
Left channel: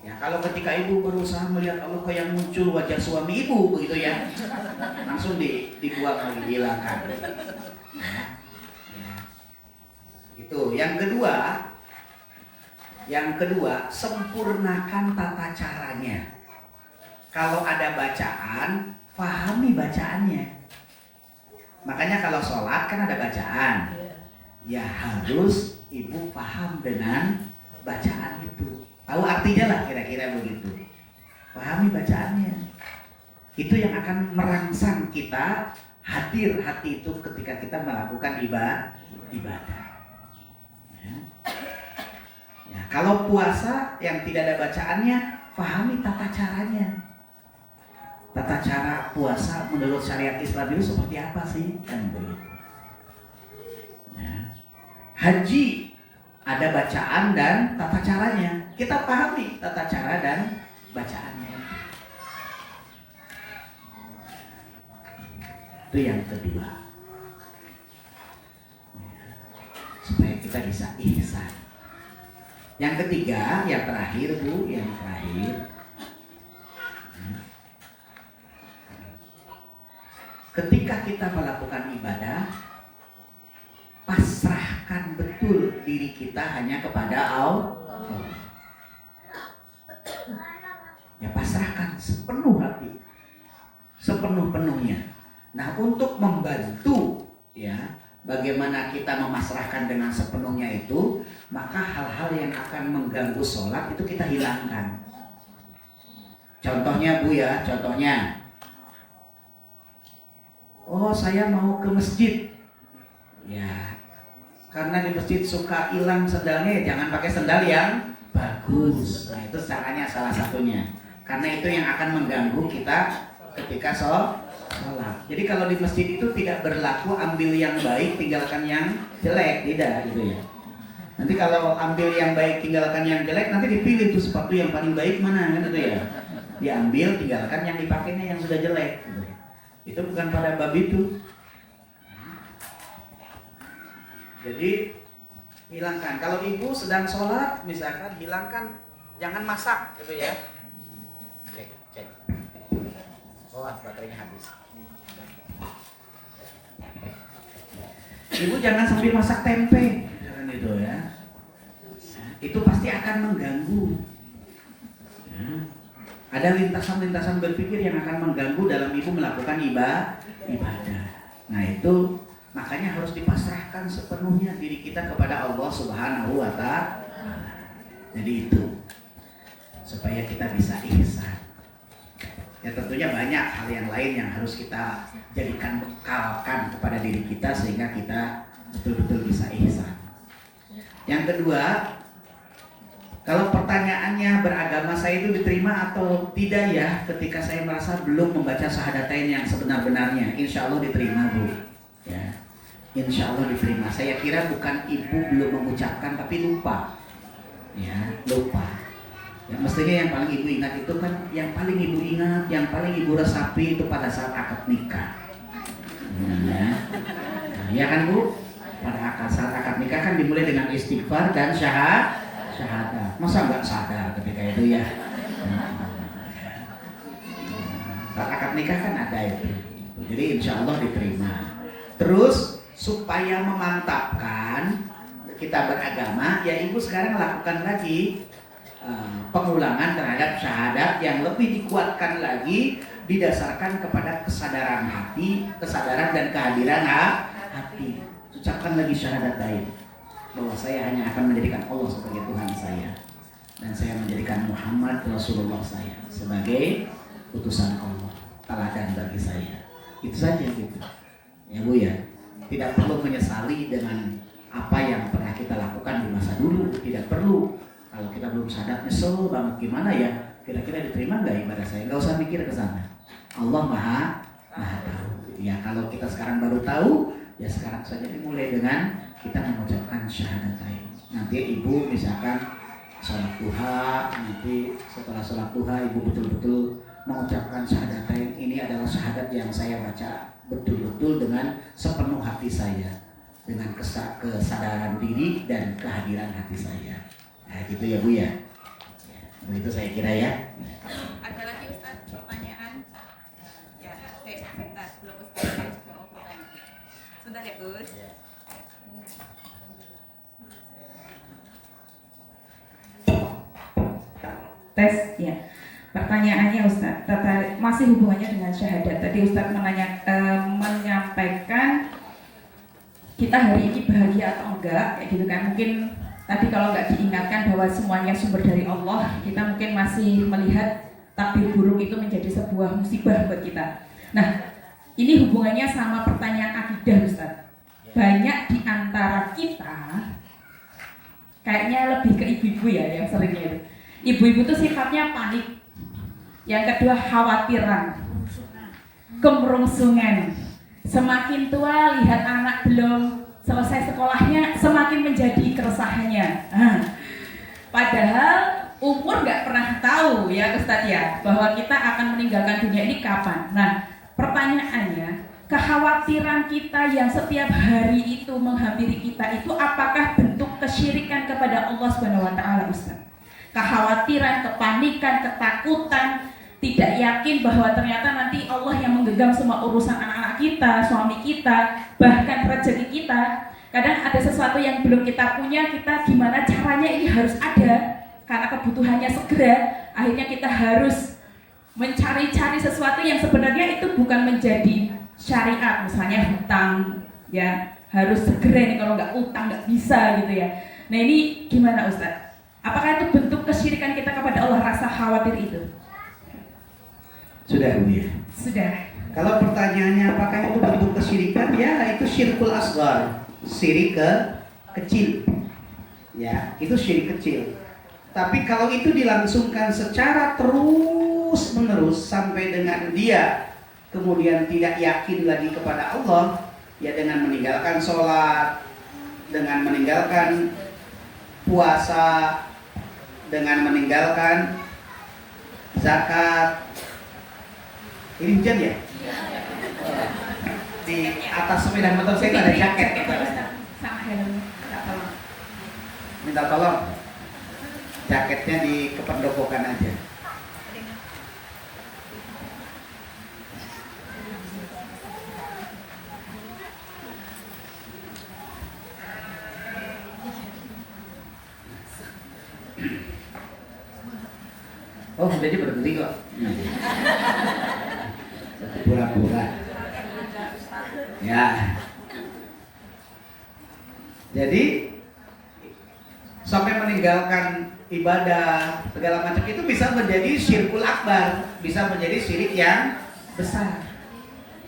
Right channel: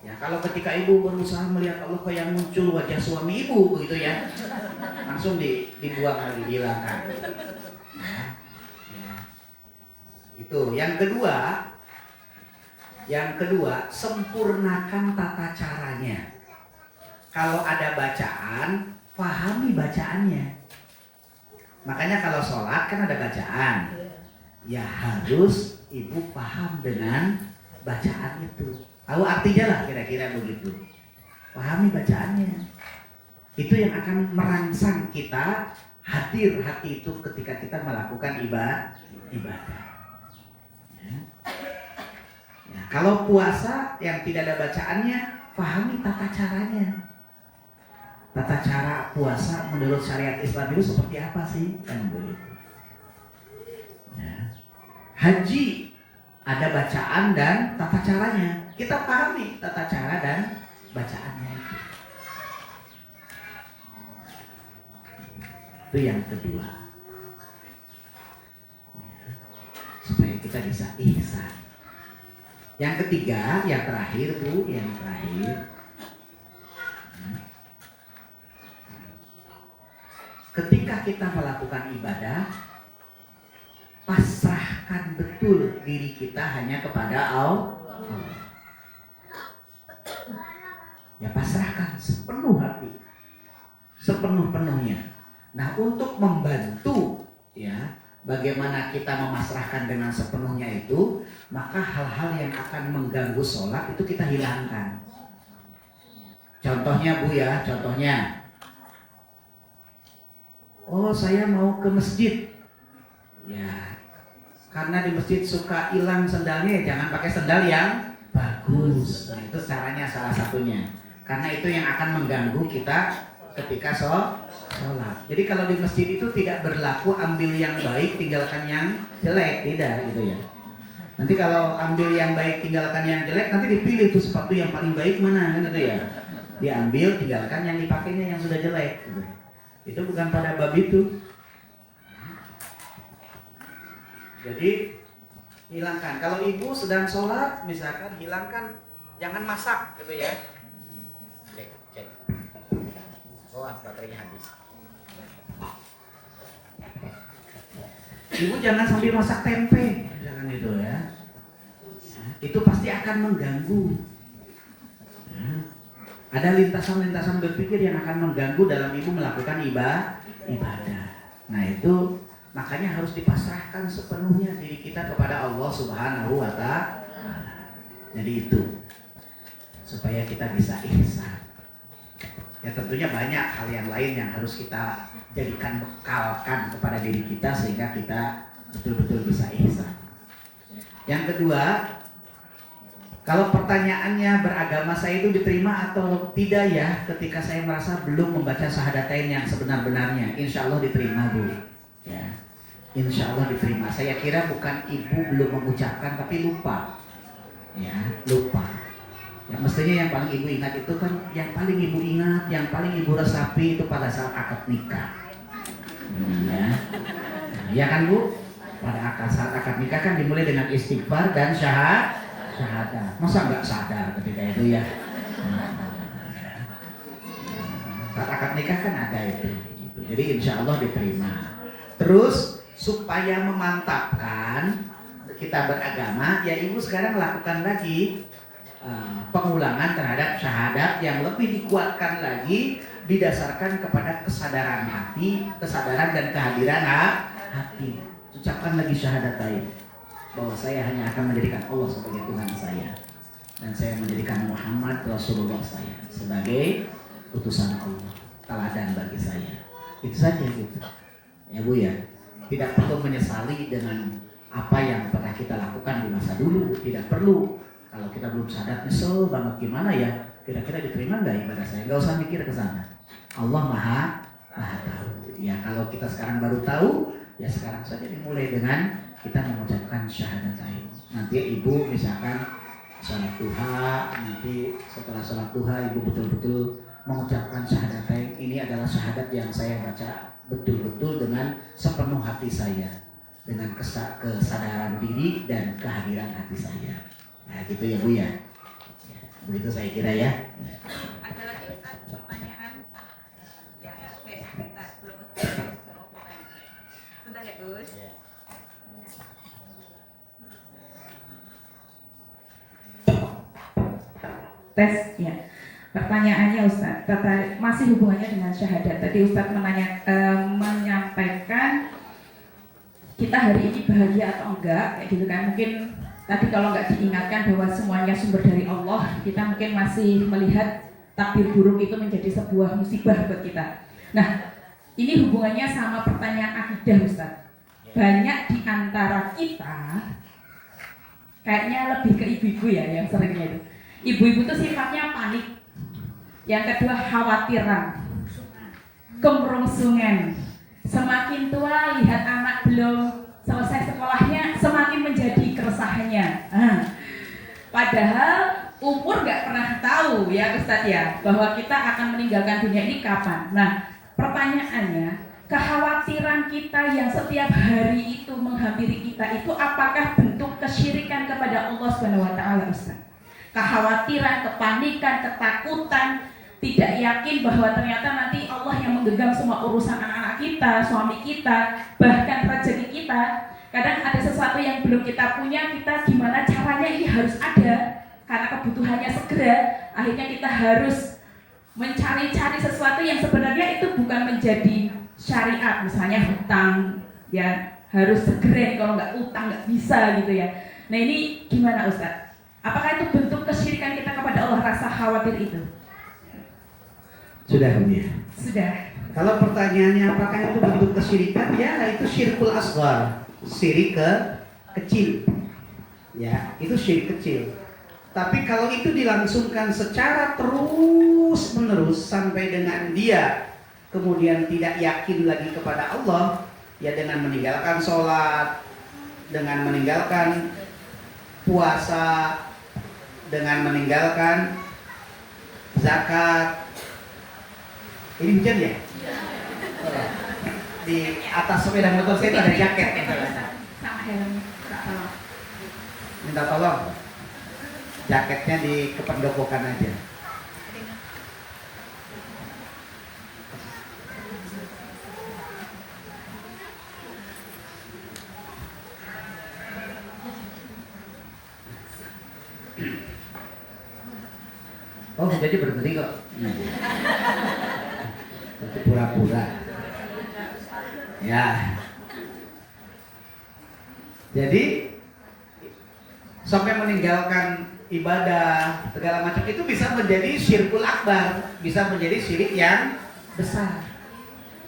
Ya, kalau ketika ibu berusaha melihat Allah kayak muncul wajah suami ibu begitu ya, langsung dibuang lagi, dihilangkan. Ya. Itu. Yang kedua, sempurnakan tata caranya. Kalau ada bacaan, pahami bacaannya. Makanya kalau sholat kan ada bacaan. Ya harus ibu paham dengan bacaan itu. Tahu artinya lah kira-kira begitu. Pahami bacaannya. Itu yang akan merangsang kita hadir hati itu ketika kita melakukan ibadah. Ya, kalau puasa yang tidak ada bacaannya, pahami tata caranya. Tata cara puasa menurut syariat Islam itu seperti apa sih? Kan begitu. Ya. Haji ada bacaan dan tata caranya. Kita pahami tata cara dan bacaannya. Itu yang kedua. Supaya kita bisa ihsan. Yang ketiga, yang terakhir Bu, yang terakhir. Ketika kita melakukan ibadah, pasrahkan betul diri kita hanya kepada Allah. Ya pasrahkan sepenuh hati, sepenuh-penuhnya. Nah untuk membantu ya bagaimana kita memasrahkan dengan sepenuhnya itu, maka hal-hal yang akan mengganggu sholat itu kita hilangkan. Contohnya Bu ya, contohnya. Oh saya mau ke masjid. Ya, karena di masjid suka hilang sendalnya, ya jangan pakai sendal yang bagus. Nah itu caranya salah satunya. Karena itu yang akan mengganggu kita ketika sholat. Jadi kalau di masjid itu tidak berlaku ambil yang baik tinggalkan yang jelek, tidak gitu ya. Nanti kalau ambil yang baik tinggalkan yang jelek, nanti dipilih tuh sepatu yang paling baik mana kan gitu ya. Diambil tinggalkan yang dipakainya yang sudah jelek gitu. Itu bukan pada bab itu. Jadi hilangkan. Kalau ibu sedang sholat misalkan hilangkan, jangan masak gitu ya. Cek. Oh baterainya habis. Ibu jangan sambil masak tempe, jangan itu ya. Itu pasti akan mengganggu. Ya. Ada lintasan-lintasan berpikir yang akan mengganggu dalam ibu melakukan ibadah. Nah itu makanya harus dipasrahkan sepenuhnya diri kita kepada Allah Subhanahu wa Ta'ala. Jadi itu supaya kita bisa ihsan. Ya tentunya banyak hal yang lain yang harus kita jadikan bekalkan kepada diri kita sehingga kita betul-betul bisa ihsan. Yang kedua, kalau pertanyaannya beragama saya itu diterima atau tidak ya ketika saya merasa belum membaca syahadatain yang sebenar-benarnya, insya Allah diterima Bu. Ya, insya Allah diterima. Saya kira bukan ibu belum mengucapkan tapi lupa. Ya, lupa. Ya, mestinya yang paling ibu ingat itu kan, yang paling ibu ingat, yang paling ibu resapi itu pada saat akad nikah. Ya kan Bu? Pada saat akad nikah kan dimulai dengan istighfar dan syahadat. Masa nggak sadar ketika itu ya? Saat akad nikah kan ada itu. Jadi insya Allah diterima. Terus supaya memantapkan kita beragama, ya ibu sekarang lakukan lagi pengulangan terhadap syahadat yang lebih dikuatkan lagi didasarkan kepada kesadaran hati, kesadaran dan kehadiran hati. ucapkan lagi syahadatain bahwa saya hanya akan menjadikan Allah sebagai Tuhan saya dan saya menjadikan Muhammad Rasulullah saya sebagai utusan Allah, teladan bagi saya. Itu saja gitu. Ya Bu ya. Tidak perlu menyesali dengan apa yang pernah kita lakukan di masa dulu, tidak perlu. Kalau kita belum sadar nyesel banget gimana ya, kira-kira diterima nggak ibadah saya? Nggak usah mikir ke sana. Allah maha tahu. Ya kalau kita sekarang baru tahu, ya sekarang saja dimulai dengan kita mengucapkan syahadatain. Nanti ibu misalkan sholat duha, nanti setelah sholat duha ibu betul-betul mengucapkan syahadatain. Ini adalah syahadat yang saya baca betul-betul dengan sepenuh hati saya, dengan kesadaran diri dan kehadiran hati saya. Nah gitu ya Bu ya. Begitu saya kira ya. Ada lagi Ustaz pertanyaan? Ya, sebentar, belum Ustaz. Sudah ya Gus? Tes ya. Pertanyaannya Ustaz, masih hubungannya dengan syahadat. Tadi Ustaz menyampaikan kita hari ini bahagia atau enggak, kayak gitu kan. Mungkin tadi kalau nggak diingatkan bahwa semuanya sumber dari Allah, kita mungkin masih melihat takdir buruk itu menjadi sebuah musibah buat kita. Nah, ini hubungannya sama pertanyaan akidah Ustaz. Banyak di antara kita kayaknya lebih ke ibu-ibu ya yang seringnya itu. Ibu-ibu tuh sifatnya panik. Yang kedua khawatiran, kemerungsungan. Semakin tua lihat anak belum selesai sekolahnya semakin menjadi keresahannya. Padahal umur nggak pernah tahu ya Ustadz ya bahwa kita akan meninggalkan dunia ini kapan. Nah pertanyaannya, kekhawatiran kita yang setiap hari itu menghampiri kita itu apakah bentuk kesyirikan kepada Allah Subhanahu wa taala Ustadz? Kekhawatiran, kepanikan, ketakutan, tidak yakin bahwa ternyata nanti Allah yang menggenggam semua urusan anak-anak kita, suami kita, bahkan rezeki kita. Kadang ada sesuatu yang belum kita punya, kita gimana caranya ini harus ada karena kebutuhannya segera. Akhirnya kita harus mencari-cari sesuatu yang sebenarnya itu bukan menjadi syariat, misalnya hutang, ya harus segera nih, kalau nggak utang nggak bisa gitu ya. Nah ini gimana Ustadz? Apakah itu bentuk kesyirikan kita kepada Allah, rasa khawatir itu? Sudah Bu ya. Sudah. Kalau pertanyaannya apakah itu bentuk kesyirikan? Ya itu syirkul asghar, syirik kecil. Ya itu syirik kecil. Tapi kalau itu dilangsungkan secara terus menerus sampai dengan dia kemudian tidak yakin lagi kepada Allah, ya dengan meninggalkan sholat, dengan meninggalkan puasa, dengan meninggalkan zakat. Ini hujan ya? Di atas sepeda motor saya itu ada jaket. Sama helmnya, Minta tolong. Jaketnya di kependopokan aja. Oh jadi berhenti kok. Pura-pura. Ya. Jadi sampai meninggalkan ibadah segala macam itu bisa menjadi syirkul akbar, bisa menjadi syirik yang besar.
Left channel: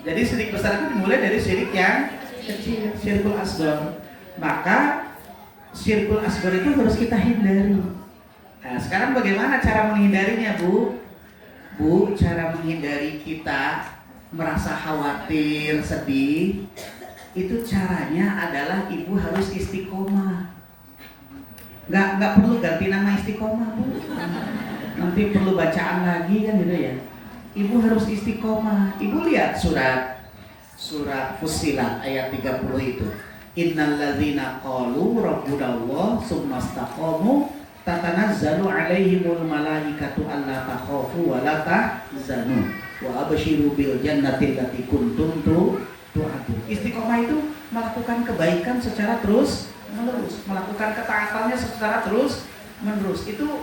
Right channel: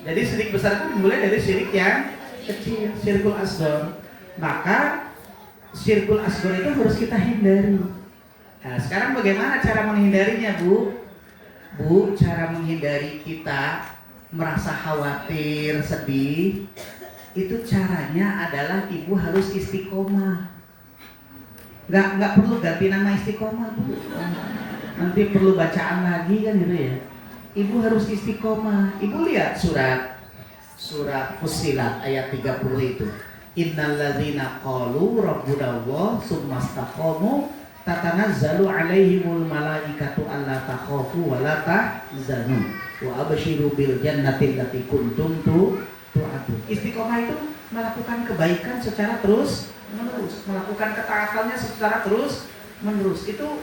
Jadi syirik besar itu dimulai dari syirik yang kecil, syirkul asghar. Maka syirkul asghar itu harus kita hindari. Nah, sekarang bagaimana cara menghindarinya, Bu? Bu, cara menghindari kita merasa khawatir, sedih, itu caranya adalah ibu harus istiqomah. Nggak perlu ganti nama istiqomah, Bu. Nanti perlu bacaan lagi kan gitu ya. Ibu harus istiqomah. Ibu lihat surat Fussilat ayat 30 itu. Innalladzina qalu rabbunallah tsumma istaqamu tatanazzalu alaihimul malaikatu alla takhafu wa la tahzanu wa abshiru bil jannati allati kuntum tu'adun. Istiqomah itu melakukan kebaikan secara terus menerus, melakukan ketaatannya secara terus menerus. Itu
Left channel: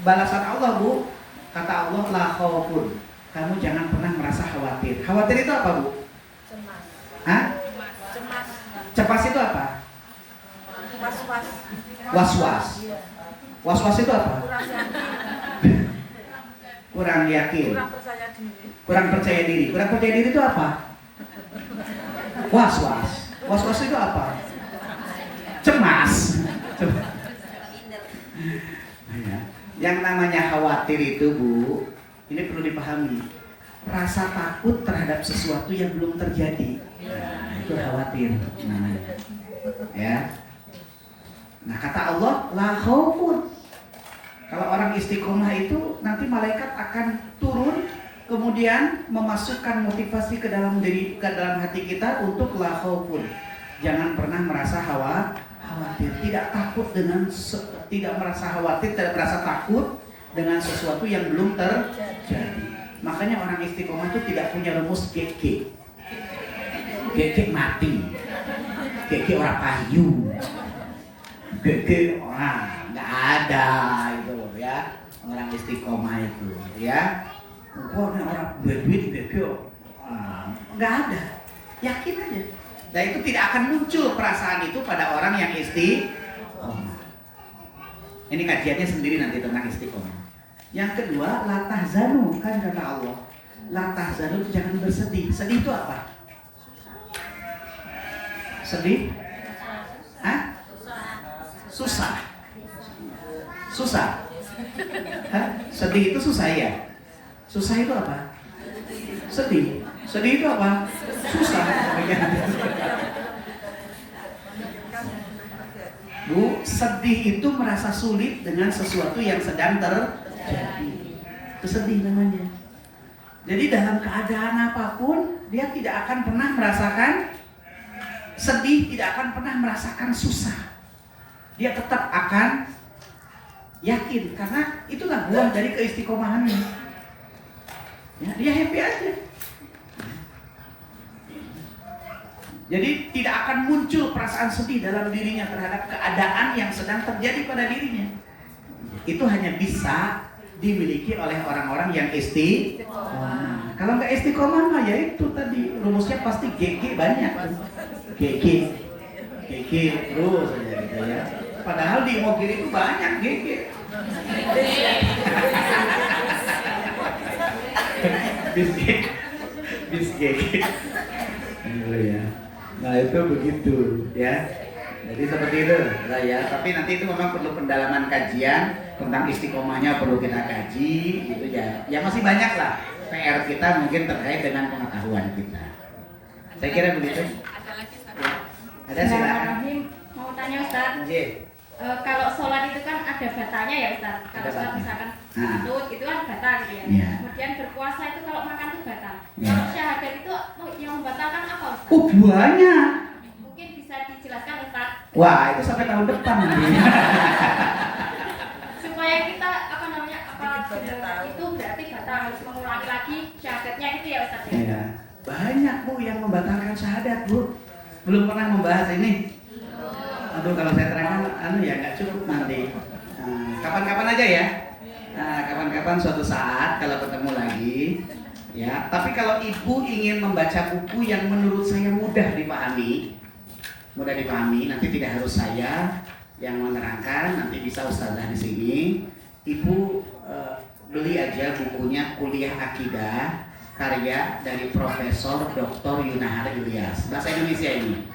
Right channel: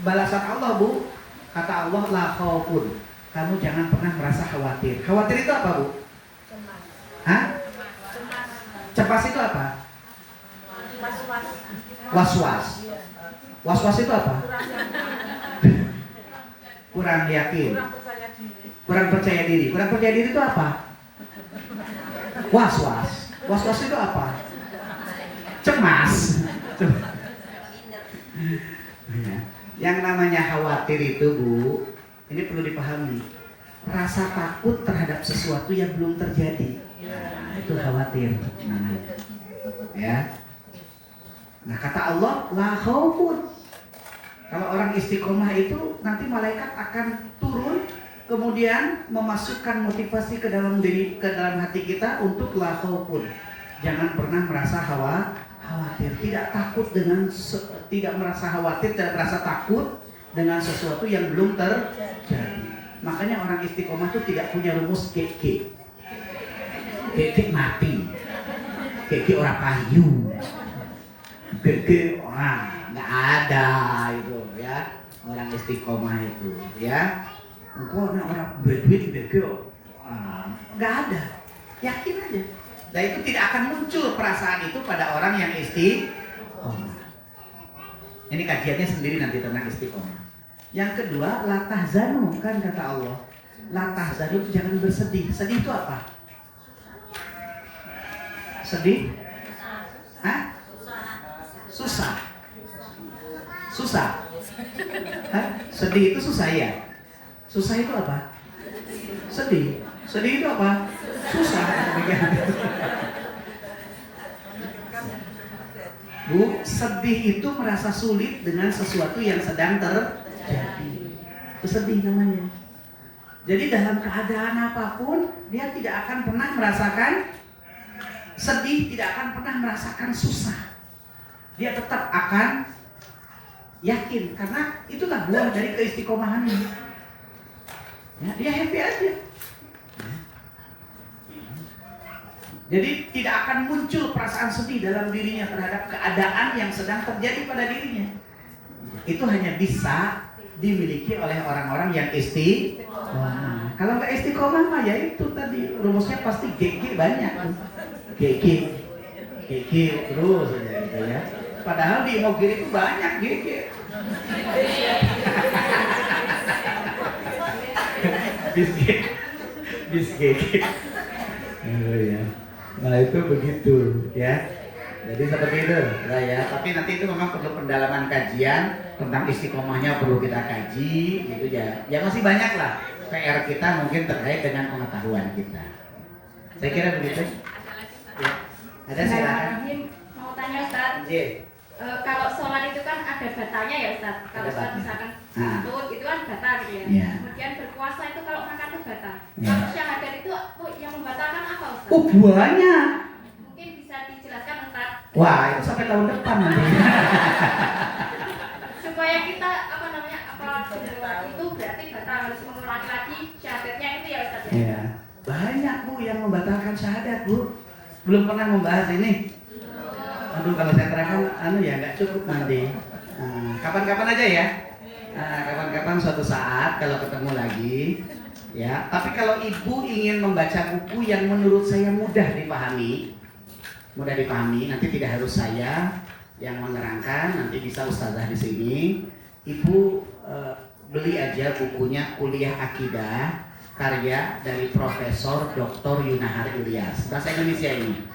balasan Allah, Bu. Kata Allah, la khaufun. Kamu jangan pernah merasa khawatir. Khawatir itu apa, Bu? Hah? Cemas itu apa? Was-was. Was-was itu apa? Kurang yakin. Kurang percaya diri. Kurang percaya diri itu apa? Was-was. Was-was itu apa? Cemas. Yang namanya khawatir itu, Bu, ini perlu dipahami. Rasa takut terhadap sesuatu yang belum terjadi. Nah, itu khawatir namanya. Ya. Nah, kata Allah, la khaufun. Kalau orang istiqomah itu nanti malaikat akan turun kemudian memasukkan motivasi ke dalam hati kita untuk la khaufun. Jangan pernah merasa khawatir, tidak merasa khawatir, tidak merasa takut dengan sesuatu yang belum terjadi. Makanya orang istiqomah itu tidak punya rumus GG. GG mati. GG orang payu. GG nggak ada itu ya, orang istiqomah itu ya. Orang duit GG nggak ada. Yakin aja. Dan itu tidak akan muncul perasaan itu pada orang yang istiqomah. Ini kajiannya sendiri nanti tentang istiqomah. Yang kedua, la tahzanu, kan kata Allah. La tahzanu itu jangan bersedih. Sedih itu apa? Sedih? Hah? Susah. Susah. Hah? Sedih itu susah ya? Susah itu apa? Sedih. Sedih itu apa? Susah. Bu, sedih itu merasa sulit dengan sesuatu yang sedang terjadi. Itu sedih namanya. Jadi dalam keadaan apapun, dia tidak akan pernah merasakan sedih, tidak akan pernah merasakan susah. Dia tetap akan yakin, karena itulah buah dari keistiqomahan ini. Ya, dia happy aja. Jadi tidak akan muncul perasaan sedih dalam dirinya terhadap keadaan yang sedang terjadi pada dirinya. Itu hanya bisa dimiliki oleh orang-orang yang istiqomah. Kalau nggak istiqomah mah ya itu tadi rumusnya pasti GG banyak. GG terus aja gitu ya. Padahal di Mogiri itu banyak GG. Bis GG. Oh ya. Nah itu begitu ya. Jadi seperti itu, nah, ya. Tapi nanti itu memang perlu pendalaman kajian tentang istiqomahnya, perlu kita kaji, gitu ya. Ya masih banyak lah PR kita mungkin terkait dengan pengetahuan kita. Saya kira begitu. Ya. Ada silakan. Mau tanya Ustaz. Kalau sholat itu kan ada batanya ya Ustaz. Kalau sholat misalkan lutut itu kan bata gitu ya. Kemudian berpuasa itu kalau makan itu bata. Kalau syahadat itu yang membatalkan apa Ustaz? Oh banyak. Mungkin bisa dijelaskan Ustaz. Wah itu sampai tahun depan nanti. Supaya kita itu berarti batal, harus mengulangi lagi syahadatnya itu ya Ustaz. Ya. Banyak Bu yang membatalkan syahadat Bu. Belum pernah membahas ini. Aduh kalau saya terangkan ya nggak cukup nanti. Kapan-kapan aja ya. Kapan-kapan suatu saat kalau ketemu lagi ya. Tapi kalau ibu ingin membaca buku yang menurut saya mudah dipahami, nanti tidak harus saya yang menerangkan, nanti bisa ustazah di sini. Ibu beli aja bukunya Kuliah Akidah karya dari Profesor Dr. Yunahar Ilyas, bahasa Indonesia ini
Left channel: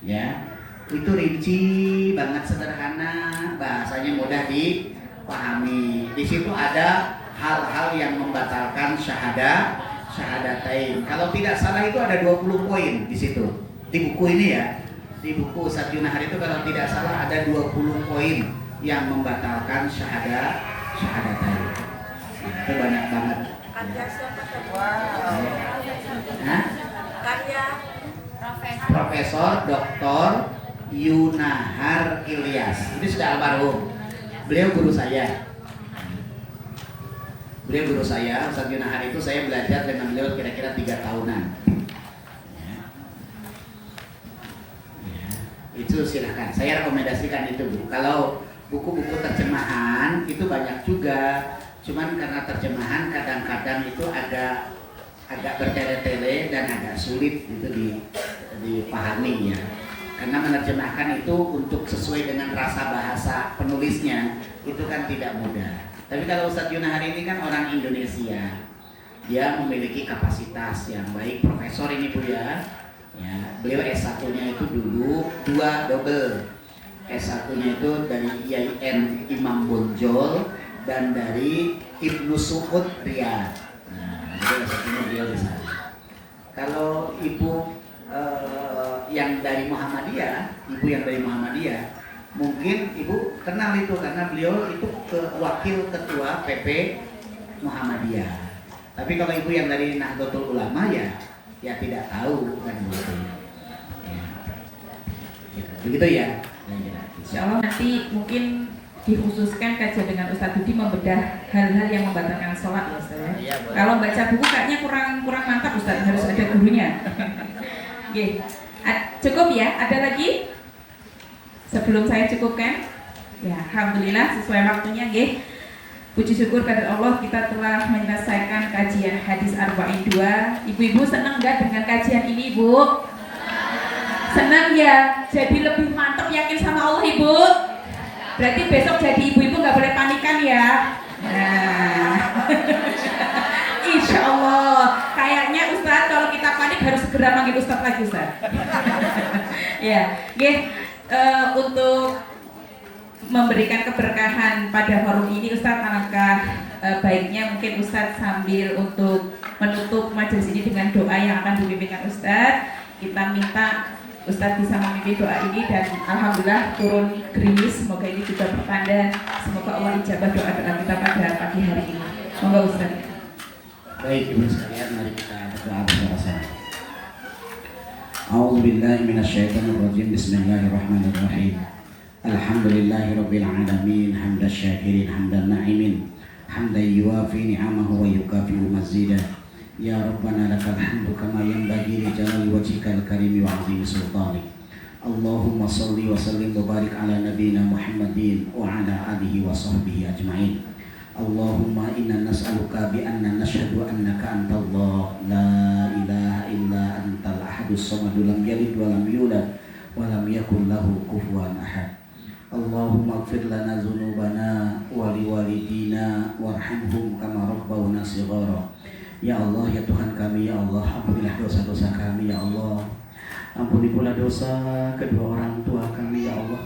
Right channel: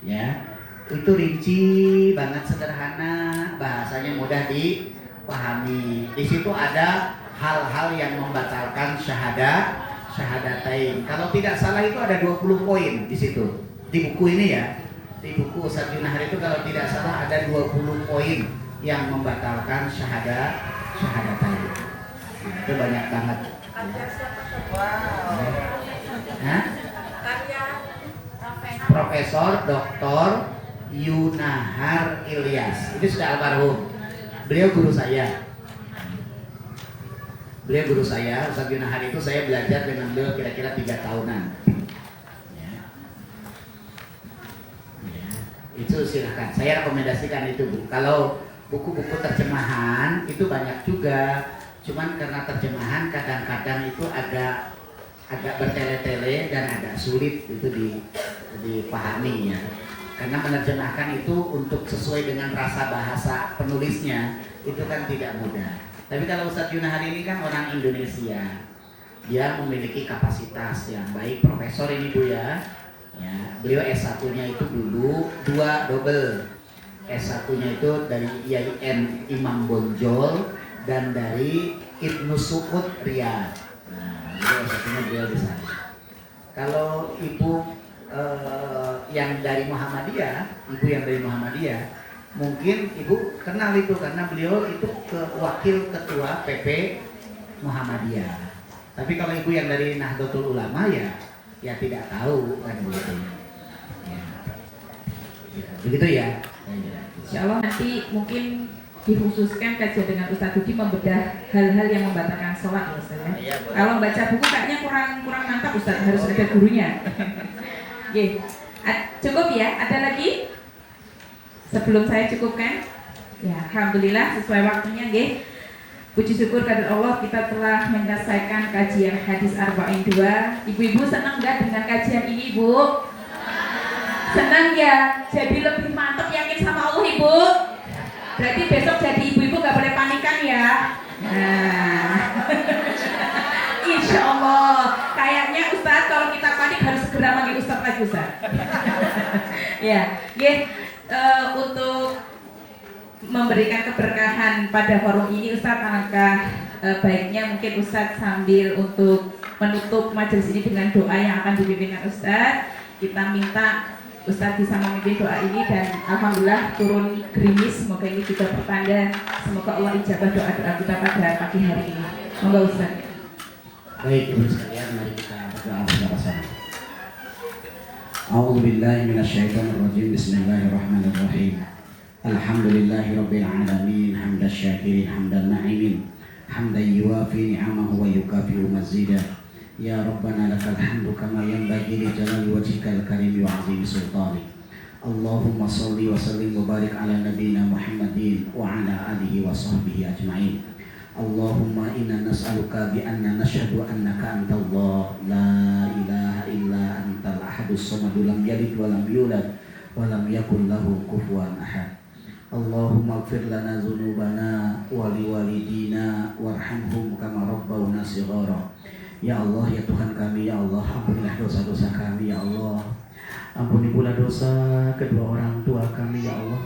ya. Itu rinci banget, sederhana, bahasanya mudah dipahami. Di situ ada hal-hal yang membatalkan syahadatain. Kalau tidak salah itu ada 20 poin di situ. Di buku ini ya. Di buku Ustaz Yunahar itu kalau tidak salah ada 20 poin yang membatalkan syahadatain. Itu banyak banget. Ya. Profesor Dr. Yunahar Ilyas, itu sudah almarhum. Beliau guru saya. Ustaz Yunahar itu saya belajar dengan beliau kira-kira 3 tahunan. Ya. Itu silahkan, saya rekomendasikan itu Bu. Kalau buku-buku terjemahan itu banyak juga, cuman karena terjemahan kadang-kadang itu agak bertele-tele dan agak sulit itu dipahami ya. Karena menerjemahkan itu untuk sesuai dengan rasa bahasa penulisnya itu kan tidak mudah. Tapi kalau Ustadz Yuna hari ini kan orang Indonesia, dia memiliki kapasitas yang baik, profesor ini Bu ya. Ya, beliau S1-nya itu dulu 2 double. S1-nya itu dari IAIN Imam Bonjol dan dari Ibnu Suud Riyadh. Nah, jadi S1-nya beliau di sana. Kalau ibu yang dari Muhammadiyah, mungkin ibu kenal itu karena beliau itu wakil ketua PP Muhammadiyah. Tapi kalau ibu yang dari Nahdlatul Ulama ya tidak tahu kan begitu ya. Begitu ya. Insya Allah nanti mungkin dikhususkan kajian dengan Ustadz Budi membedah hal-hal yang membatalkan sholat ya Ustadz ya. Iya, boleh. Kalau baca buku kayaknya kurang mantap Ustadz, harus ada gurunya. Oke, cukup ya? Ada lagi? Sebelum saya cukupkan, ya Alhamdulillah sesuai waktunya, nggih. Puji syukur kepada Allah kita telah menyelesaikan kajian hadis Arba'in 2. Ibu-ibu senang nggak dengan kajian ini, Bu? Senang ya? Jadi lebih mantap yakin sama Allah, Ibu? Berarti besok jadi ibu-ibu nggak boleh panikan ya? Nah, Insya Allah. Kayaknya Ustadz kalau kita panik harus segera manggil Ustadz lagi, Ustadz. Ya, untuk memberikan keberkahan pada forum ini, Ustadz, alangkah baiknya mungkin Ustadz sambil untuk menutup majelis ini dengan doa yang akan dipimpinkan Ustadz. Kita minta Ustadz bisa memimpin doa ini dan alhamdulillah turun gerimis, semoga ini juga pertanda semoga Allah ijabah doa-doa kita pada pagi hari ini. Monggo Ustadz. Baik, ibu sekalian, mari kita berdoa bersama-sama. A'udzubillahi minasyaitonirrajim. Bismillahirrahmanirrahim. Alhamdulillahirabbil alamin, hamdan syakirin, hamdan na'imin, hamdan yuwafi ni'amahu wa yukafi'u mazidah. Ya Rabbana lakal hamdu kama yanbaghi li jalali wajhikal karimi wa 'azimi sultanik. Allahumma shalli wa sallim wa barik ala nabiyyina Muhammadin wa ala alihi wa sahbihi ajma'in. Allahumma inna nas'aluka bi anna nashhadu annaka antallah la ilaha illa antal ahadus samad lam yalid wa lam yulad wa lam yakul lahu kufuwan ahad. Allahumma ighfir lana dzunubana wa liwalidina warhamhum kama rabbawna shighara. Ya Allah, ya Tuhan kami, ya Allah, ampunilah dosa-dosa kami, ya Allah. Ampuni pula dosa kedua orang tua kami, ya Allah.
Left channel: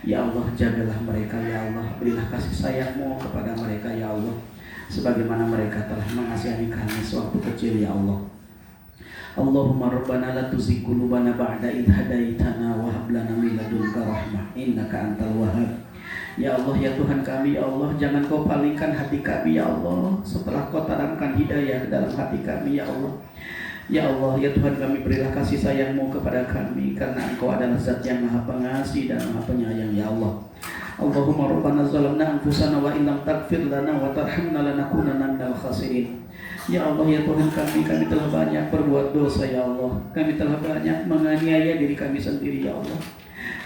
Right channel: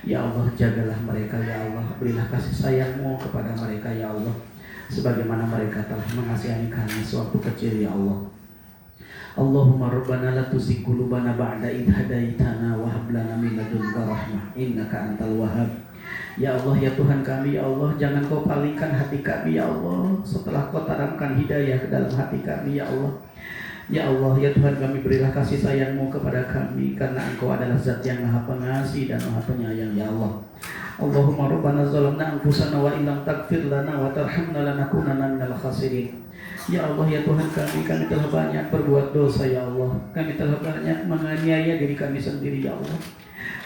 Ya Allah, jagalah mereka, ya Allah. Berilah kasih sayang-Mu kepada mereka, ya Allah, sebagaimana mereka telah mengasihani kami sewaktu kecil, ya Allah. Allahumma rabbana la tuzigh qulubana ba'da idh hadaitana wa hab lana min ladunka rahmah innaka antal wahhab. Ya Allah, ya Tuhan kami, ya Allah, jangan Kau palingkan hati kami, ya Allah, setelah Kau tanamkan hidayah ke dalam hati kami, ya Allah. Ya Allah, ya Tuhan kami, berilah kasih sayang-Mu kepada kami, karena Engkau adalah Zat yang Maha Pengasih dan Maha Penyayang, ya Allah. Allahumma rabbana zalamna anfusana wa illam taghfir lana wa tarhamna lanakunanna minal khasirin. Ya Allah, ya Tuhan kami telah banyak berbuat dosa, ya Allah. Kami telah banyak menganiaya diri kami sendiri, ya Allah.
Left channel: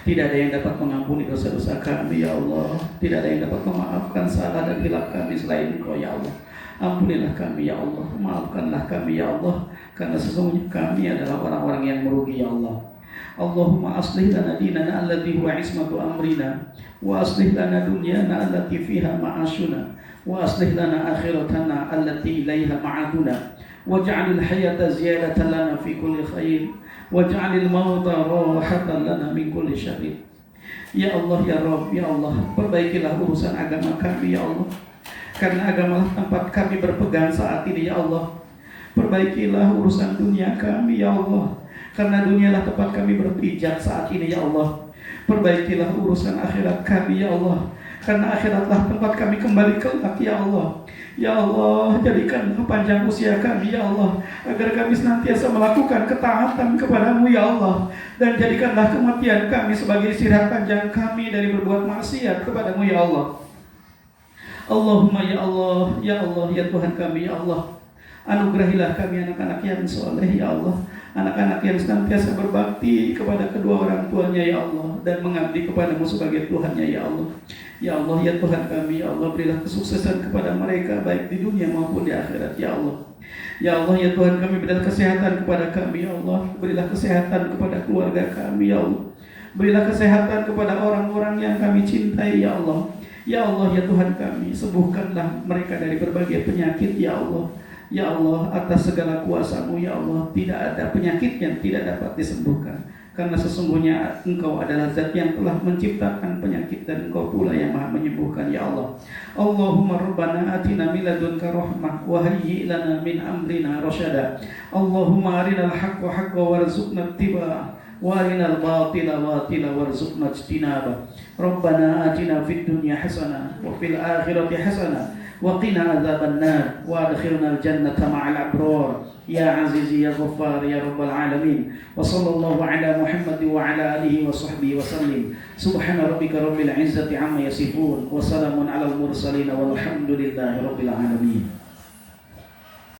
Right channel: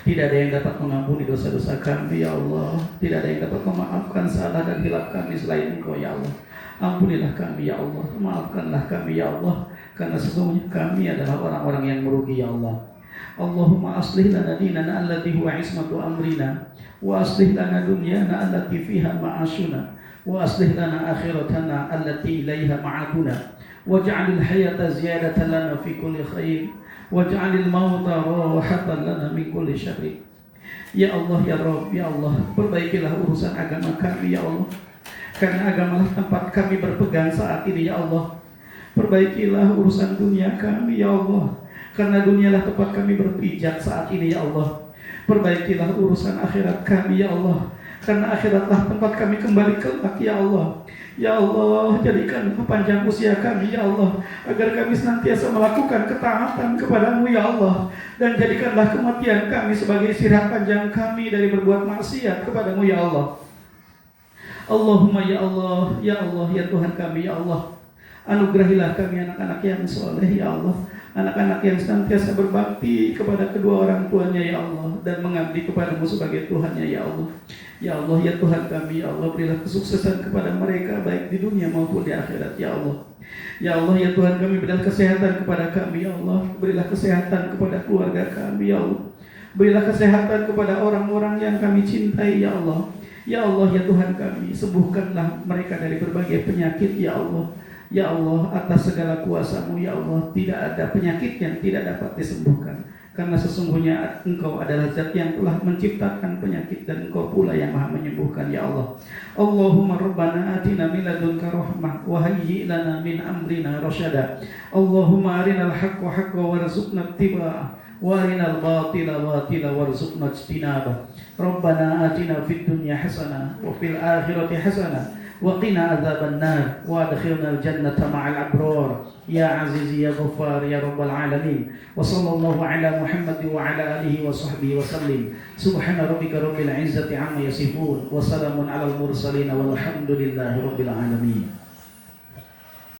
Tidak ada yang dapat mengampuni dosa-dosa kami, ya Allah. Tidak ada yang dapat memaafkan salah dan hilaf kami selain Engkau, ya Allah. Ampunilah kami, ya Allah. Maafkanlah kami, ya Allah. Karena sesungguhnya kami adalah orang-orang yang merugi, ya Allah. Allahumma aslih lana dinana alladhi huwa ismatu amrina, wa aslih lana dunyana allati fiha ma'ashuna, wa aslih lana akhiratana allati ilaiha ma'aduna, waj'alil hayata ziyadatan lana fi kulli khair, waj'alil mauta rahatan lana min kulli syarr. Ya Allah, ya Rabb, ya Allah, perbaikilah urusan agama kami, ya Allah. Karena agamalah tempat kami berpegang saat ini, ya Allah. Perbaikilah urusan dunia kami, ya Allah. Karena dunialah tempat kami berpijak saat ini, ya Allah. Perbaikilah urusan akhirat kami, ya Allah. Karena akhiratlah tempat kami kembali kelak, ya Allah. Ya Allah, jadikanlah panjang usia kami, ya Allah, agar kami senantiasa melakukan ketaatan kepadamu, ya Allah. Dan jadikanlah kematian kami sebagai istirahat panjang kami dari berbuat maksiat kepadamu, ya Allah. Allahumma ya Allah, ya Allah, ya Tuhan kami, ya Allah. Anugerahilah kami anak-anak yang soleh, ya Allah. Anak-anak yang senantiasa berbakti kepada kedua orang tuanya, ya Allah, dan mengabdi kepadamu sebagai Tuhannya, ya Allah. Ya Allah, ya Tuhan kami, ya Allah, berilah kesuksesan kepada mereka baik di dunia maupun di akhirat, ya Allah. Ya Allah, ya Tuhan kami, berilah kesehatan kepada kami, ya Allah. Berilah kesehatan kepada keluarga kami, ya Allah. Berilah kesehatan kepada orang-orang yang kami cintai ya Allah. Ya Allah ya Tuhan kami, sembuhkanlah mereka dari berbagai penyakit ya Allah. Ya Allah, atas segala kuasa-Mu ya Allah, tidak ada penyakit yang tidak dapat disembuhkan. Karena sesungguhnya Engkau adalah zat yang telah menciptakan penyakit dan Engkau pula yang maha menyembuhkan ya Allah. Allahumma rabbana atina min ladunka rahmah wa hayyi lana min amrina rasyada. Allahumma arinal haqqa haqqa warzuqna ittiba'ah wa arinal batila batila warzuqna ijtinabah. Rabbana atina fid dunya hasanah wa fil akhirati hasanah wa qina adzaban nar wa adkhilna al jannata ma'al abrar ya aziz ya ghaffar ya rabbal alamin. Wa sallallahu ala Muhammad wa ala alihi wa sahbihi wa sallim. Subhana rabbika rabbil izzati amma yasifun wa salamun alal mursalin walhamdulillahi rabbil alamin.